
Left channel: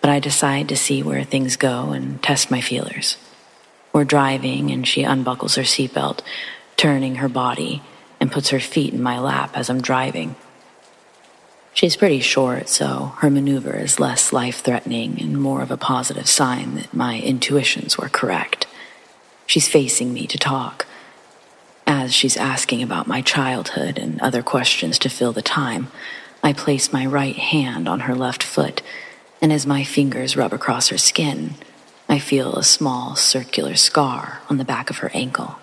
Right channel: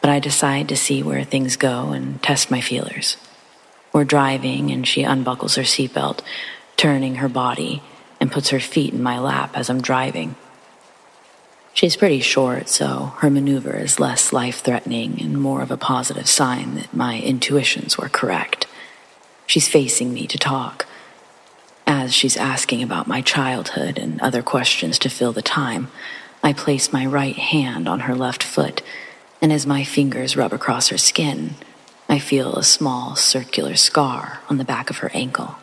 But I decide to see where things go and test my feelers. We're driving and she unbuckles her seatbelt, turning her body, and puts her feet in my lap as I'm driving. She's pretty short, so her maneuver is less life-threatening and more of a positive sign that my intuitions were correct. She's facing me to talk. As she's asking about my childhood and other questions to fill the time, I place my right hand on her left foot, and as my fingers rub across her skin, I feel a small circular scar on the back of her ankle,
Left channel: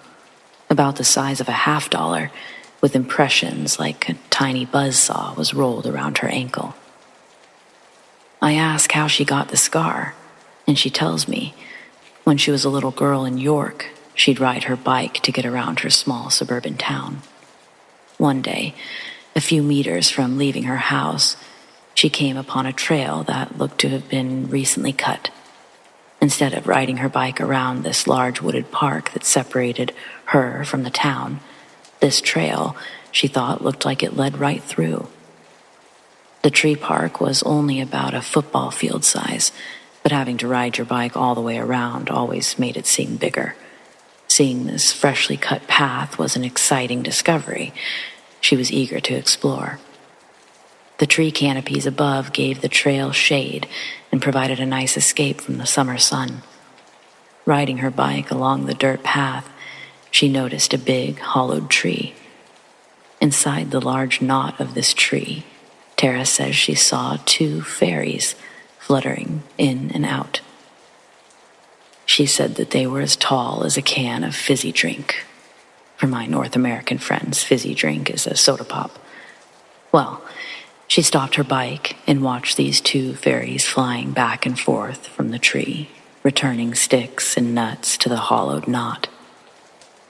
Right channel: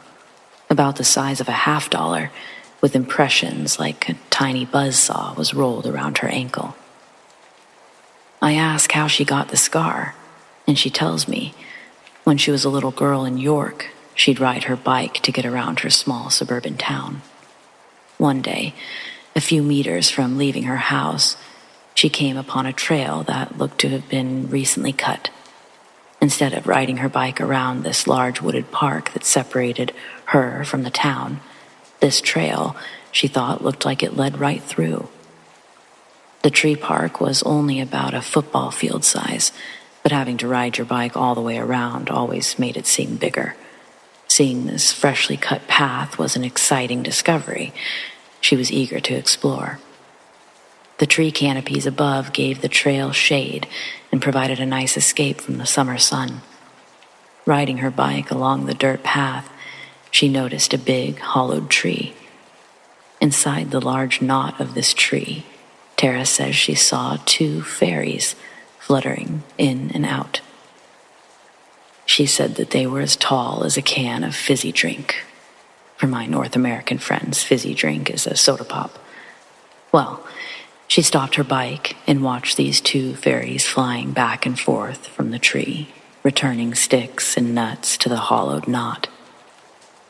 about the size of a $50, with impressions like a tiny buzzsaw was rolled around her ankle. I ask how she got the scar, and she tells me when she was a little girl in York, she'd ride her bike to get around her small suburban town. One day, a few meters from leaving her house, she came upon a trail that looked to have been recently cut. Instead of riding her bike around this large wooded park that separated her from the town, this trail, she thought, looked like it led right through. The tree park was only about a football field size, but having to ride your bike all the way around always made it seem bigger. Seeing this freshly cut path was an exciting discovery. She was eager to explore. The tree canopies above gave the trail shade and provided a nice escape from the summer sun. Riding her bike along the dirt path, she noticed a big, hollowed tree. Inside the large knot of this tree, Tara says she saw 2 fairies fluttering in and out. She said that they were as tall as a can of fizzy drink. For my North American friends, fizzy drink is a soda pop. Well, she stopped her bike and watched these 2 fairies flying back and forth from the tree, returning sticks and nuts to the hollowed knot.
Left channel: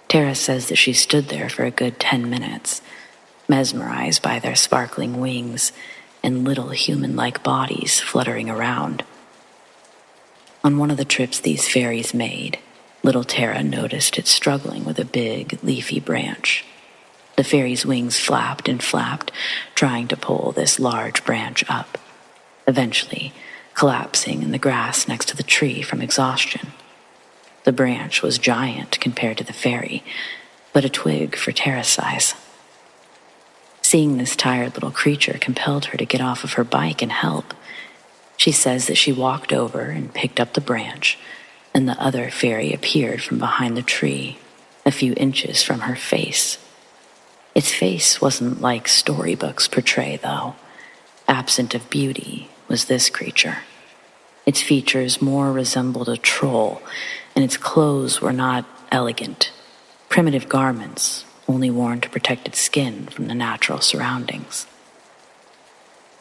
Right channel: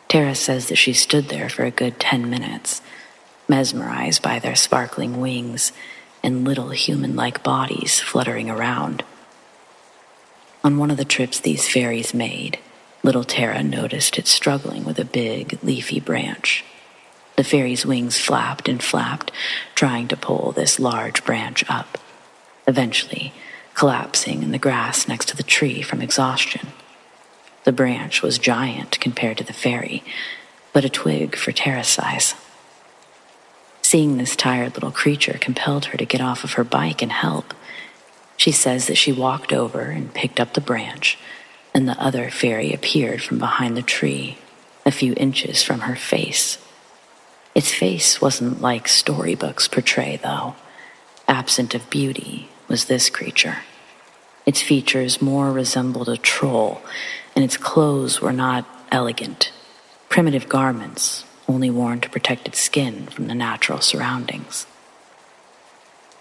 Tara says that she stood there for a good 10 minutes, mesmerized by their sparkling wings and little human-like bodies fluttering around. On one of the trips these fairies made, little Tara noticed it struggling with a big, leafy branch. The fairy's wings flapped and flapped, trying to pull this large branch up, eventually collapsing in the grass next to the tree from exhaustion. The branch was giant compared to the fairy, but a twig for Tara's size. Seeing this tired little creature compelled her to get off of her bike and help. She says that she walked over and picked up the branch, and the other fairy appeared from behind the tree, a few inches from her face. Its face wasn't like storybooks portray, though. Absent of beauty was this creature. Its features more resembled a troll, and its clothes were not elegant. Primitive garments, only worn to protect its skin from the natural surroundings.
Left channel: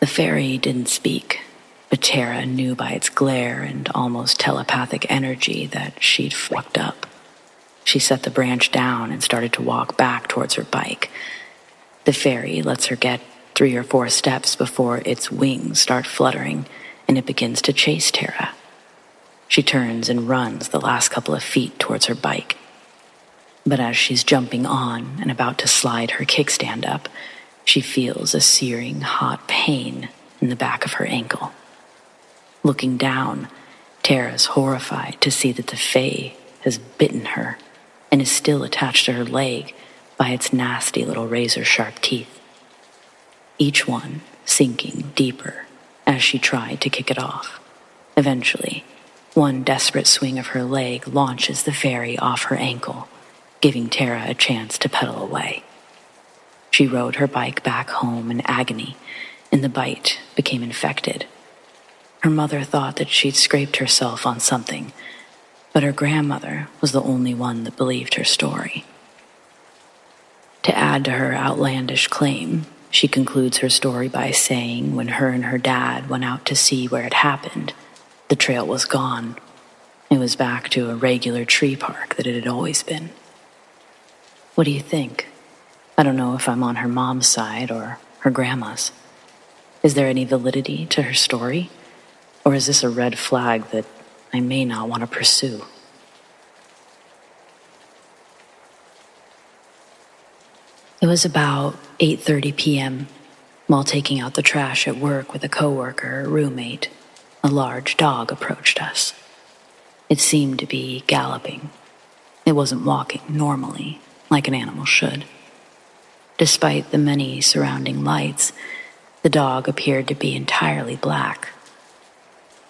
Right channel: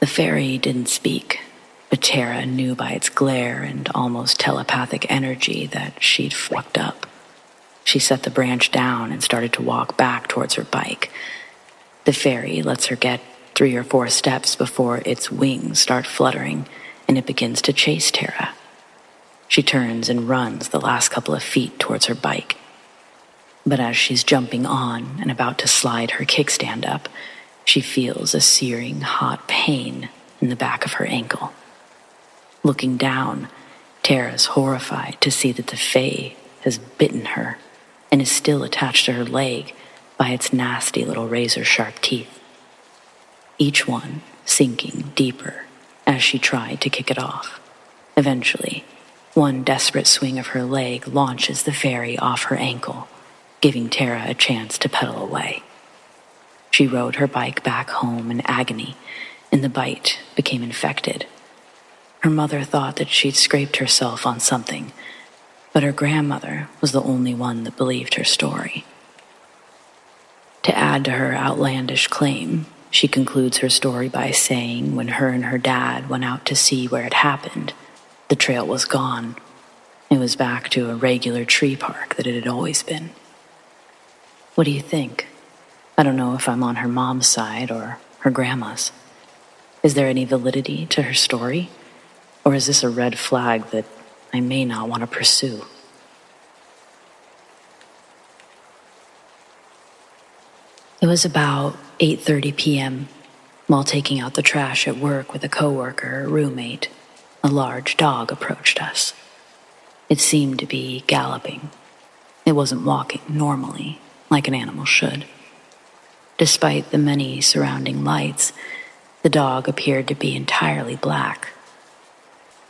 The fairy didn't speak, but Tara knew by its glare and almost telepathic energy that she'd fucked up. She set the branch down and started to walk back towards her bike. The fairy lets her get 3 or 4 steps before its wings start fluttering and it begins to chase Tara. She turns and runs the last couple of feet towards her bike. But as she's jumping on and about to slide her kickstand up, she feels a searing hot pain in the back of her ankle. Looking down, Tara's horrified to see that the fae has bitten her and is still attached to her leg by its nasty little razor-sharp teeth, each one sinking deeper as she tried to kick it off. Eventually, one desperate swing of her leg launches the fairy off her ankle, giving Tara a chance to pedal away. She rode her bike back home in agony, and the bite became infected. Her mother thought that she'd scraped herself on something, but her grandmother was the only one that believed her story. To add to her outlandish claim, she concludes her story by saying when her and her dad went out to see where it happened, the trail was gone. It was back to a regular tree park that it had always been. What do you think? I don't know if I'm on her mom's side or her grandma's. Is there any validity to her story? Or is this a red flag that I may not want to pursue? It was about 8:30 p.m. While taking out the trash at work with a coworker or roommate, a large dog approached us. It seemed to be galloping. It wasn't walking normally, like an animal should. Despite the many surrounding lights, the dog appeared to be entirely black.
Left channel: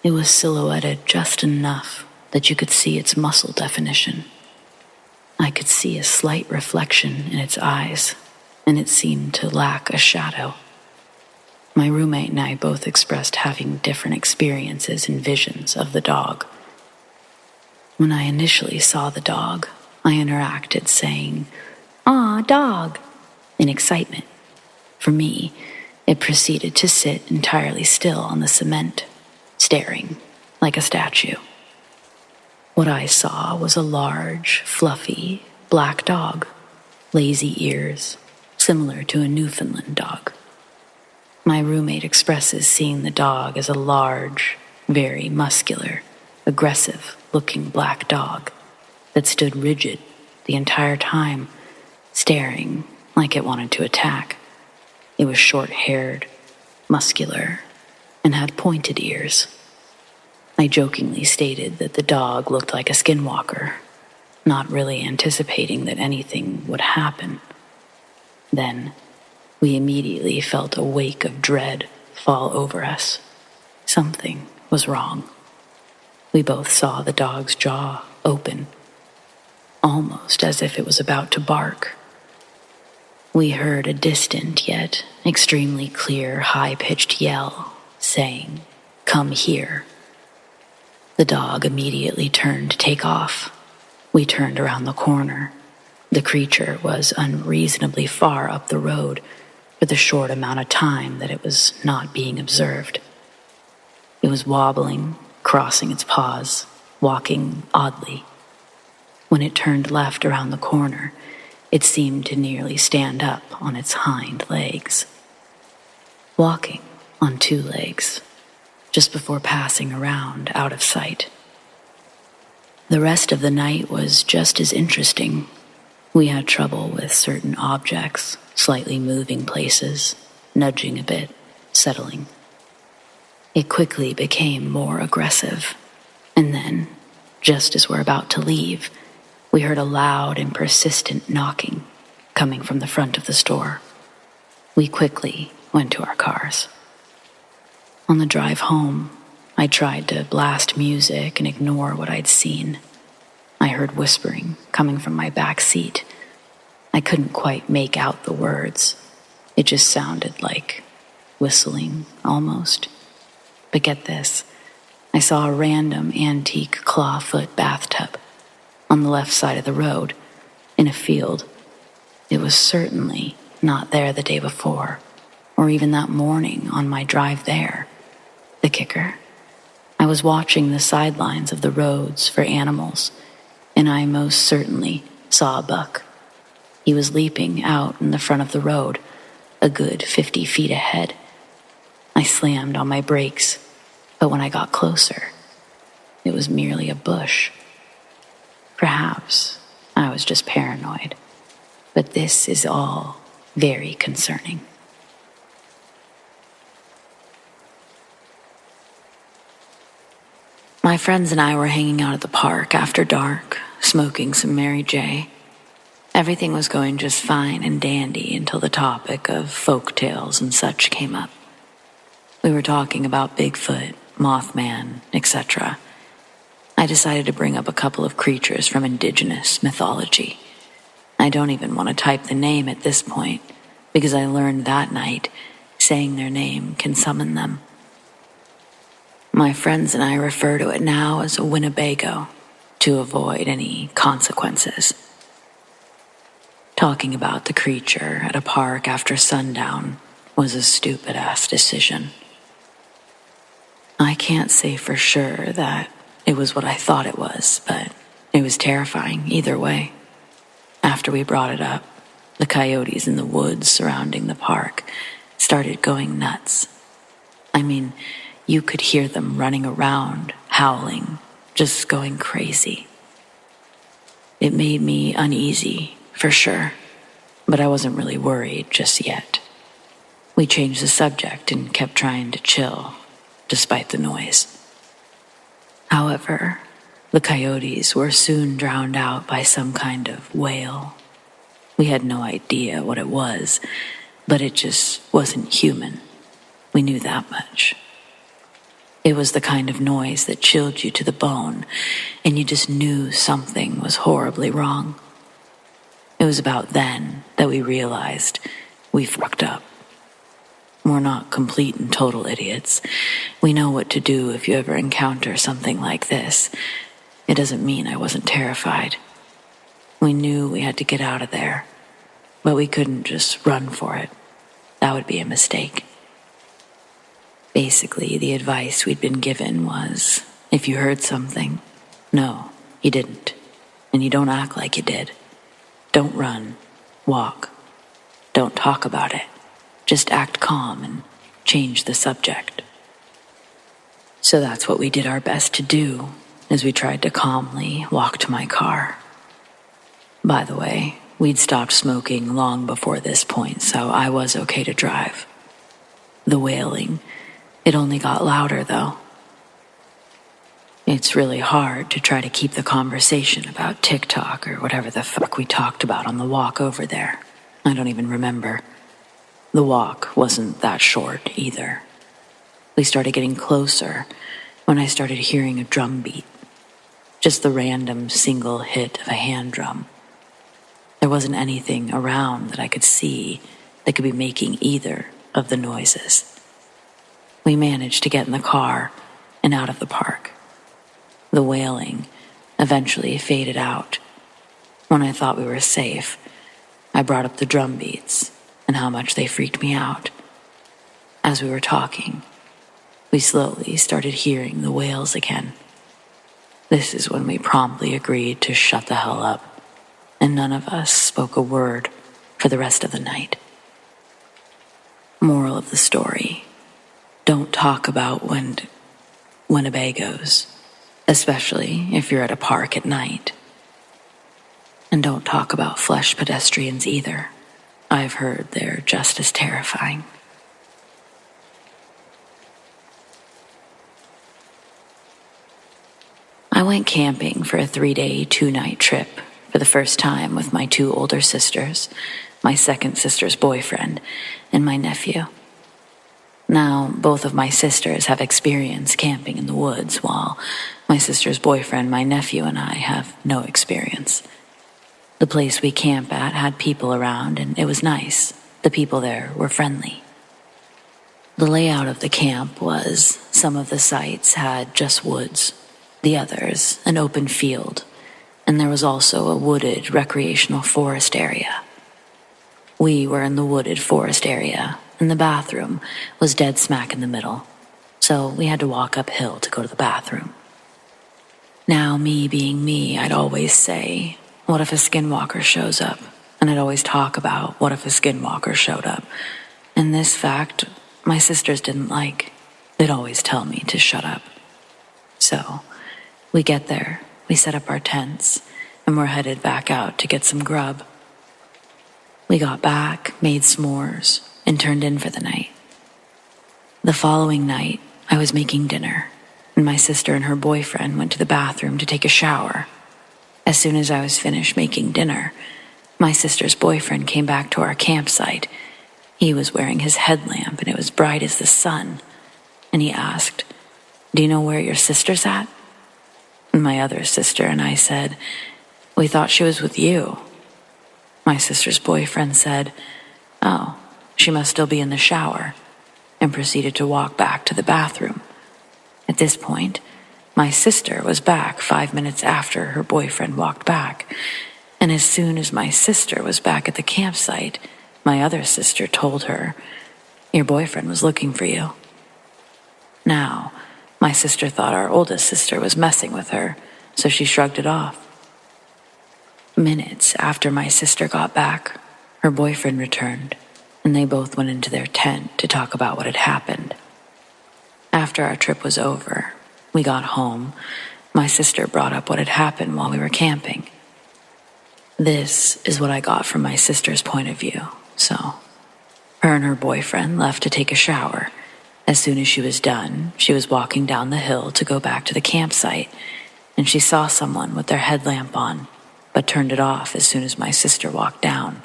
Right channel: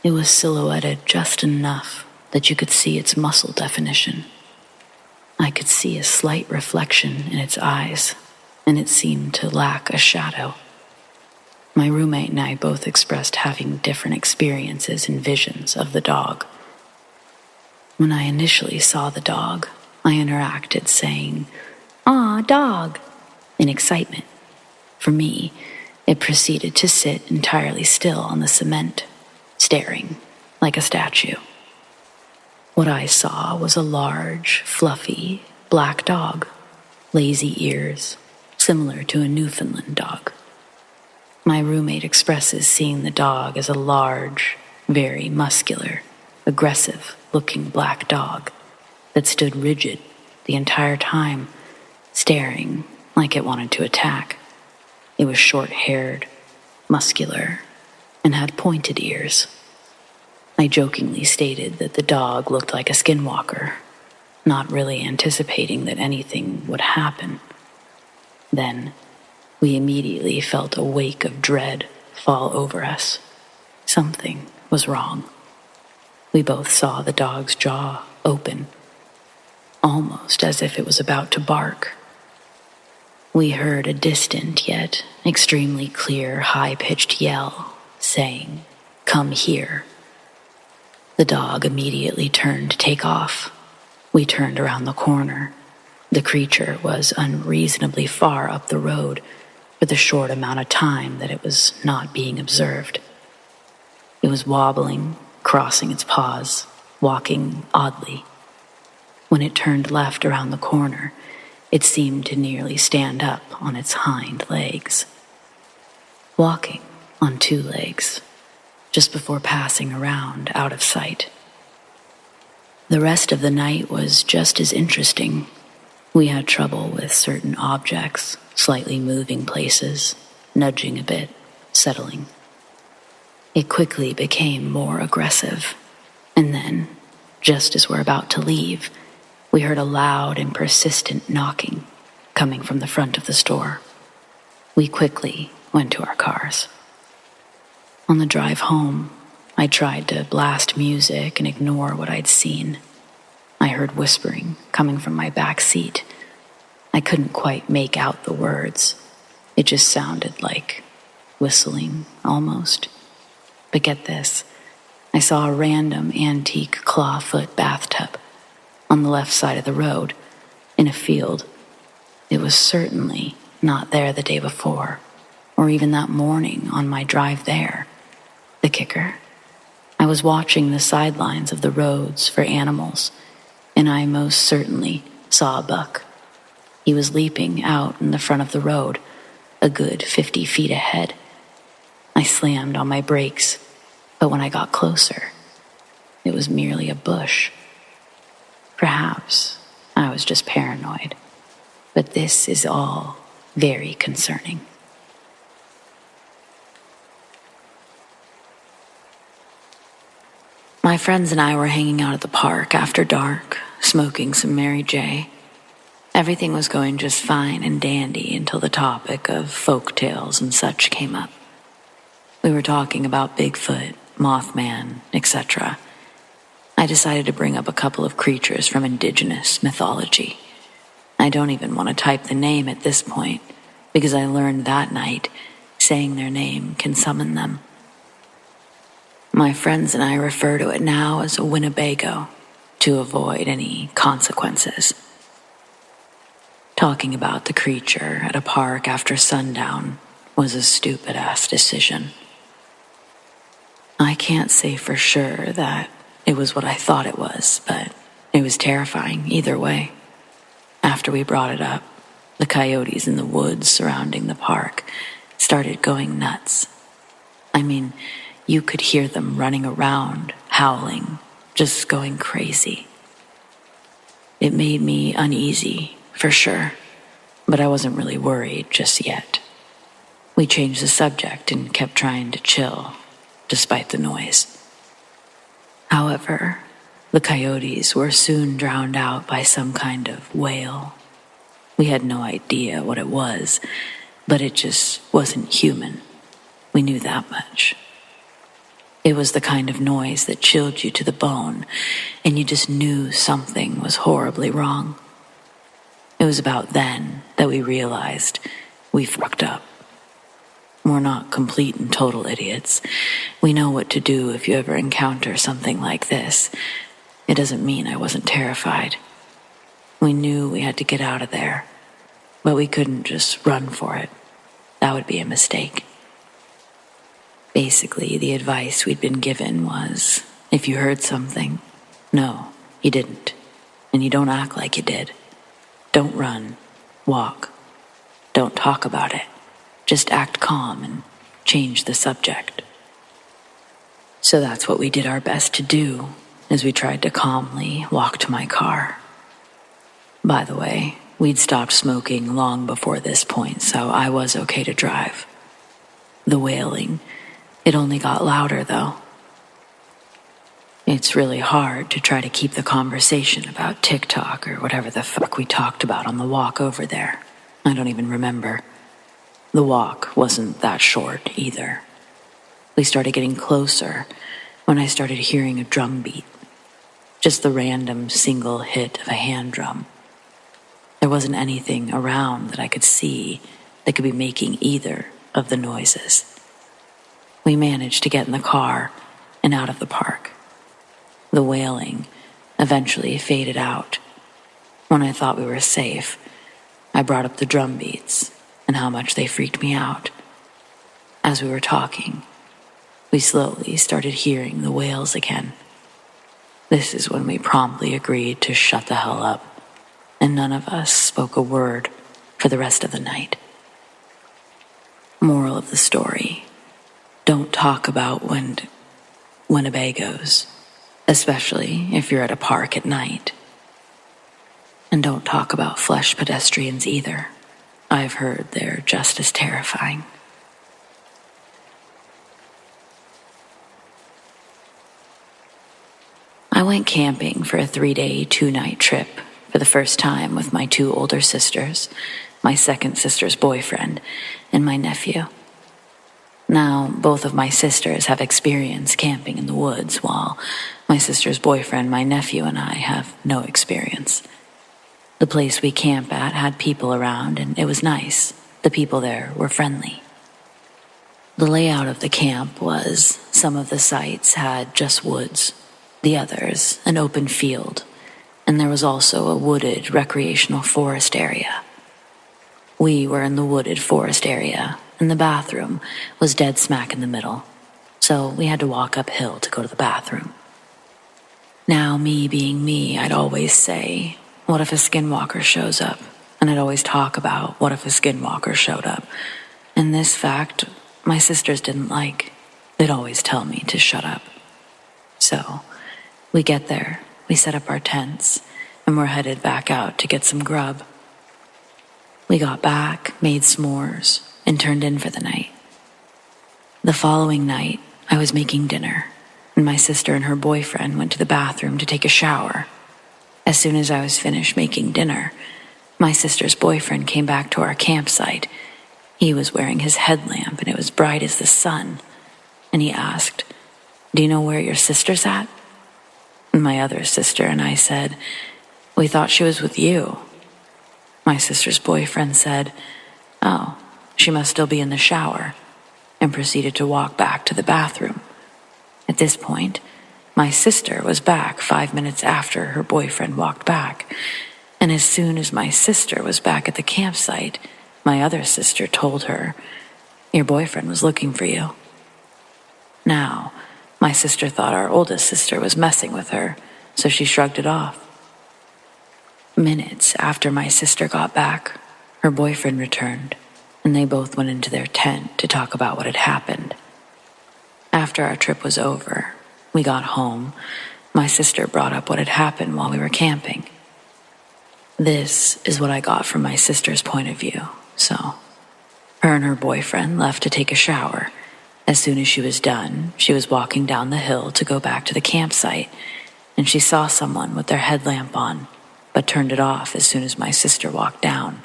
It was silhouetted just enough that you could see its muscle definition. I could see a slight reflection in its eyes, and it seemed to lack a shadow. My roommate and I both expressed having different experiences and visions of the dog. When I initially saw the dog, I interacted saying, "Aw, dog," in excitement. For me, it proceeded to sit entirely still on the cement, staring like a statue. What I saw was a large, fluffy, black dog, lazy ears, similar to a Newfoundland dog. My roommate expresses seeing the dog as a large, very muscular, aggressive-looking black dog that stood rigid the entire time, staring like it wanted to attack. It was short-haired, muscular, and had pointed ears. I jokingly stated that the dog looked like a skinwalker, not really anticipating that anything would happen. Then, we immediately felt a wake of dread fall over us. Something was wrong. We both saw the dog's jaw open, almost as if it was about to bark. We heard a distant yet extremely clear, high-pitched yell saying, "Come here." The dog immediately turned to take off. We turned around the corner. The creature was unreasonably far up the road for the short amount of time that it was not being observed. It was wobbling, crossing its paws, walking oddly. When it turned left around the corner, it seemed to nearly stand up on its hind legs. Walking on two legs, just before passing around out of sight. The rest of the night was just as interesting. We had trouble with certain objects, slightly moving places, nudging a bit, settling. It quickly became more aggressive, and then, just as we're about to leave, we heard a loud and persistent knocking coming from the front of the store. We quickly went to our cars. On the drive home, I tried to blast music and ignore what I'd seen. I heard whispering coming from my back seat. I couldn't quite make out the words. It just sounded like whistling, almost. But get this, I saw a random antique clawfoot bathtub on the left side of the road, in a field. It was certainly not there the day before, or even that morning on my drive there. The kicker, I was watching the sidelines of the roads for animals, and I most certainly saw a buck. He was leaping out in the front of the road, a good 50 feet ahead. I slammed on my brakes, but when I got closer, it was merely a bush. Perhaps I was just paranoid, but this is all very concerning. My friends and I were hanging out at the park after dark, smoking some Mary J. Everything was going just fine and dandy until the topic of folk tales and such came up. We were talking about Bigfoot, Mothman, etc. I decided to bring up a couple of creatures from indigenous mythology. I don't even want to type the name at this point, because I learned that night saying their name can summon them. My friends and I refer to it now as a Winnebago to avoid any consequences. Talking about the creature at a park after sundown was a stupid-ass decision. I can't say for sure that it was what I thought it was, but it was terrifying either way. After we brought it up, the coyotes in the woods surrounding the park started going nuts. I mean, you could hear them running around, howling, just going crazy. It made me uneasy, for sure, but I wasn't really worried just yet. We changed the subject and kept trying to chill, despite the noise. However, the coyotes were soon drowned out by some kind of wail. We had no idea what it was, but it just wasn't human. We knew that much. It was the kind of noise that chilled you to the bone, and you just knew something was horribly wrong. It was about then that we realized we fucked up. We're not complete and total idiots. We know what to do if you ever encounter something like this. It doesn't mean I wasn't terrified. We knew we had to get out of there, but we couldn't just run for it. That would be a mistake. Basically, the advice we'd been given was, if you heard something, no, you didn't. And you don't act like you did. Don't run. Walk. don't talk about it. Just act calm and change the subject. So that's what we did our best to do as we tried to calmly walk to my car. By the way, we'd stopped smoking long before this point, so I was okay to drive. The wailing, it only got louder though. It's really hard to try to keep the conversation about TikTok or whatever the fuck we talked about on the walk over there. I don't even remember. The walk wasn't that short either. We started getting closer when I started hearing a drum beat. Just the random single hit of a hand drum. There wasn't anything around that I could see that could be making either of the noises. We managed to get in the car and out of the park. The wailing eventually faded out. When I thought we were safe, I brought up the drum beats and how much they freaked me out. As we were talking, we slowly started hearing the wails again. This is when we promptly agreed to shut the hell up, and none of us spoke a word for the rest of the night. Moral of the story: don't talk about Winnebagos, especially if you're at a park at night. And don't talk about flesh pedestrians either. I've heard they're just as terrifying. I went camping for a 3-day, 2-night trip for the first time with my 2 older sisters, my second sister's boyfriend, and my nephew. Now, both of my sisters have experience camping in the woods, while my sister's boyfriend, my nephew, and I have no experience. The place we camp at had people around, and it was nice. The people there were friendly. The layout of the camp was some of the sites had just woods, the others an open field, and there was also a wooded recreational forest area. We were in the wooded forest area, and the bathroom was dead smack in the middle, so we had to walk uphill to go to the bathroom. Now, me being me, I'd always say, what if a skinwalker shows up? And I'd always talk about what if a skinwalker showed up. And this fact, my sisters didn't like. They'd always tell me to shut up. So, we get there, we set up our tents, and we're headed back out to get some grub. We got back, made s'mores, and turned in for the night. The following night, I was making dinner, and my sister and her boyfriend went to the bathroom to take a shower. As soon as I was finished making dinner, my sister's boyfriend came back to our campsite. He was wearing his headlamp, and it was bright as the sun. And he asked, "Do you know where your sister's at?" And my other sister and I said, "We thought she was with you." My sister's boyfriend said, "Oh, she must still be in the shower," and proceeded to walk back to the bathroom. At this point, my sister was back 5 minutes after her boyfriend walked back, and as soon as my sister was back at the campsite, my other sister told her, "Your boyfriend was looking for you." Now, my sister thought our oldest sister was messing with her, so she shrugged it off. Minutes after my sister got back, her boyfriend returned, and they both went into their tent to talk about what had happened. After our trip was over, we got home. My sister brought up what had happened while we were camping. This is what I got from my sister's point of view. So, her and her boyfriend left to take a shower. As soon as she was done, she was walking down the hill to go back to the campsite, and she saw someone with their headlamp on, but turned it off as soon as my sister walked down.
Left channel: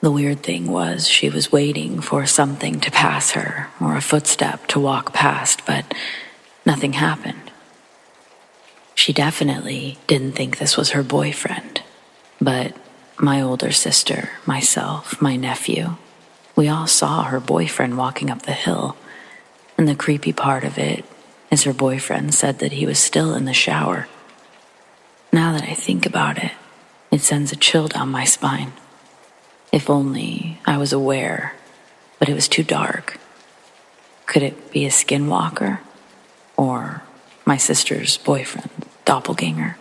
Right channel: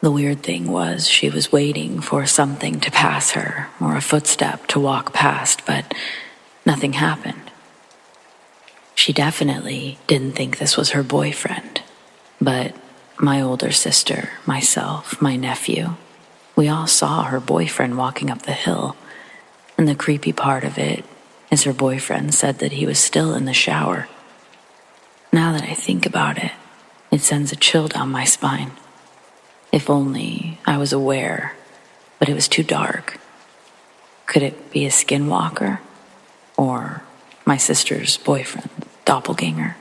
The weird thing was she was waiting for something to pass her, or a footstep to walk past, but nothing happened. She definitely didn't think this was her boyfriend, but my older sister, myself, my nephew, we all saw her boyfriend walking up the hill, and the creepy part of it is her boyfriend said that he was still in the shower. Now that I think about it, it sends a chill down my spine. If only I was aware, but it was too dark. Could it be a skinwalker? Or my sister's boyfriend, doppelganger?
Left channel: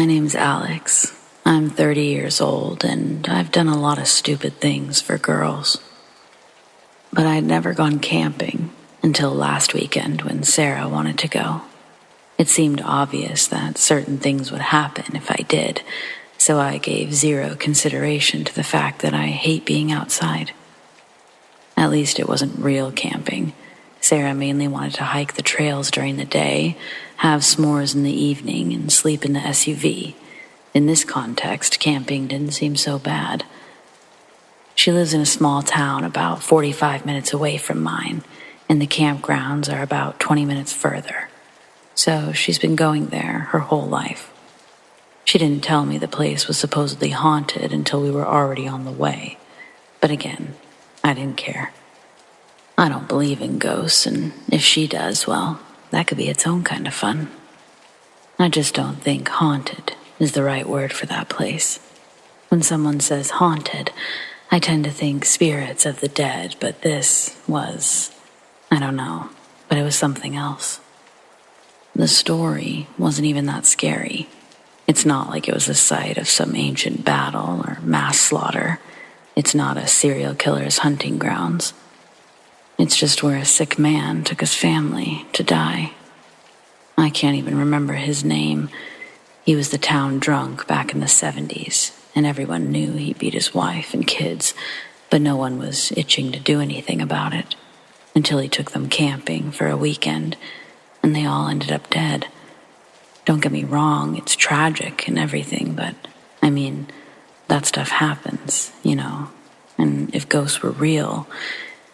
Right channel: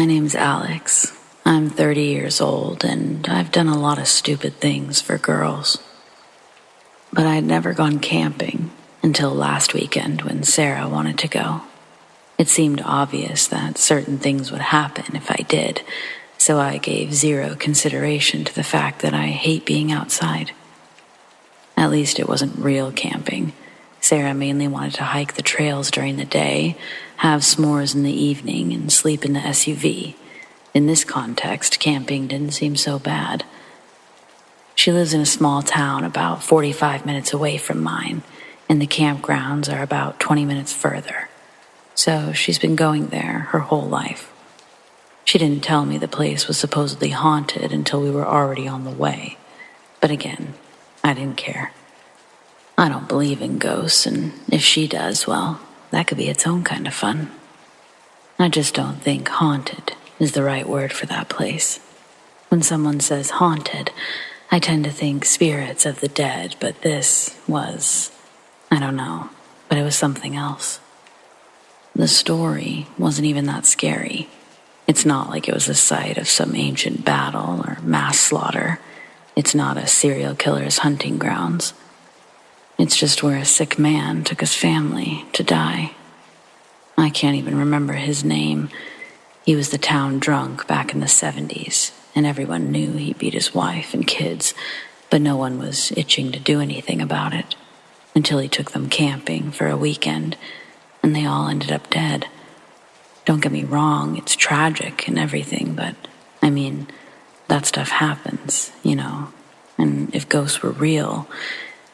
My name's Alex. I'm 30 years old, and I've done a lot of stupid things for girls. But I'd never gone camping until last weekend when Sarah wanted to go. It seemed obvious that certain things would happen if I did, so I gave zero consideration to the fact that I hate being outside. At least it wasn't real camping. Sarah mainly wanted to hike the trails during the day, have s'mores in the evening, and sleep in the SUV. In this context, camping didn't seem so bad. She lives in a small town about 45 minutes away from mine, and the campgrounds are about 20 minutes further. So she's been going there her whole life. She didn't tell me the place was supposedly haunted until we were already on the way. But again, I didn't care. I don't believe in ghosts, and if she does, well, that could be its own kind of fun. I just don't think haunted is the right word for that place. When someone says haunted, I tend to think spirits of the dead, but this was, I don't know, but it was something else. The story wasn't even that scary. It's not like it was the site of some ancient battle or mass slaughter. It's not a serial killer's hunting grounds. It's just where a sick man took his family to die. I can't even remember his name. He was the town drunk back in the 70s, and everyone knew he beat his wife and kids, but no one was itching to do anything about it until he took them camping for a weekend, and they all ended up dead. Don't get me wrong, it's tragic and everything, but, I mean, that stuff happens, you know, and if ghosts were real,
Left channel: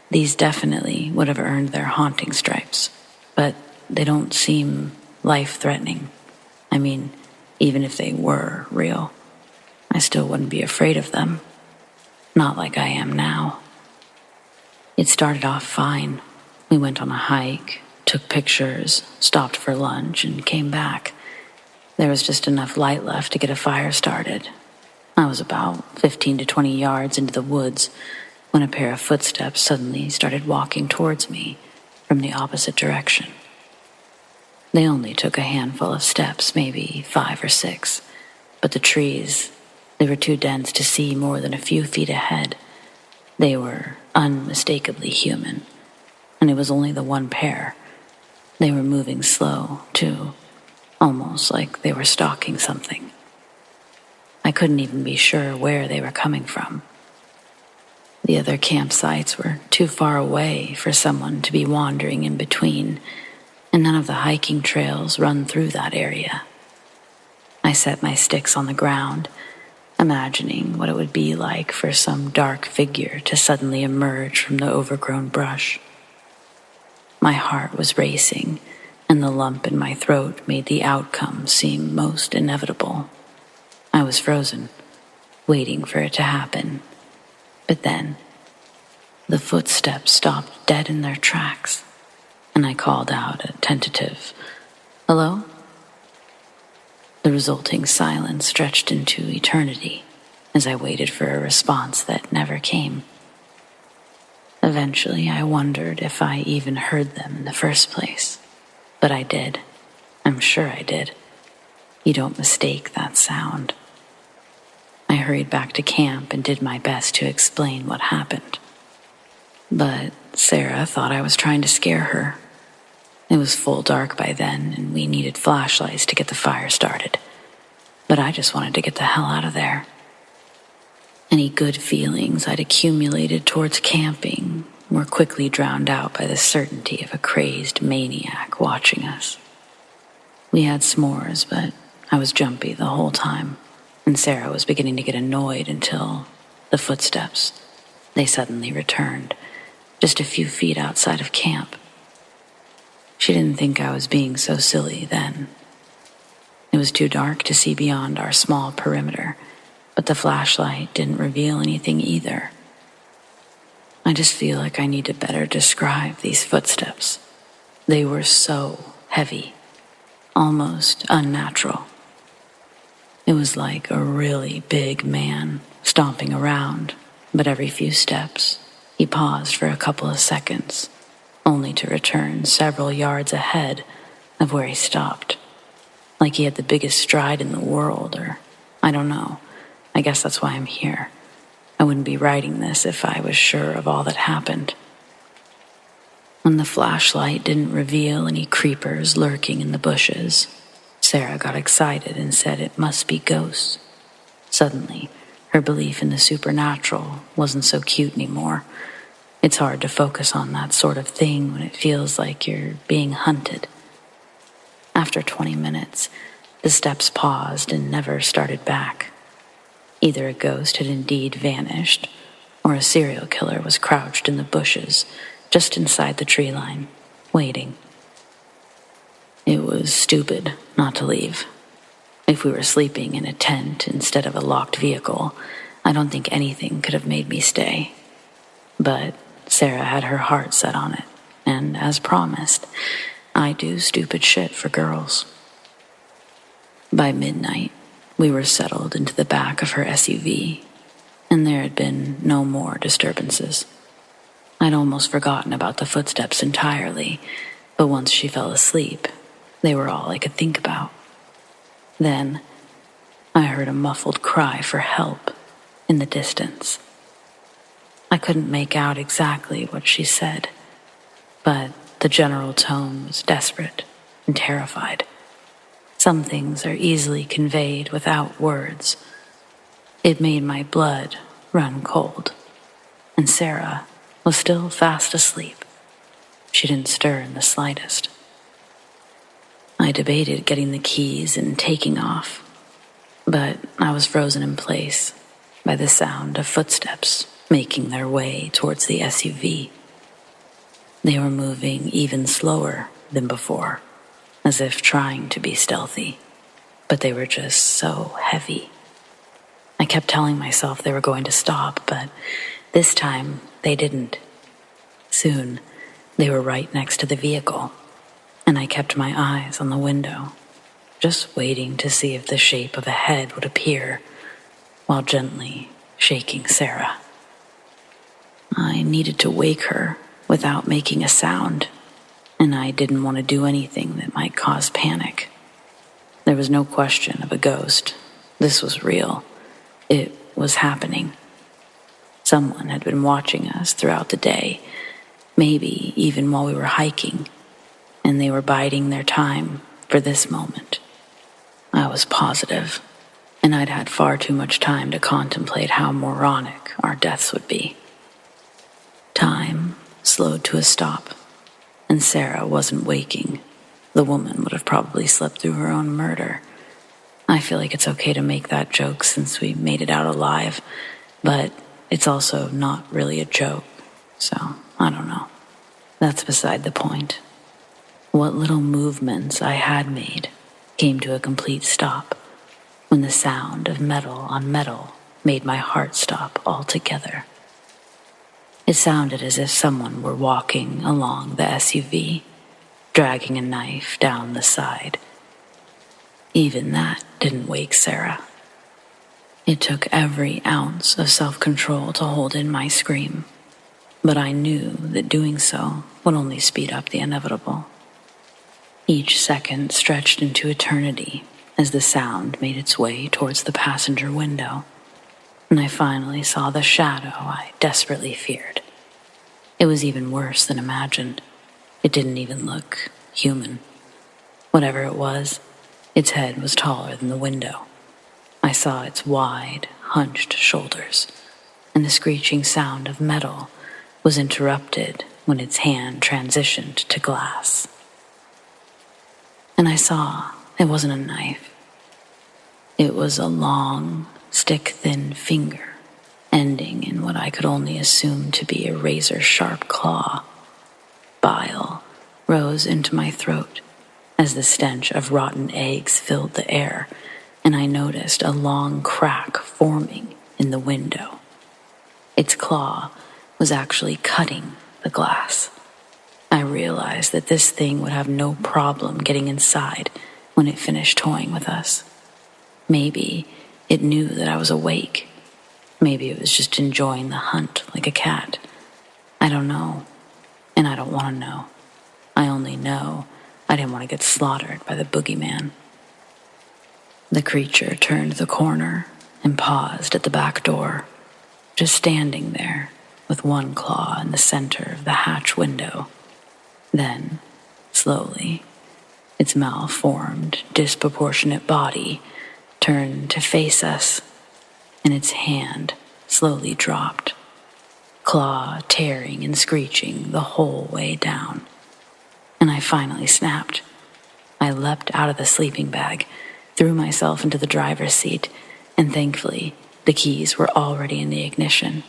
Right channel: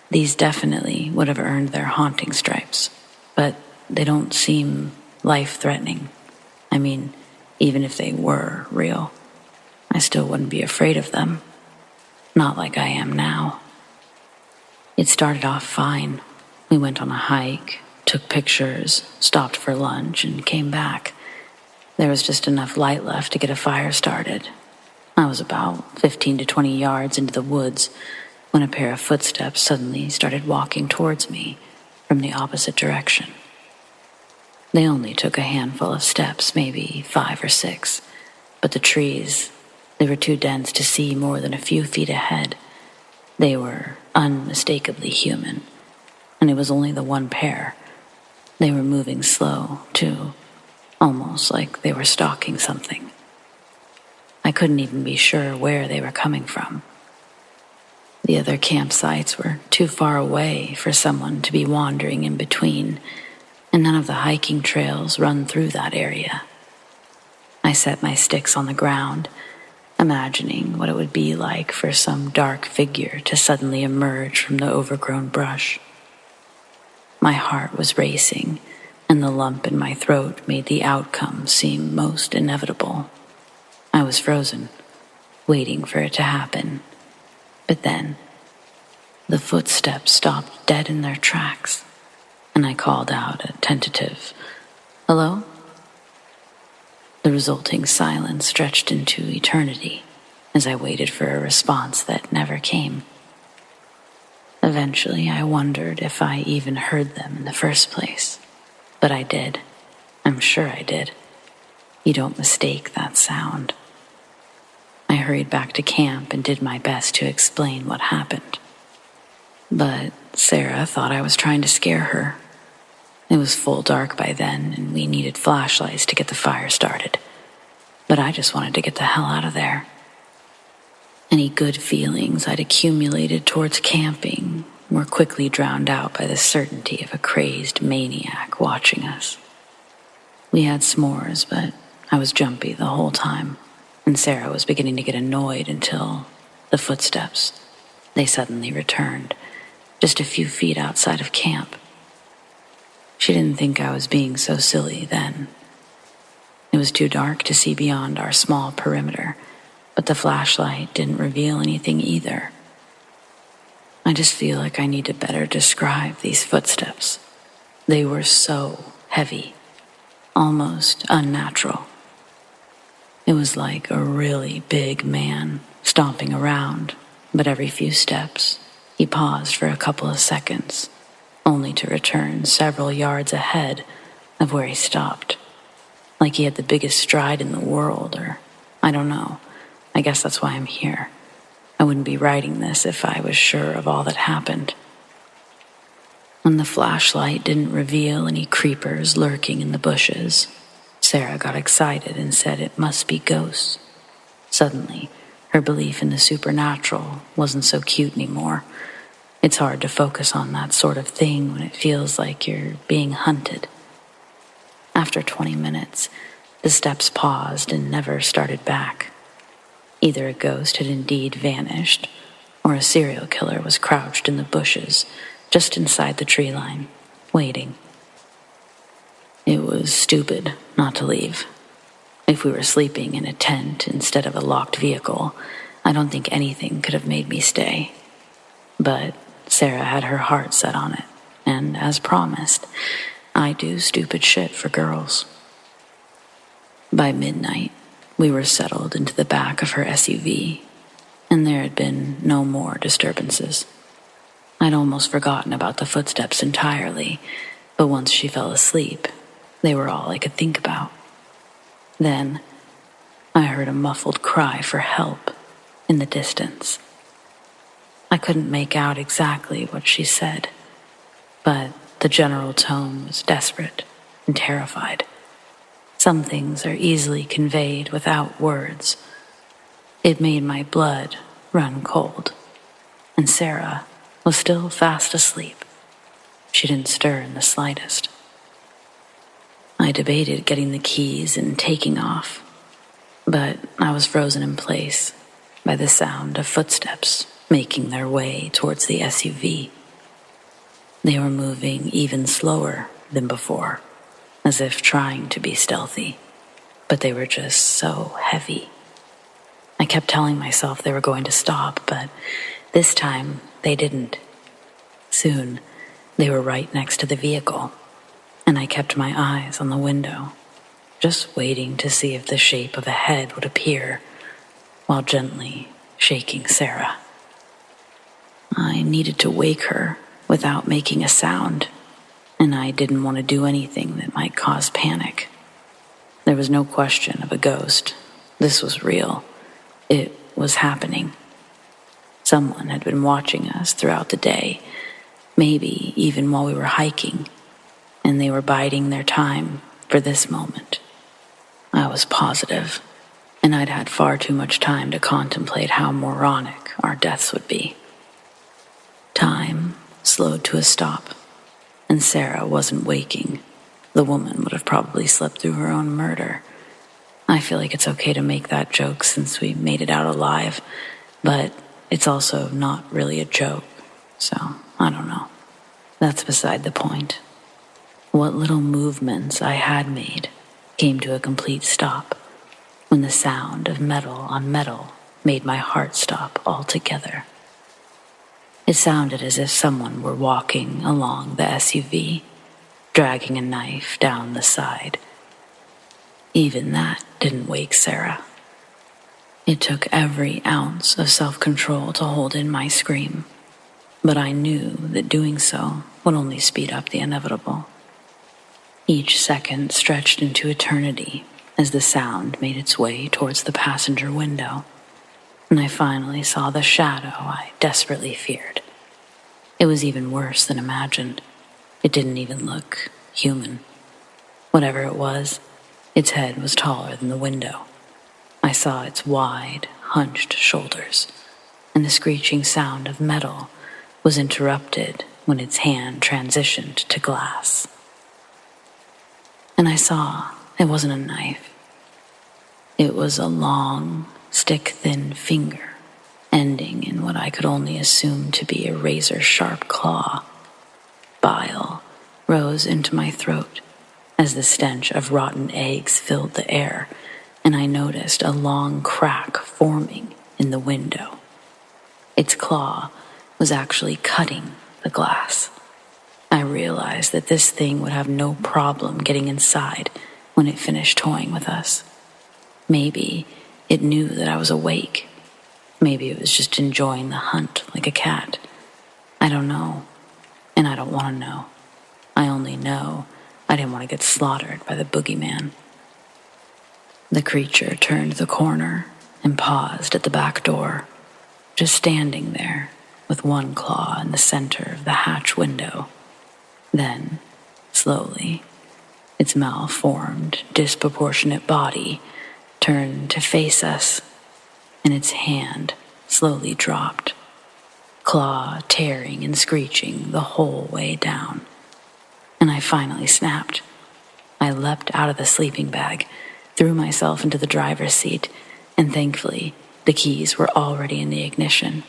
these definitely would have earned their haunting stripes, but they don't seem life-threatening. I mean, even if they were real, I still wouldn't be afraid of them. Not like I am now. It started off fine. We went on a hike, took pictures, stopped for lunch, and came back. There was just enough light left to get a fire started. I was about 15 to 20 yards into the woods when a pair of footsteps suddenly started walking towards me from the opposite direction. They only took a handful of steps, maybe 5 or 6, but the trees, they were too dense to see more than a few feet ahead. They were unmistakably human, and it was only the one pair. They were moving slow, too, almost like they were stalking something. I couldn't even be sure where they were coming from. The other campsites were too far away for someone to be wandering in between, and none of the hiking trails run through that area. I set my sticks on the ground, imagining what it would be like for some dark figure to suddenly emerge from the overgrown brush. My heart was racing, and the lump in my throat made the outcome seem most inevitable. I was frozen, waiting for it to happen. But then, the footsteps stopped dead in their tracks, and I called out a tentative, "Hello?" The resulting silence stretched into eternity as I waited for a response that never came. Eventually, I wondered if I even heard them in the first place. But I did. I'm sure I did. You don't mistake that sound. I hurried back to camp and did my best to explain what happened. But Sarah thought I was trying to scare her. It was full dark by then, and we needed flashlights to get the fire started. But I just wanted to get the hell out of there. Any good feelings I'd accumulated towards camping were quickly drowned out by the certainty of a crazed maniac watching us. We had s'mores, but I was jumpy the whole time, and Sarah was beginning to get annoyed until the footsteps, they suddenly returned, just a few feet outside of camp. She didn't think I was being so silly then. It was too dark to see beyond our small perimeter, but the flashlight didn't reveal anything either. I just feel like I need to better describe these footsteps. They were so heavy, almost unnatural. It was like a really big man stomping around, but every few steps, he paused for a couple of seconds, only to return several yards ahead of where he stopped. like he had the biggest stride in the world, or I don't know. I guess that's why I'm here. I wouldn't be writing this if I was sure of all that happened. When the flashlight didn't reveal any creepers lurking in the bushes, Sarah got excited and said it must be ghosts. Suddenly, her belief in the supernatural wasn't so cute anymore. It's hard to focus on that sort of thing when it feels like you're being hunted. After 20 minutes, the steps paused and never started back. Either a ghost had indeed vanished, or a serial killer was crouched in the bushes just inside the tree line, waiting. It was stupid not to leave. If we were sleeping in a tent instead of a locked vehicle, I don't think anything could have made me stay. But Sarah had her heart set on it, and as promised, I do stupid shit for girls. By midnight, we were settled into the back of her SUV, and there had been no more disturbances. I'd almost forgotten about the footsteps entirely, but once she fell asleep, they were all I could think about. Then, I heard a muffled cry for help in the distance. I couldn't make out exactly what she said, but the general tone was desperate and terrified. Some things are easily conveyed without words. It made my blood run cold, and Sarah was still fast asleep. She didn't stir in the slightest. I debated getting the keys and taking off, but I was frozen in place by the sound of footsteps making their way towards the SUV. They were moving even slower than before, as if trying to be stealthy, but they were just so heavy. I kept telling myself they were going to stop, but this time they didn't. Soon, they were right next to the vehicle, and I kept my eyes on the window, just waiting to see if the shape of a head would appear, while gently shaking Sarah. I needed to wake her without making a sound, and I didn't want to do anything that might cause panic. There was no question of a ghost. This was real. It was happening. Someone had been watching us throughout the day, maybe even while we were hiking, and they were biding their time for this moment. I was positive, and I'd had far too much time to contemplate how moronic our deaths would be. Time slowed to a stop, and Sarah wasn't waking. The woman would have probably slept through her own murder. I feel like it's okay to make that joke since we made it out alive, but it's also not really a joke, so I don't know. That's beside the point. What little movements I had made came to a complete stop when the sound of metal on metal made my heart stop altogether. It sounded as if someone were walking along the SUV, dragging a knife down the side. Even that didn't wake Sarah. It took every ounce of self-control to hold in my scream, but I knew that doing so would only speed up the inevitable. Each second stretched into eternity as the sound made its way towards the passenger window, and I finally saw the shadow I desperately feared. It was even worse than imagined. It didn't even look human. Whatever it was, its head was taller than the window. I saw its wide, hunched shoulders, and the screeching sound of metal was interrupted when its hand transitioned to glass. And I saw it wasn't a knife. It was a long, stick-thin finger, ending in what I could only assume to be a razor-sharp claw. Bile rose into my throat as the stench of rotten eggs filled the air, and I noticed a long crack forming in the window. Its claw was actually cutting the glass. I realized that this thing would have no problem getting inside when it finished toying with us. Maybe it knew that I was awake. Maybe it was just enjoying the hunt like a cat. I don't know, and I don't want to know. I only know I didn't want to get slaughtered by the boogeyman. The creature turned the corner and paused at the back door, just standing there with one claw in the center of the hatch window. Then, slowly, its malformed, disproportionate body turned to face us, and its hand slowly dropped, claw tearing and screeching the whole way down. And I finally snapped. I leapt out of the sleeping bag, threw myself into the driver's seat, and thankfully, the keys were already in the ignition.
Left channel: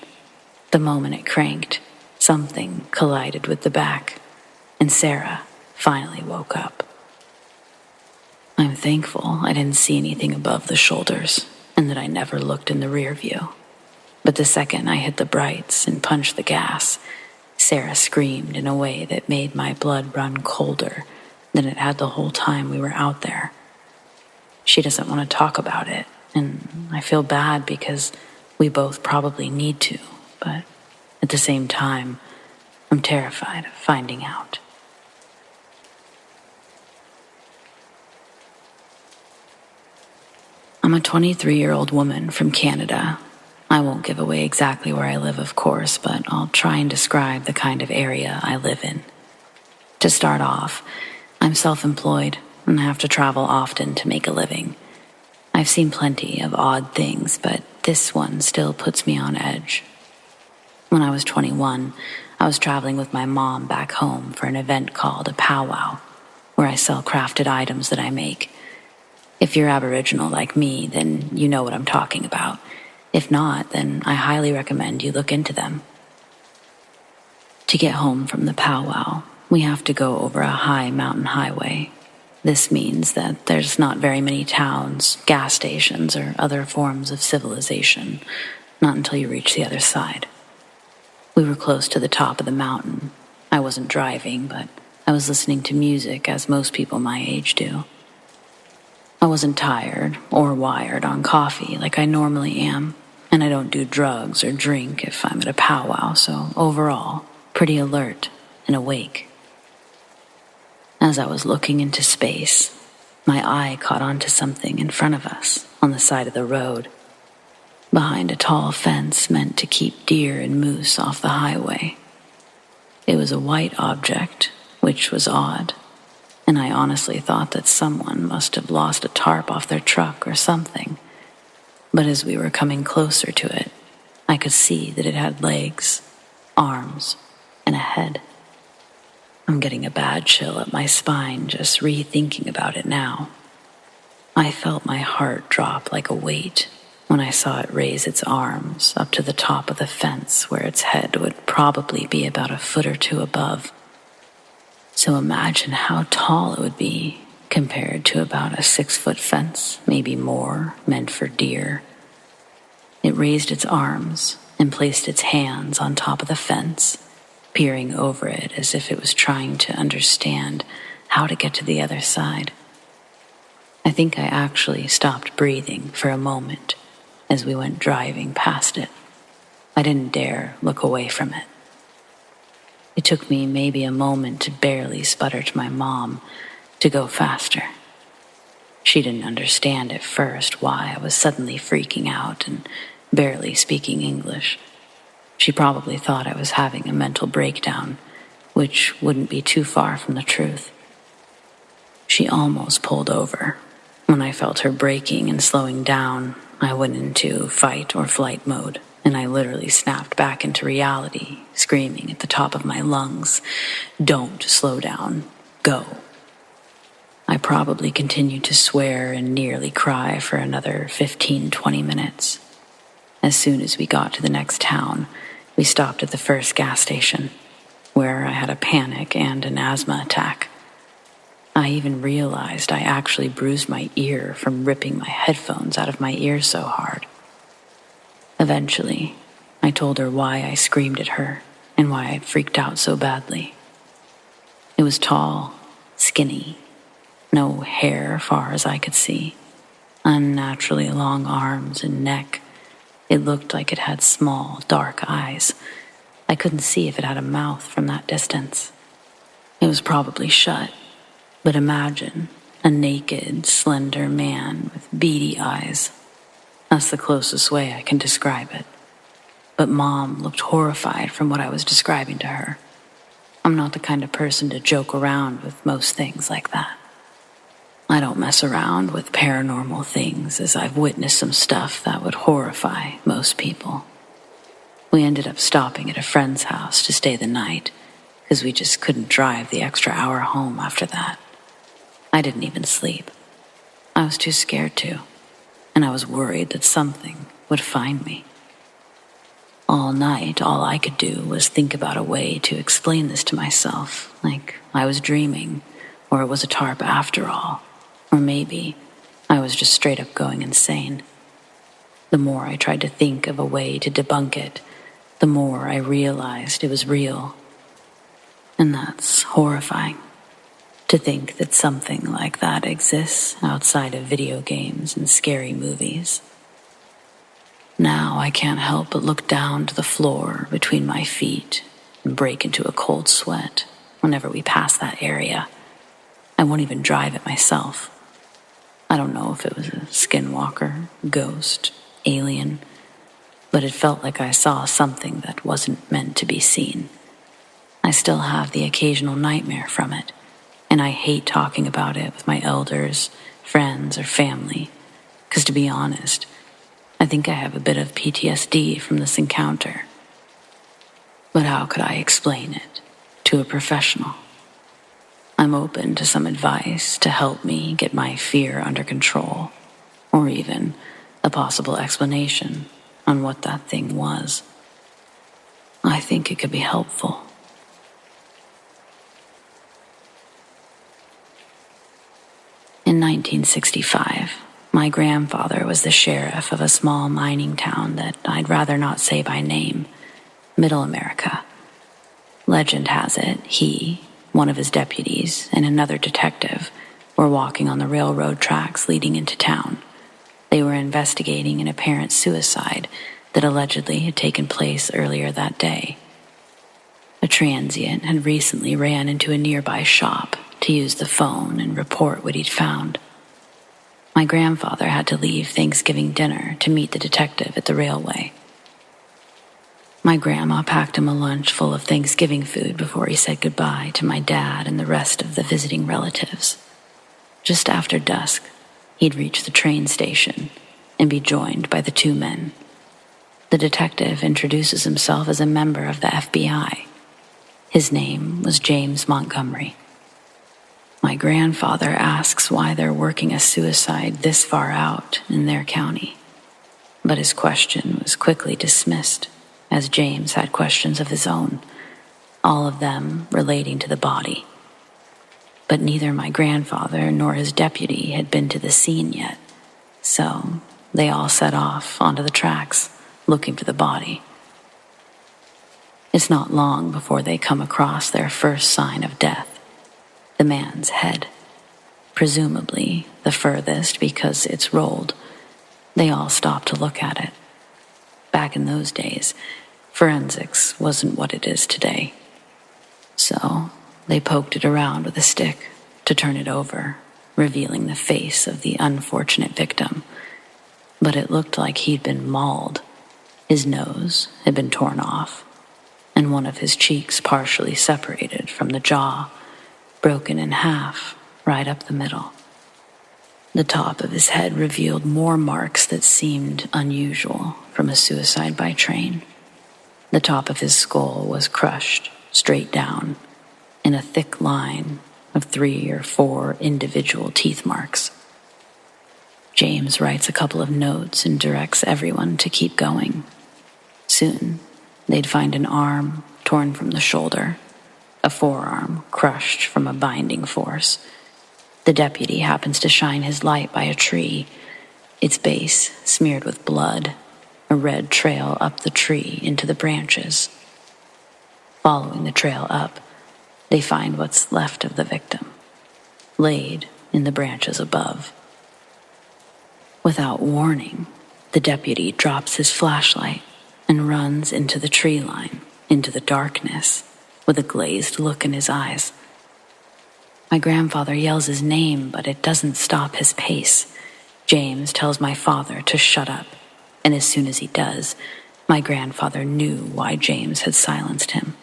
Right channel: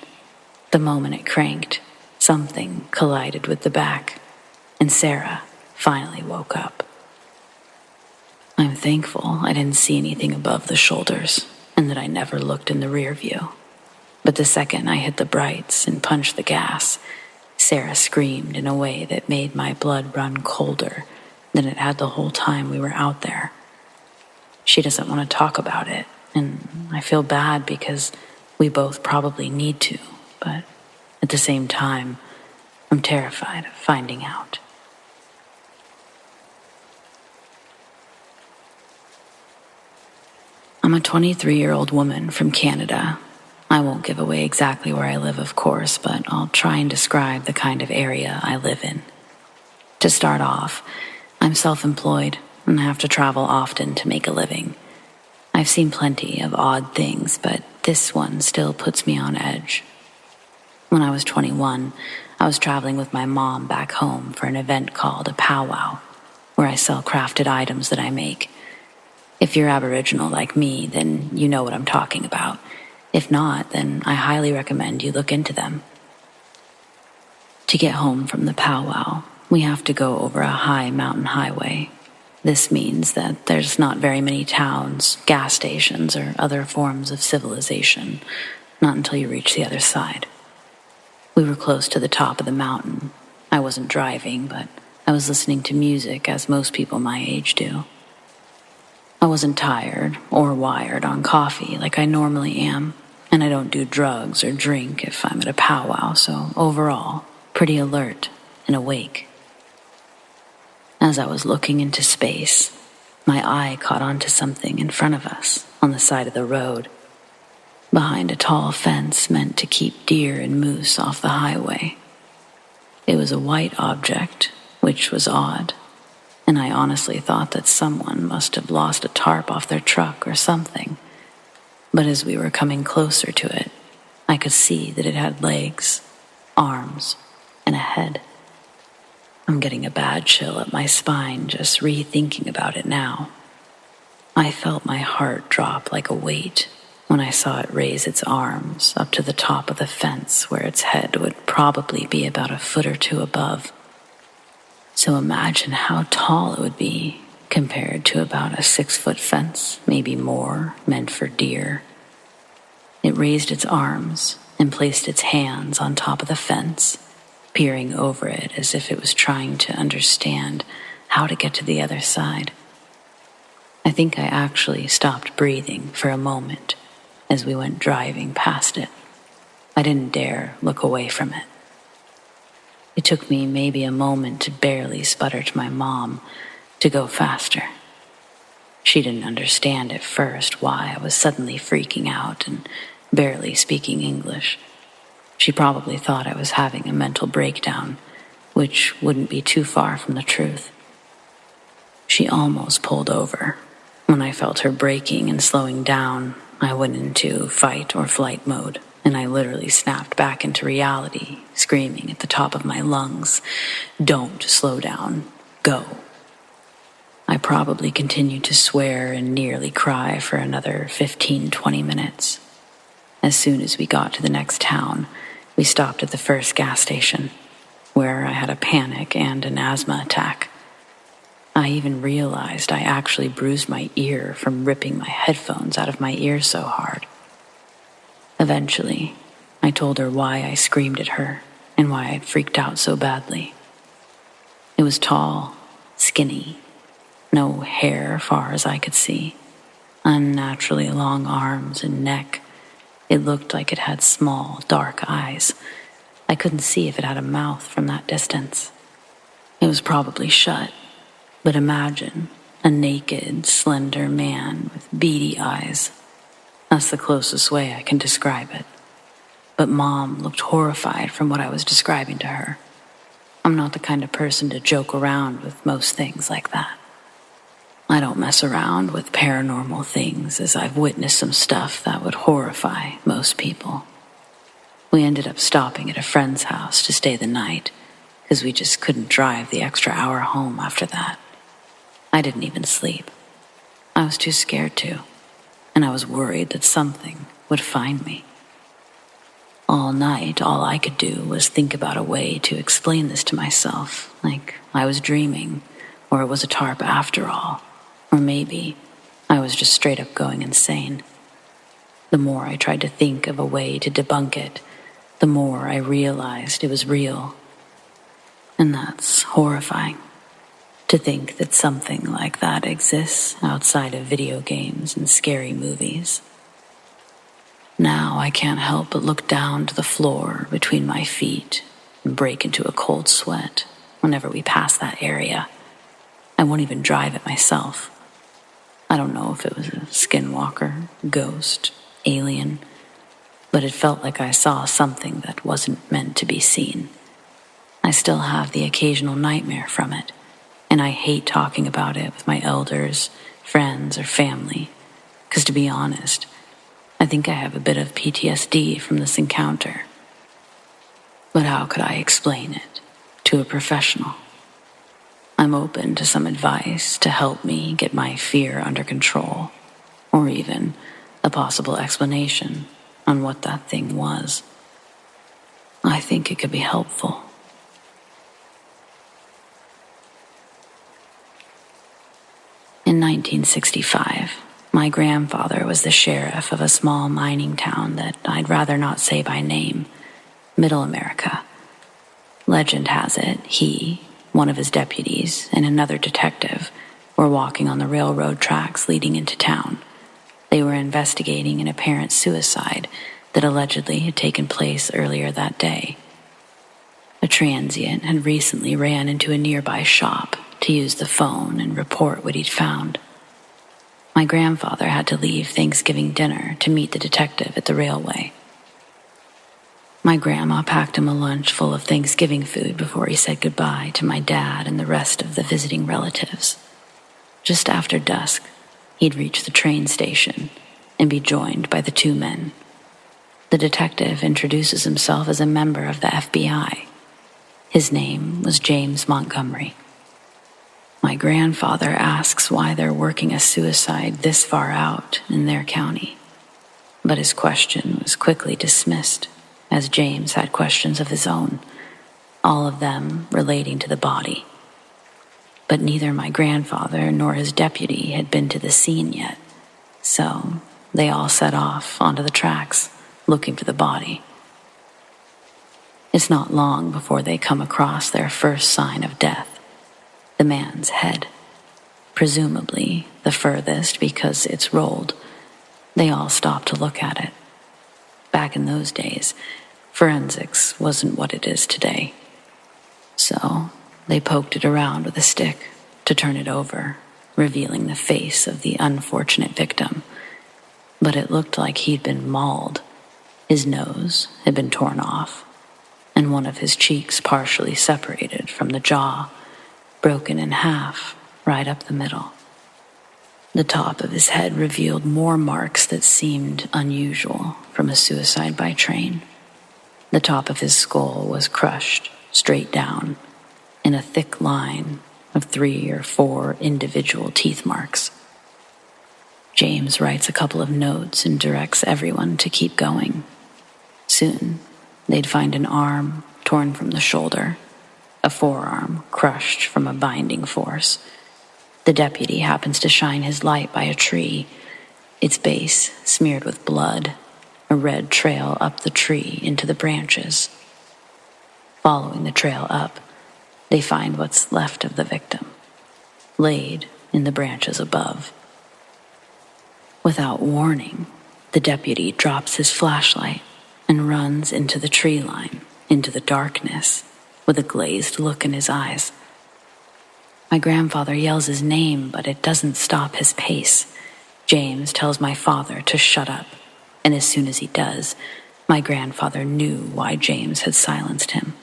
The moment it cranked, something collided with the back, and Sarah finally woke up. I'm thankful I didn't see anything above the shoulders, and that I never looked in the rear view. But the second I hit the brights and punched the gas, Sarah screamed in a way that made my blood run colder than it had the whole time we were out there. She doesn't want to talk about it, and I feel bad because we both probably need to, but at the same time, I'm terrified of finding out. I'm a 23-year-old woman from Canada. I won't give away exactly where I live, of course, but I'll try and describe the kind of area I live in. To start off, I'm self-employed and have to travel often to make a living. I've seen plenty of odd things, but this one still puts me on edge. When I was 21, I was traveling with my mom back home for an event called a powwow, where I sell crafted items that I make. If you're Aboriginal like me, then you know what I'm talking about. If not, then I highly recommend you look into them. To get home from the powwow, we have to go over a high mountain highway. This means that there's not very many towns, gas stations, or other forms of civilization, not until you reach the other side. We were close to the top of the mountain. I wasn't driving, but I was listening to music as most people my age do. I wasn't tired or wired on coffee like I normally am, and I don't do drugs or drink if I'm at a powwow, so overall, pretty alert and awake. As I was looking into space, my eye caught onto something in front of us on the side of the road, behind a tall fence meant to keep deer and moose off the highway. It was a white object, which was odd, and I honestly thought that someone must have lost a tarp off their truck or something. But as we were coming closer to it, I could see that it had legs, arms, and a head. I'm getting a bad chill up my spine just rethinking about it now. I felt my heart drop like a weight when I saw it raise its arms up to the top of the fence where its head would probably be about a foot or two above. So imagine how tall it would be compared to about a 6-foot fence, maybe more, meant for deer. It raised its arms and placed its hands on top of the fence, peering over it as if it was trying to understand how to get to the other side. I think I actually stopped breathing for a moment as we went driving past it. I didn't dare look away from it. It took me maybe a moment to barely sputter to my mom to go faster. She didn't understand at first why I was suddenly freaking out and barely speaking English. She probably thought I was having a mental breakdown, which wouldn't be too far from the truth. She almost pulled over. When I felt her braking and slowing down, I went into fight or flight mode, and I literally snapped back into reality, screaming at the top of my lungs, "Don't slow down, go." I probably continued to swear and nearly cry for another 15-20 minutes. As soon as we got to the next town, we stopped at the first gas station, where I had a panic and an asthma attack. I even realized I actually bruised my ear from ripping my headphones out of my ear so hard. Eventually, I told her why I screamed at her and why I'd freaked out so badly. It was tall, skinny, no hair far as I could see, unnaturally long arms and neck. It looked like it had small, dark eyes. I couldn't see if it had a mouth from that distance. It was probably shut, but imagine A naked, slender man with beady eyes. That's the closest way I can describe it. But Mom looked horrified from what I was describing to her. I'm not the kind of person to joke around with most things like that. I don't mess around with paranormal things, as I've witnessed some stuff that would horrify most people. We ended up stopping at a friend's house to stay the night, because we just couldn't drive the extra hour home after that. I didn't even sleep. I was too scared to, and I was worried that something would find me. All night, all I could do was think about a way to explain this to myself, like I was dreaming, or it was a tarp after all, or maybe I was just straight up going insane. The more I tried to think of a way to debunk it, the more I realized it was real. And that's horrifying, to think that something like that exists outside of video games and scary movies. Now I can't help but look down to the floor between my feet and break into a cold sweat whenever we pass that area. I won't even drive it myself. I don't know if it was a skinwalker, ghost, alien, but it felt like I saw something that wasn't meant to be seen. I still have the occasional nightmare from it, and I hate talking about it with my elders, friends, or family, because to be honest, I think I have a bit of PTSD from this encounter. But how could I explain it to a professional? I'm open to some advice to help me get my fear under control, or even a possible explanation on what that thing was. I think it could be helpful. In 1965, my grandfather was the sheriff of a small mining town that I'd rather not say by name, Middle America. Legend has it he, one of his deputies, and another detective were walking on the railroad tracks leading into town. They were investigating an apparent suicide that allegedly had taken place earlier that day. A transient had recently ran into a nearby shop to use the phone and report what he'd found. My grandfather had to leave Thanksgiving dinner to meet the detective at the railway. My grandma packed him a lunch full of Thanksgiving food before he said goodbye to my dad and the rest of the visiting relatives. Just after dusk, he'd reach the train station and be joined by the two men. The detective introduces himself as a member of the FBI. His name was James Montgomery. My grandfather asks why they're working a suicide this far out in their county. But his question was quickly dismissed, as James had questions of his own, all of them relating to the body. But neither my grandfather nor his deputy had been to the scene yet, so they all set off onto the tracks, looking for the body. It's not long before they come across their first sign of death. The man's head, presumably the furthest because it's rolled. They all stop to look at it. Back in those days, forensics wasn't what it is today. So they poked it around with a stick to turn it over, revealing the face of the unfortunate victim. But it looked like he'd been mauled. His nose had been torn off, and one of his cheeks partially separated from the jaw, broken in half right up the middle. The top of his head revealed more marks that seemed unusual from a suicide by train. The top of his skull was crushed straight down in a thick line of 3 or 4 individual teeth marks. James writes a couple of notes and directs everyone to keep going. Soon, they'd find an arm torn from the shoulder, a forearm crushed from a binding force. The deputy happens to shine his light by a tree, its base smeared with blood, a red trail up the tree into the branches. Following the trail up, they find what's left of the victim, laid in the branches above. Without warning, the deputy drops his flashlight and runs into the tree line, into the darkness, with a glazed look in his eyes. My grandfather yells his name, but it doesn't stop his pace. James tells my father to shut up, and as soon as he does, my grandfather knew why James had silenced him.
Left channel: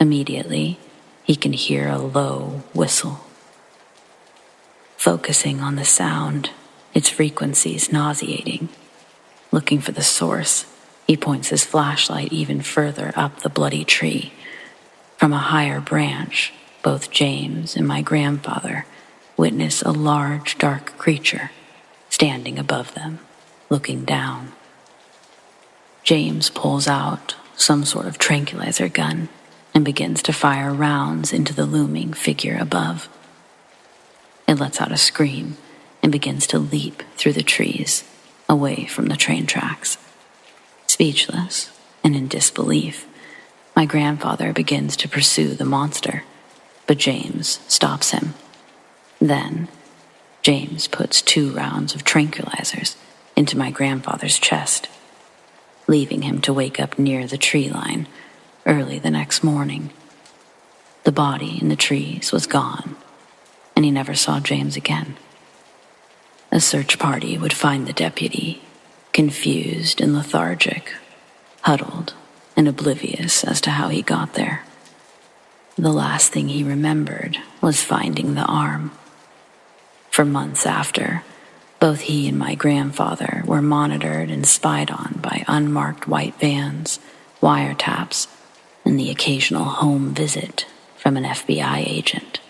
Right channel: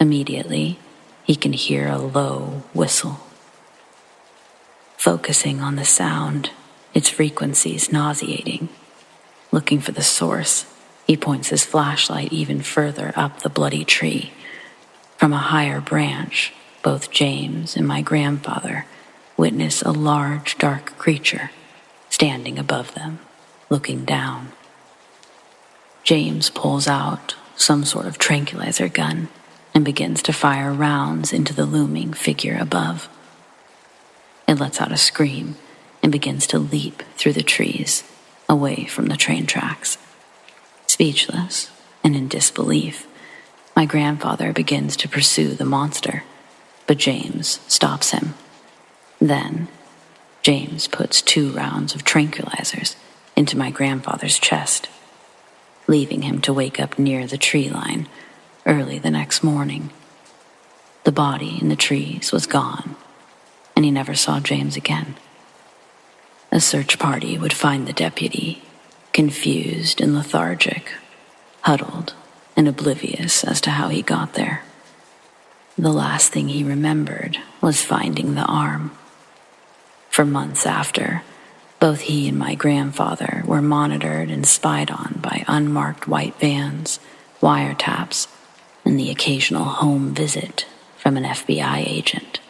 Immediately, he can hear a low whistle. Focusing on the sound, its frequencies nauseating. Looking for the source, he points his flashlight even further up the bloody tree. From a higher branch, both James and my grandfather witness a large, dark creature standing above them, looking down. James pulls out some sort of tranquilizer gun and begins to fire rounds into the looming figure above. It lets out a scream and begins to leap through the trees, away from the train tracks. Speechless and in disbelief, my grandfather begins to pursue the monster, but James stops him. Then, James puts 2 rounds of tranquilizers into my grandfather's chest, leaving him to wake up near the tree line early the next morning. The body in the trees was gone, and he never saw James again. A search party would find the deputy, confused and lethargic, huddled and oblivious as to how he got there. The last thing he remembered was finding the arm. For months after, both he and my grandfather were monitored and spied on by unmarked white vans, wiretaps, and the occasional home visit from an FBI agent,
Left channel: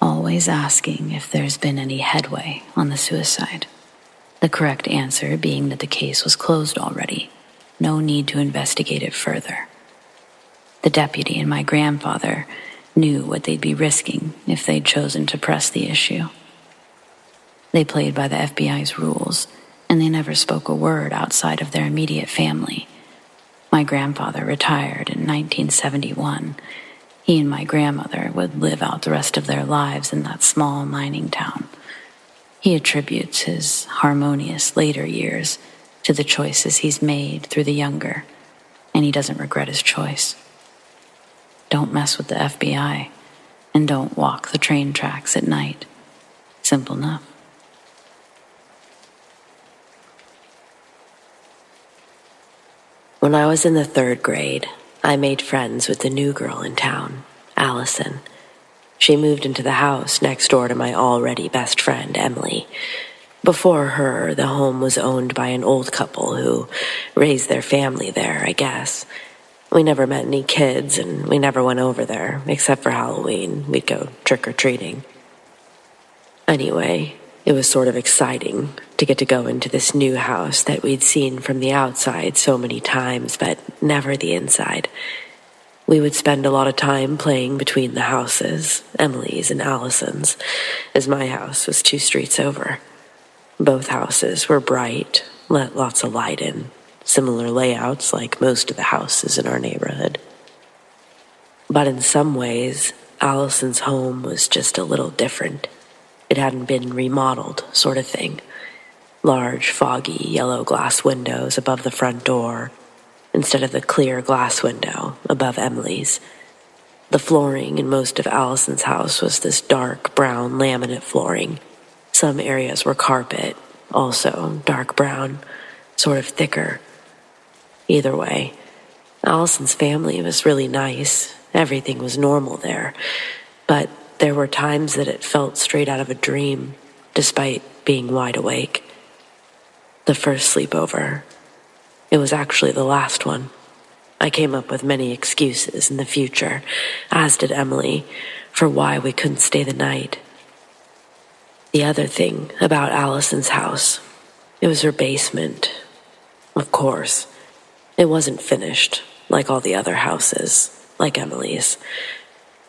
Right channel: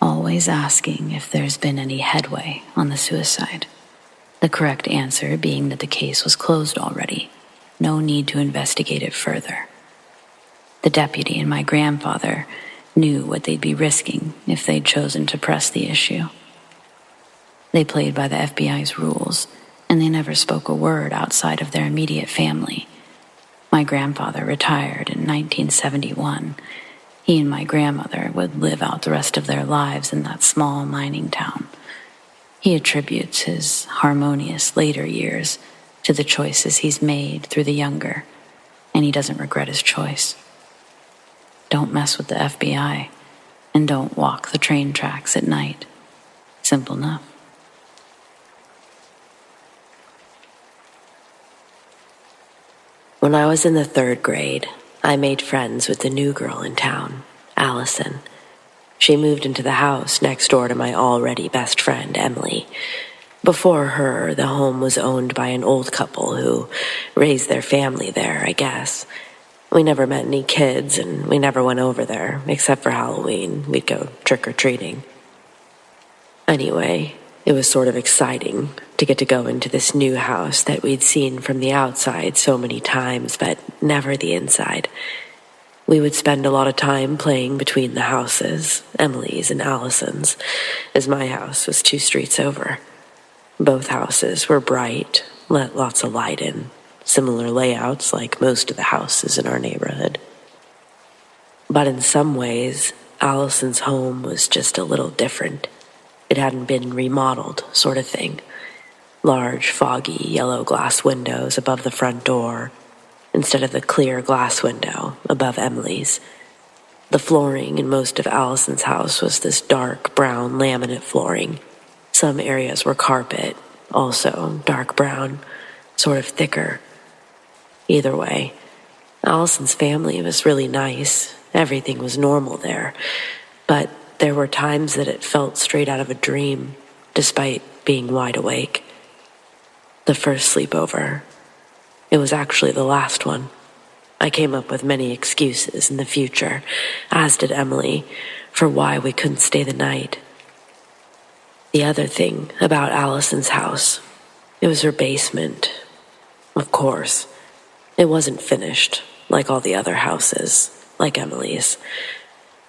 always asking if there's been any headway on the suicide. The correct answer being that the case was closed already. No need to investigate it further. The deputy and my grandfather knew what they'd be risking if they'd chosen to press the issue. They played by the FBI's rules, and they never spoke a word outside of their immediate family. My grandfather retired in 1971. He and my grandmother would live out the rest of their lives in that small mining town. He attributes his harmonious later years to the choices he's made through the younger, and he doesn't regret his choice. Don't mess with the FBI, and don't walk the train tracks at night. Simple enough. When I was in the 3rd grade, I made friends with the new girl in town, Allison. She moved into the house next door to my already best friend, Emily. Before her, the home was owned by an old couple who raised their family there, I guess. We never met any kids, and we never went over there, except for Halloween. We'd go trick-or-treating. Anyway, it was sort of exciting to get to go into this new house that we'd seen from the outside so many times, but never the inside. We would spend a lot of time playing between the houses, Emily's and Allison's, as my house was 2 streets over. Both houses were bright, let lots of light in, similar layouts like most of the houses in our neighborhood. But in some ways, Allison's home was just a little different. It hadn't been remodeled, sort of thing. Large, foggy, yellow glass windows above the front door, instead of the clear glass window above Emily's. The flooring in most of Allison's house was this dark brown laminate flooring. Some areas were carpet, also dark brown, sort of thicker. Either way, Allison's family was really nice. Everything was normal there. But there were times that it felt straight out of a dream, despite being wide awake. The first sleepover, it was actually the last one. I came up with many excuses in the future, as did Emily, for why we couldn't stay the night. The other thing about Allison's house, it was her basement. Of course, it wasn't finished like all the other houses, like Emily's.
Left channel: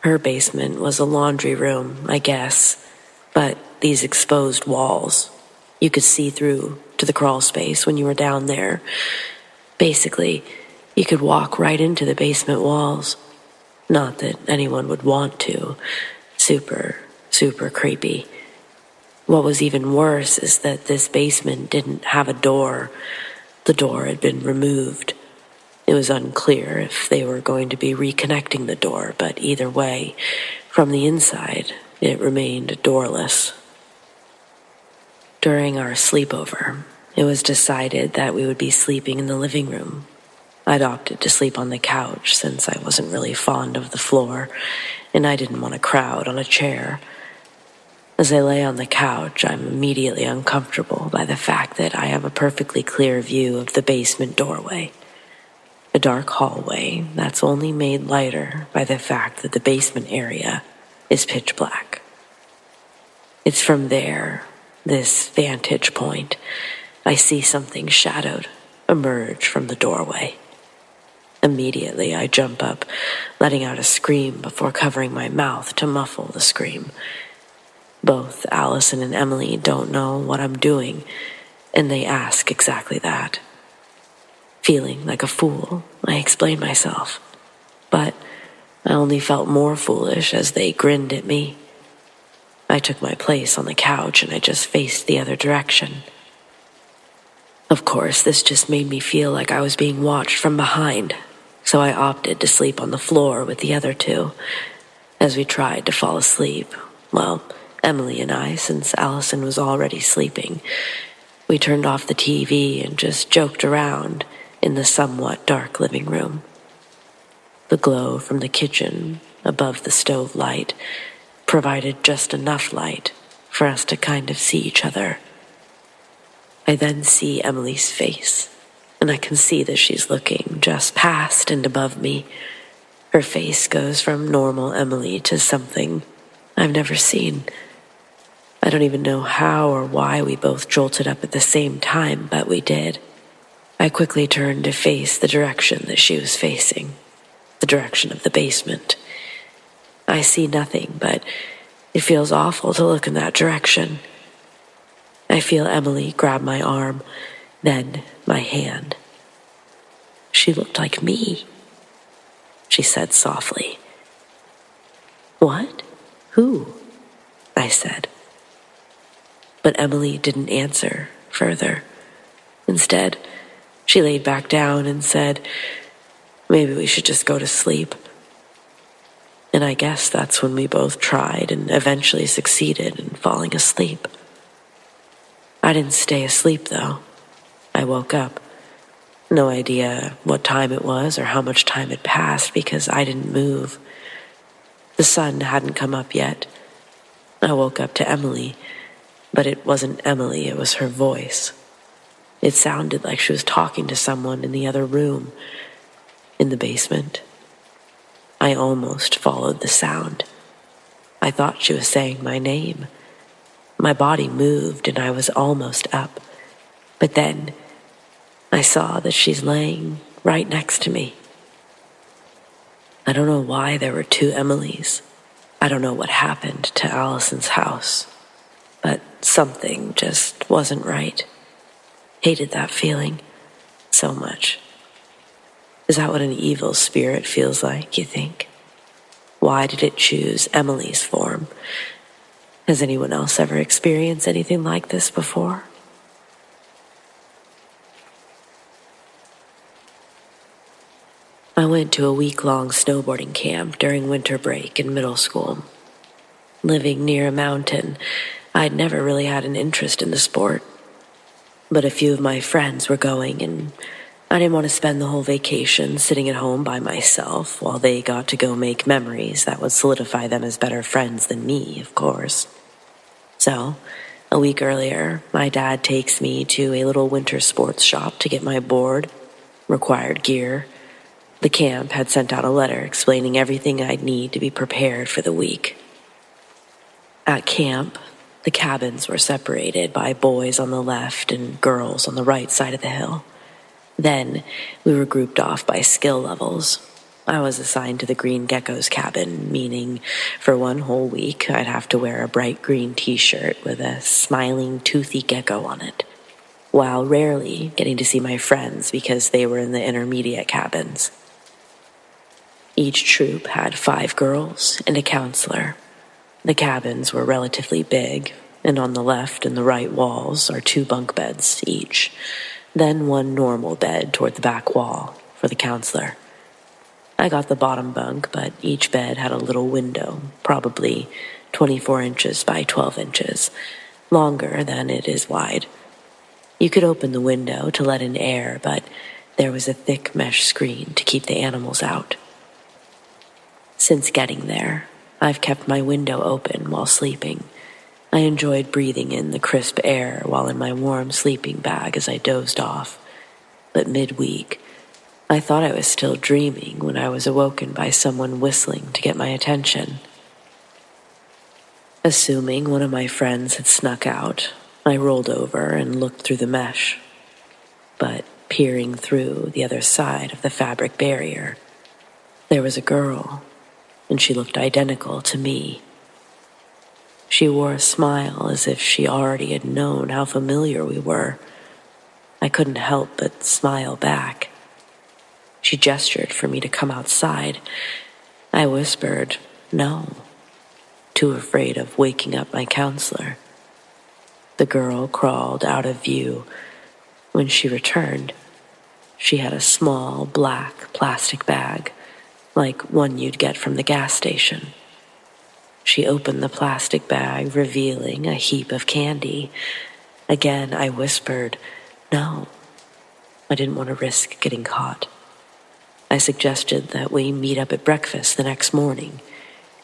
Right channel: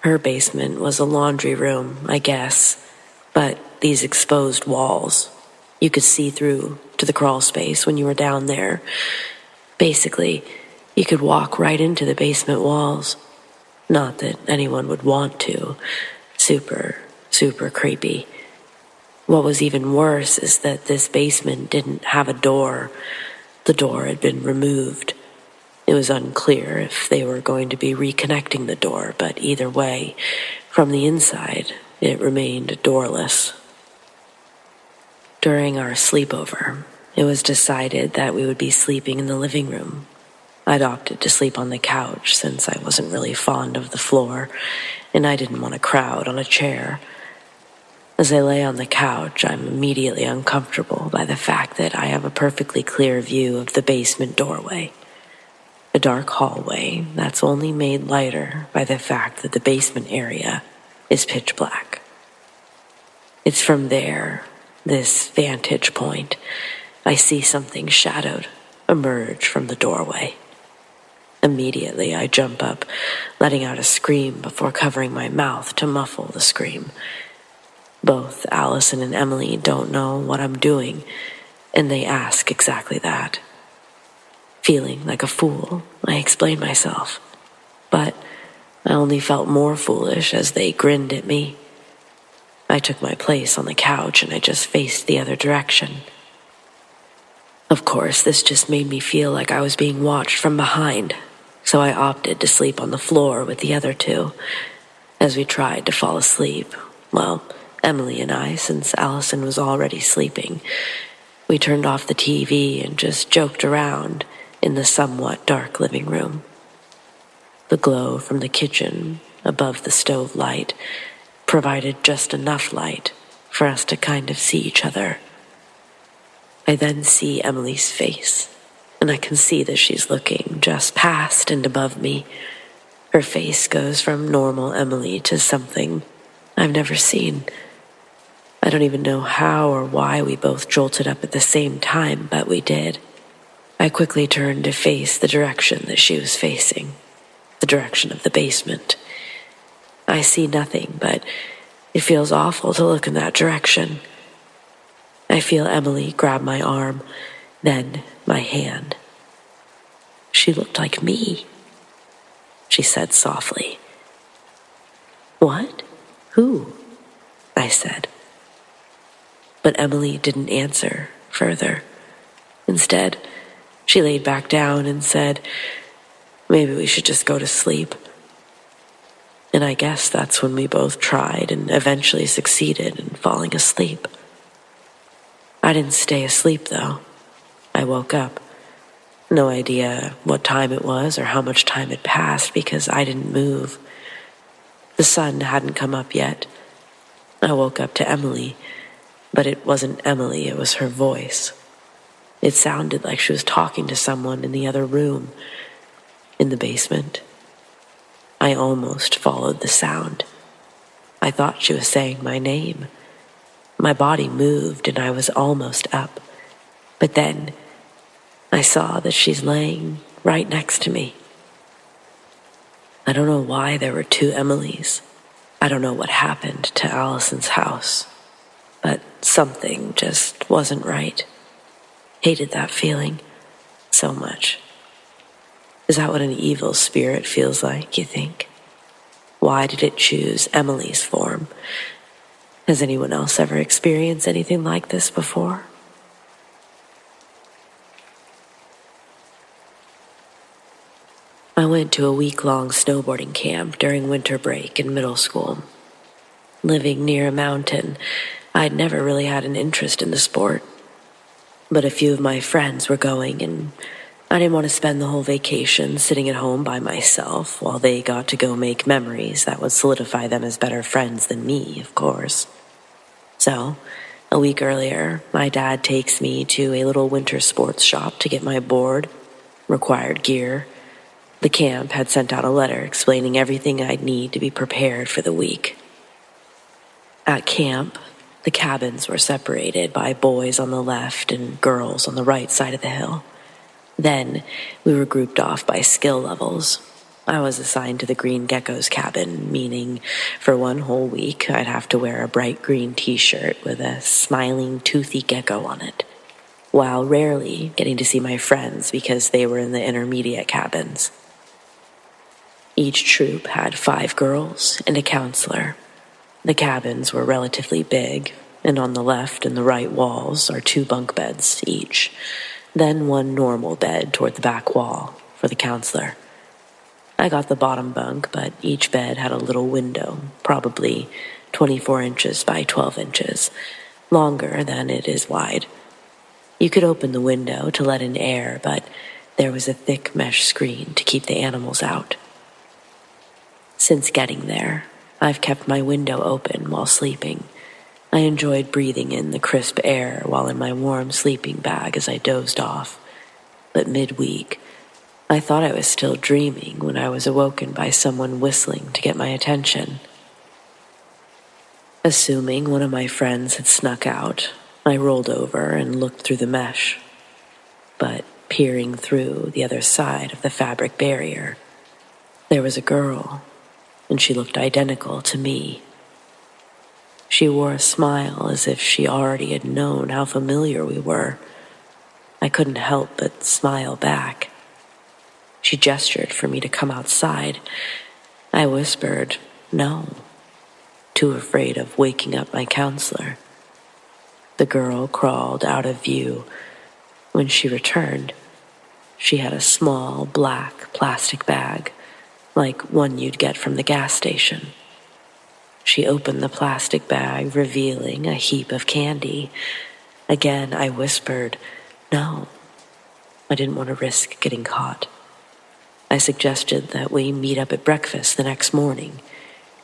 Her basement was a laundry room, I guess, but these exposed walls, you could see through to the crawl space when you were down there. Basically, you could walk right into the basement walls. Not that anyone would want to. Super, super creepy. What was even worse is that this basement didn't have a door. The door had been removed. It was unclear if they were going to be reconnecting the door, but either way, from the inside, it remained doorless. During our sleepover, it was decided that we would be sleeping in the living room. I'd opted to sleep on the couch since I wasn't really fond of the floor, and I didn't want to crowd on a chair. As I lay on the couch, I'm immediately uncomfortable by the fact that I have a perfectly clear view of the basement doorway. A dark hallway that's only made lighter by the fact that the basement area is pitch black. It's from there, this vantage point, I see something shadowed emerge from the doorway. Immediately, I jump up, letting out a scream before covering my mouth to muffle the scream. Both Allison and Emily don't know what I'm doing, and they ask exactly that. Feeling like a fool, I explain myself, but I only felt more foolish as they grinned at me. I took my place on the couch and I just faced the other direction. Of course, this just made me feel like I was being watched from behind, so I opted to sleep on the floor with the other two. As we tried to fall asleep, well, Emily and I, since Allison was already sleeping, we turned off the TV and just joked around in the somewhat dark living room. The glow from the kitchen above the stove light provided just enough light for us to kind of see each other. I then see Emily's face, and I can see that she's looking just past and above me. Her face goes from normal Emily to something I've never seen. I don't even know how or why we both jolted up at the same time, but we did. I quickly turned to face the direction that she was facing, the direction of the basement. I see nothing, but it feels awful to look in that direction. I feel Emily grab my arm, then my hand. She looked like me, she said softly. What? Who? I said. But Emily didn't answer further. Instead, she laid back down and said, maybe we should just go to sleep. And I guess that's when we both tried and eventually succeeded in falling asleep. I didn't stay asleep, though. I woke up. No idea what time it was or how much time had passed because I didn't move. The sun hadn't come up yet. I woke up to Emily, but it wasn't Emily, it was her voice. It sounded like she was talking to someone in the other room, in the basement. I almost followed the sound. I thought she was saying my name. My body moved and I was almost up. But then I saw that she's laying right next to me. I don't know why there were two Emilys. I don't know what happened to Allison's house. But something just wasn't right. Hated that feeling so much. Is that what an evil spirit feels like, you think? Why did it choose Emily's form? Has anyone else ever experienced anything like this before? I went to a week-long snowboarding camp during winter break in middle school. Living near a mountain, I'd never really had an interest in the sport. But a few of my friends were going, and I didn't want to spend the whole vacation sitting at home by myself while they got to go make memories that would solidify them as better friends than me, of course. So, a week earlier, my dad takes me to a little winter sports shop to get my board, required gear. The camp had sent out a letter explaining everything I'd need to be prepared for the week. At camp, the cabins were separated by boys on the left and girls on the right side of the hill. Then, we were grouped off by skill levels. I was assigned to the green gecko's cabin, meaning for one whole week I'd have to wear a bright green t-shirt with a smiling, toothy gecko on it, while rarely getting to see my friends because they were in the intermediate cabins. Each troop had 5 girls and a counselor. The cabins were relatively big, and on the left and the right walls are 2 bunk beds each, then 1 normal bed toward the back wall for the counselor. I got the bottom bunk, but each bed had a little window, probably 24 inches by 12 inches, longer than it is wide. You could open the window to let in air, but there was a thick mesh screen to keep the animals out. Since getting there, I've kept my window open while sleeping. I enjoyed breathing in the crisp air while in my warm sleeping bag as I dozed off. But midweek, I thought I was still dreaming when I was awoken by someone whistling to get my attention. Assuming one of my friends had snuck out, I rolled over and looked through the mesh. But peering through the other side of the fabric barrier, there was a girl, and she looked identical to me. She wore a smile as if she already had known how familiar we were. I couldn't help but smile back. She gestured for me to come outside. I whispered, no, too afraid of waking up my counselor. The girl crawled out of view. When she returned, she had a small black plastic bag, like one you'd get from the gas station. She opened the plastic bag, revealing a heap of candy. Again, I whispered, no. I didn't want to risk getting caught. I suggested that we meet up at breakfast the next morning.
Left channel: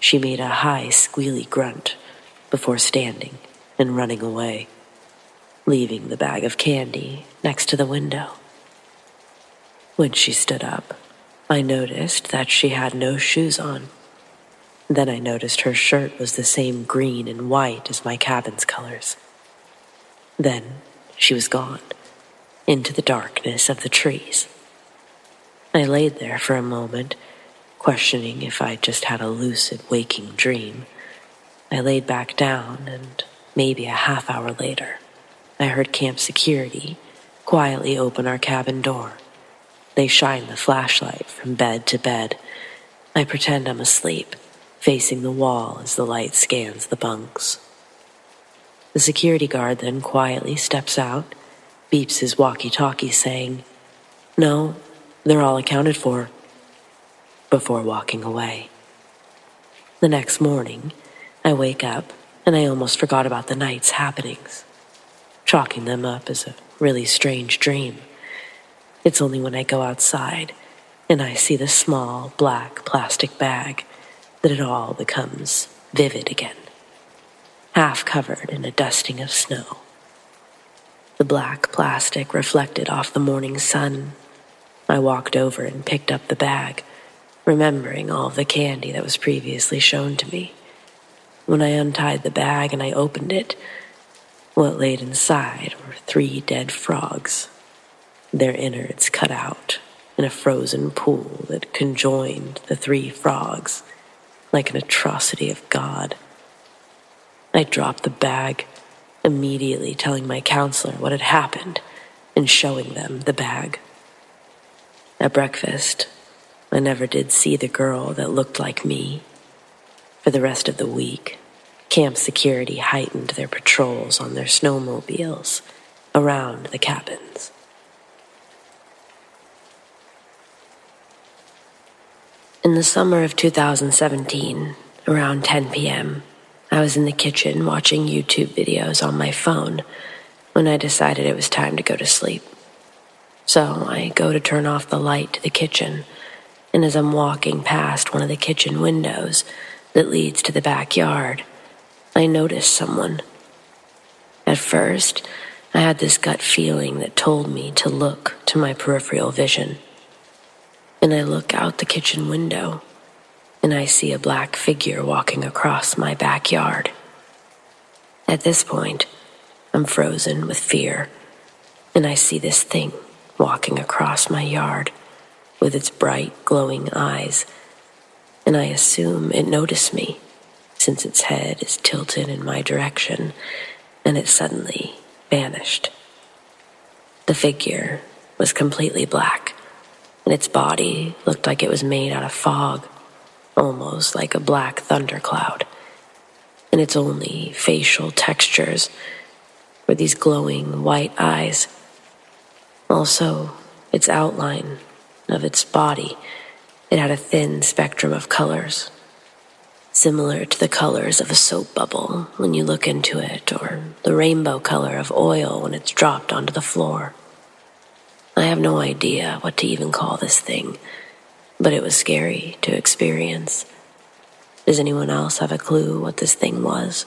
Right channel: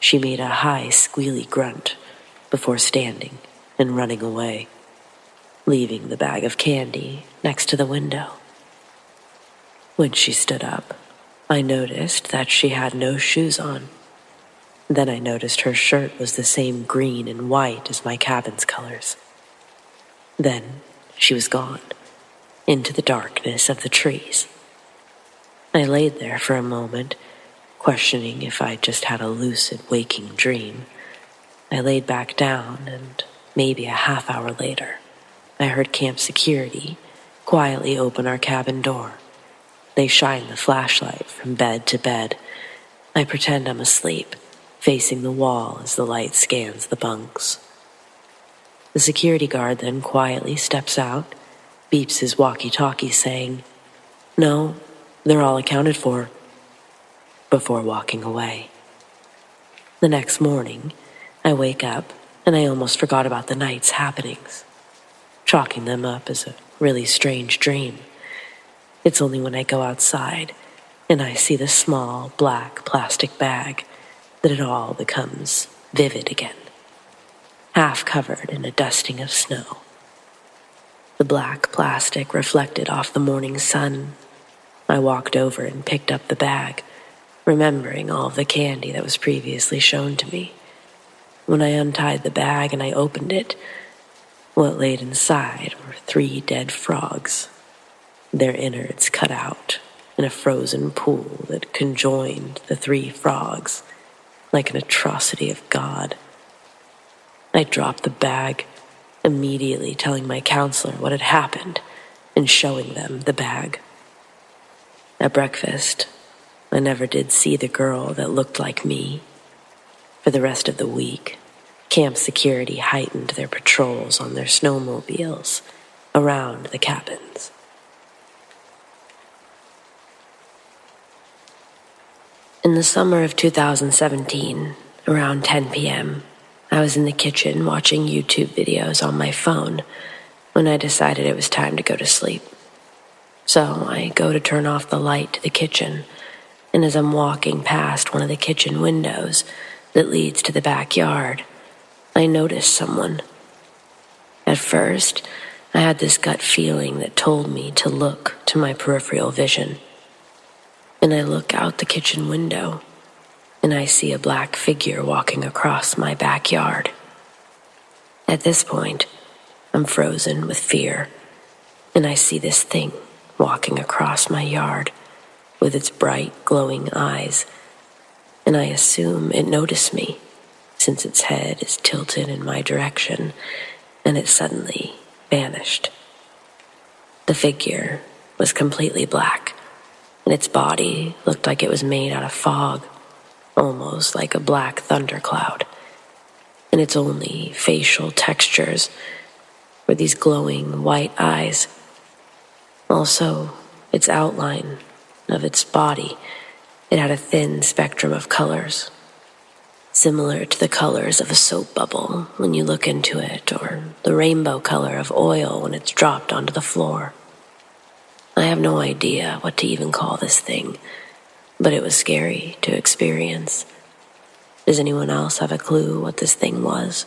She made a high, squealy grunt before standing and running away, leaving the bag of candy next to the window. When she stood up, I noticed that she had no shoes on. Then I noticed her shirt was the same green and white as my cabin's colors. Then she was gone, into the darkness of the trees. I laid there for a moment, questioning if I'd just had a lucid waking dream. I laid back down, and maybe a half hour later, I heard camp security quietly open our cabin door. They shine the flashlight from bed to bed. I pretend I'm asleep, facing the wall as the light scans the bunks. The security guard then quietly steps out, beeps his walkie-talkie saying, "No, they're all accounted for," before walking away. The next morning, I wake up and I almost forgot about the night's happenings, chalking them up as a really strange dream. It's only when I go outside and I see the small black plastic bag that it all becomes vivid again, half covered in a dusting of snow. The black plastic reflected off the morning sun. I walked over and picked up the bag, remembering all of the candy that was previously shown to me. When I untied the bag and I opened it, what laid inside were 3 dead frogs, their innards cut out in a frozen pool that conjoined the 3 frogs like an atrocity of God. I dropped the bag, immediately telling my counselor what had happened and showing them the bag. At breakfast, I never did see the girl that looked like me. For the rest of the week, camp security heightened their patrols on their snowmobiles around the cabins. In the summer of 2017, around 10 p.m., I was in the kitchen watching YouTube videos on my phone when I decided it was time to go to sleep. So I go to turn off the light to the kitchen, and as I'm walking past one of the kitchen windows that leads to the backyard, I notice someone. At first, I had this gut feeling that told me to look to my peripheral vision. And I look out the kitchen window, and I see a black figure walking across my backyard. At this point, I'm frozen with fear, and I see this thing walking across my yard with its bright, glowing eyes, and I assume it noticed me, since its head is tilted in my direction, and it suddenly vanished. The figure was completely black, and its body looked like it was made out of fog, almost like a black thundercloud, and its only facial textures were these glowing white eyes. Also, its outline of its body, it had a thin spectrum of colors. similar to the colors of a soap bubble when you look into it, or the rainbow color of oil when it's dropped onto the floor. I have no idea what to even call this thing, but it was scary to experience. Does anyone else have a clue what this thing was?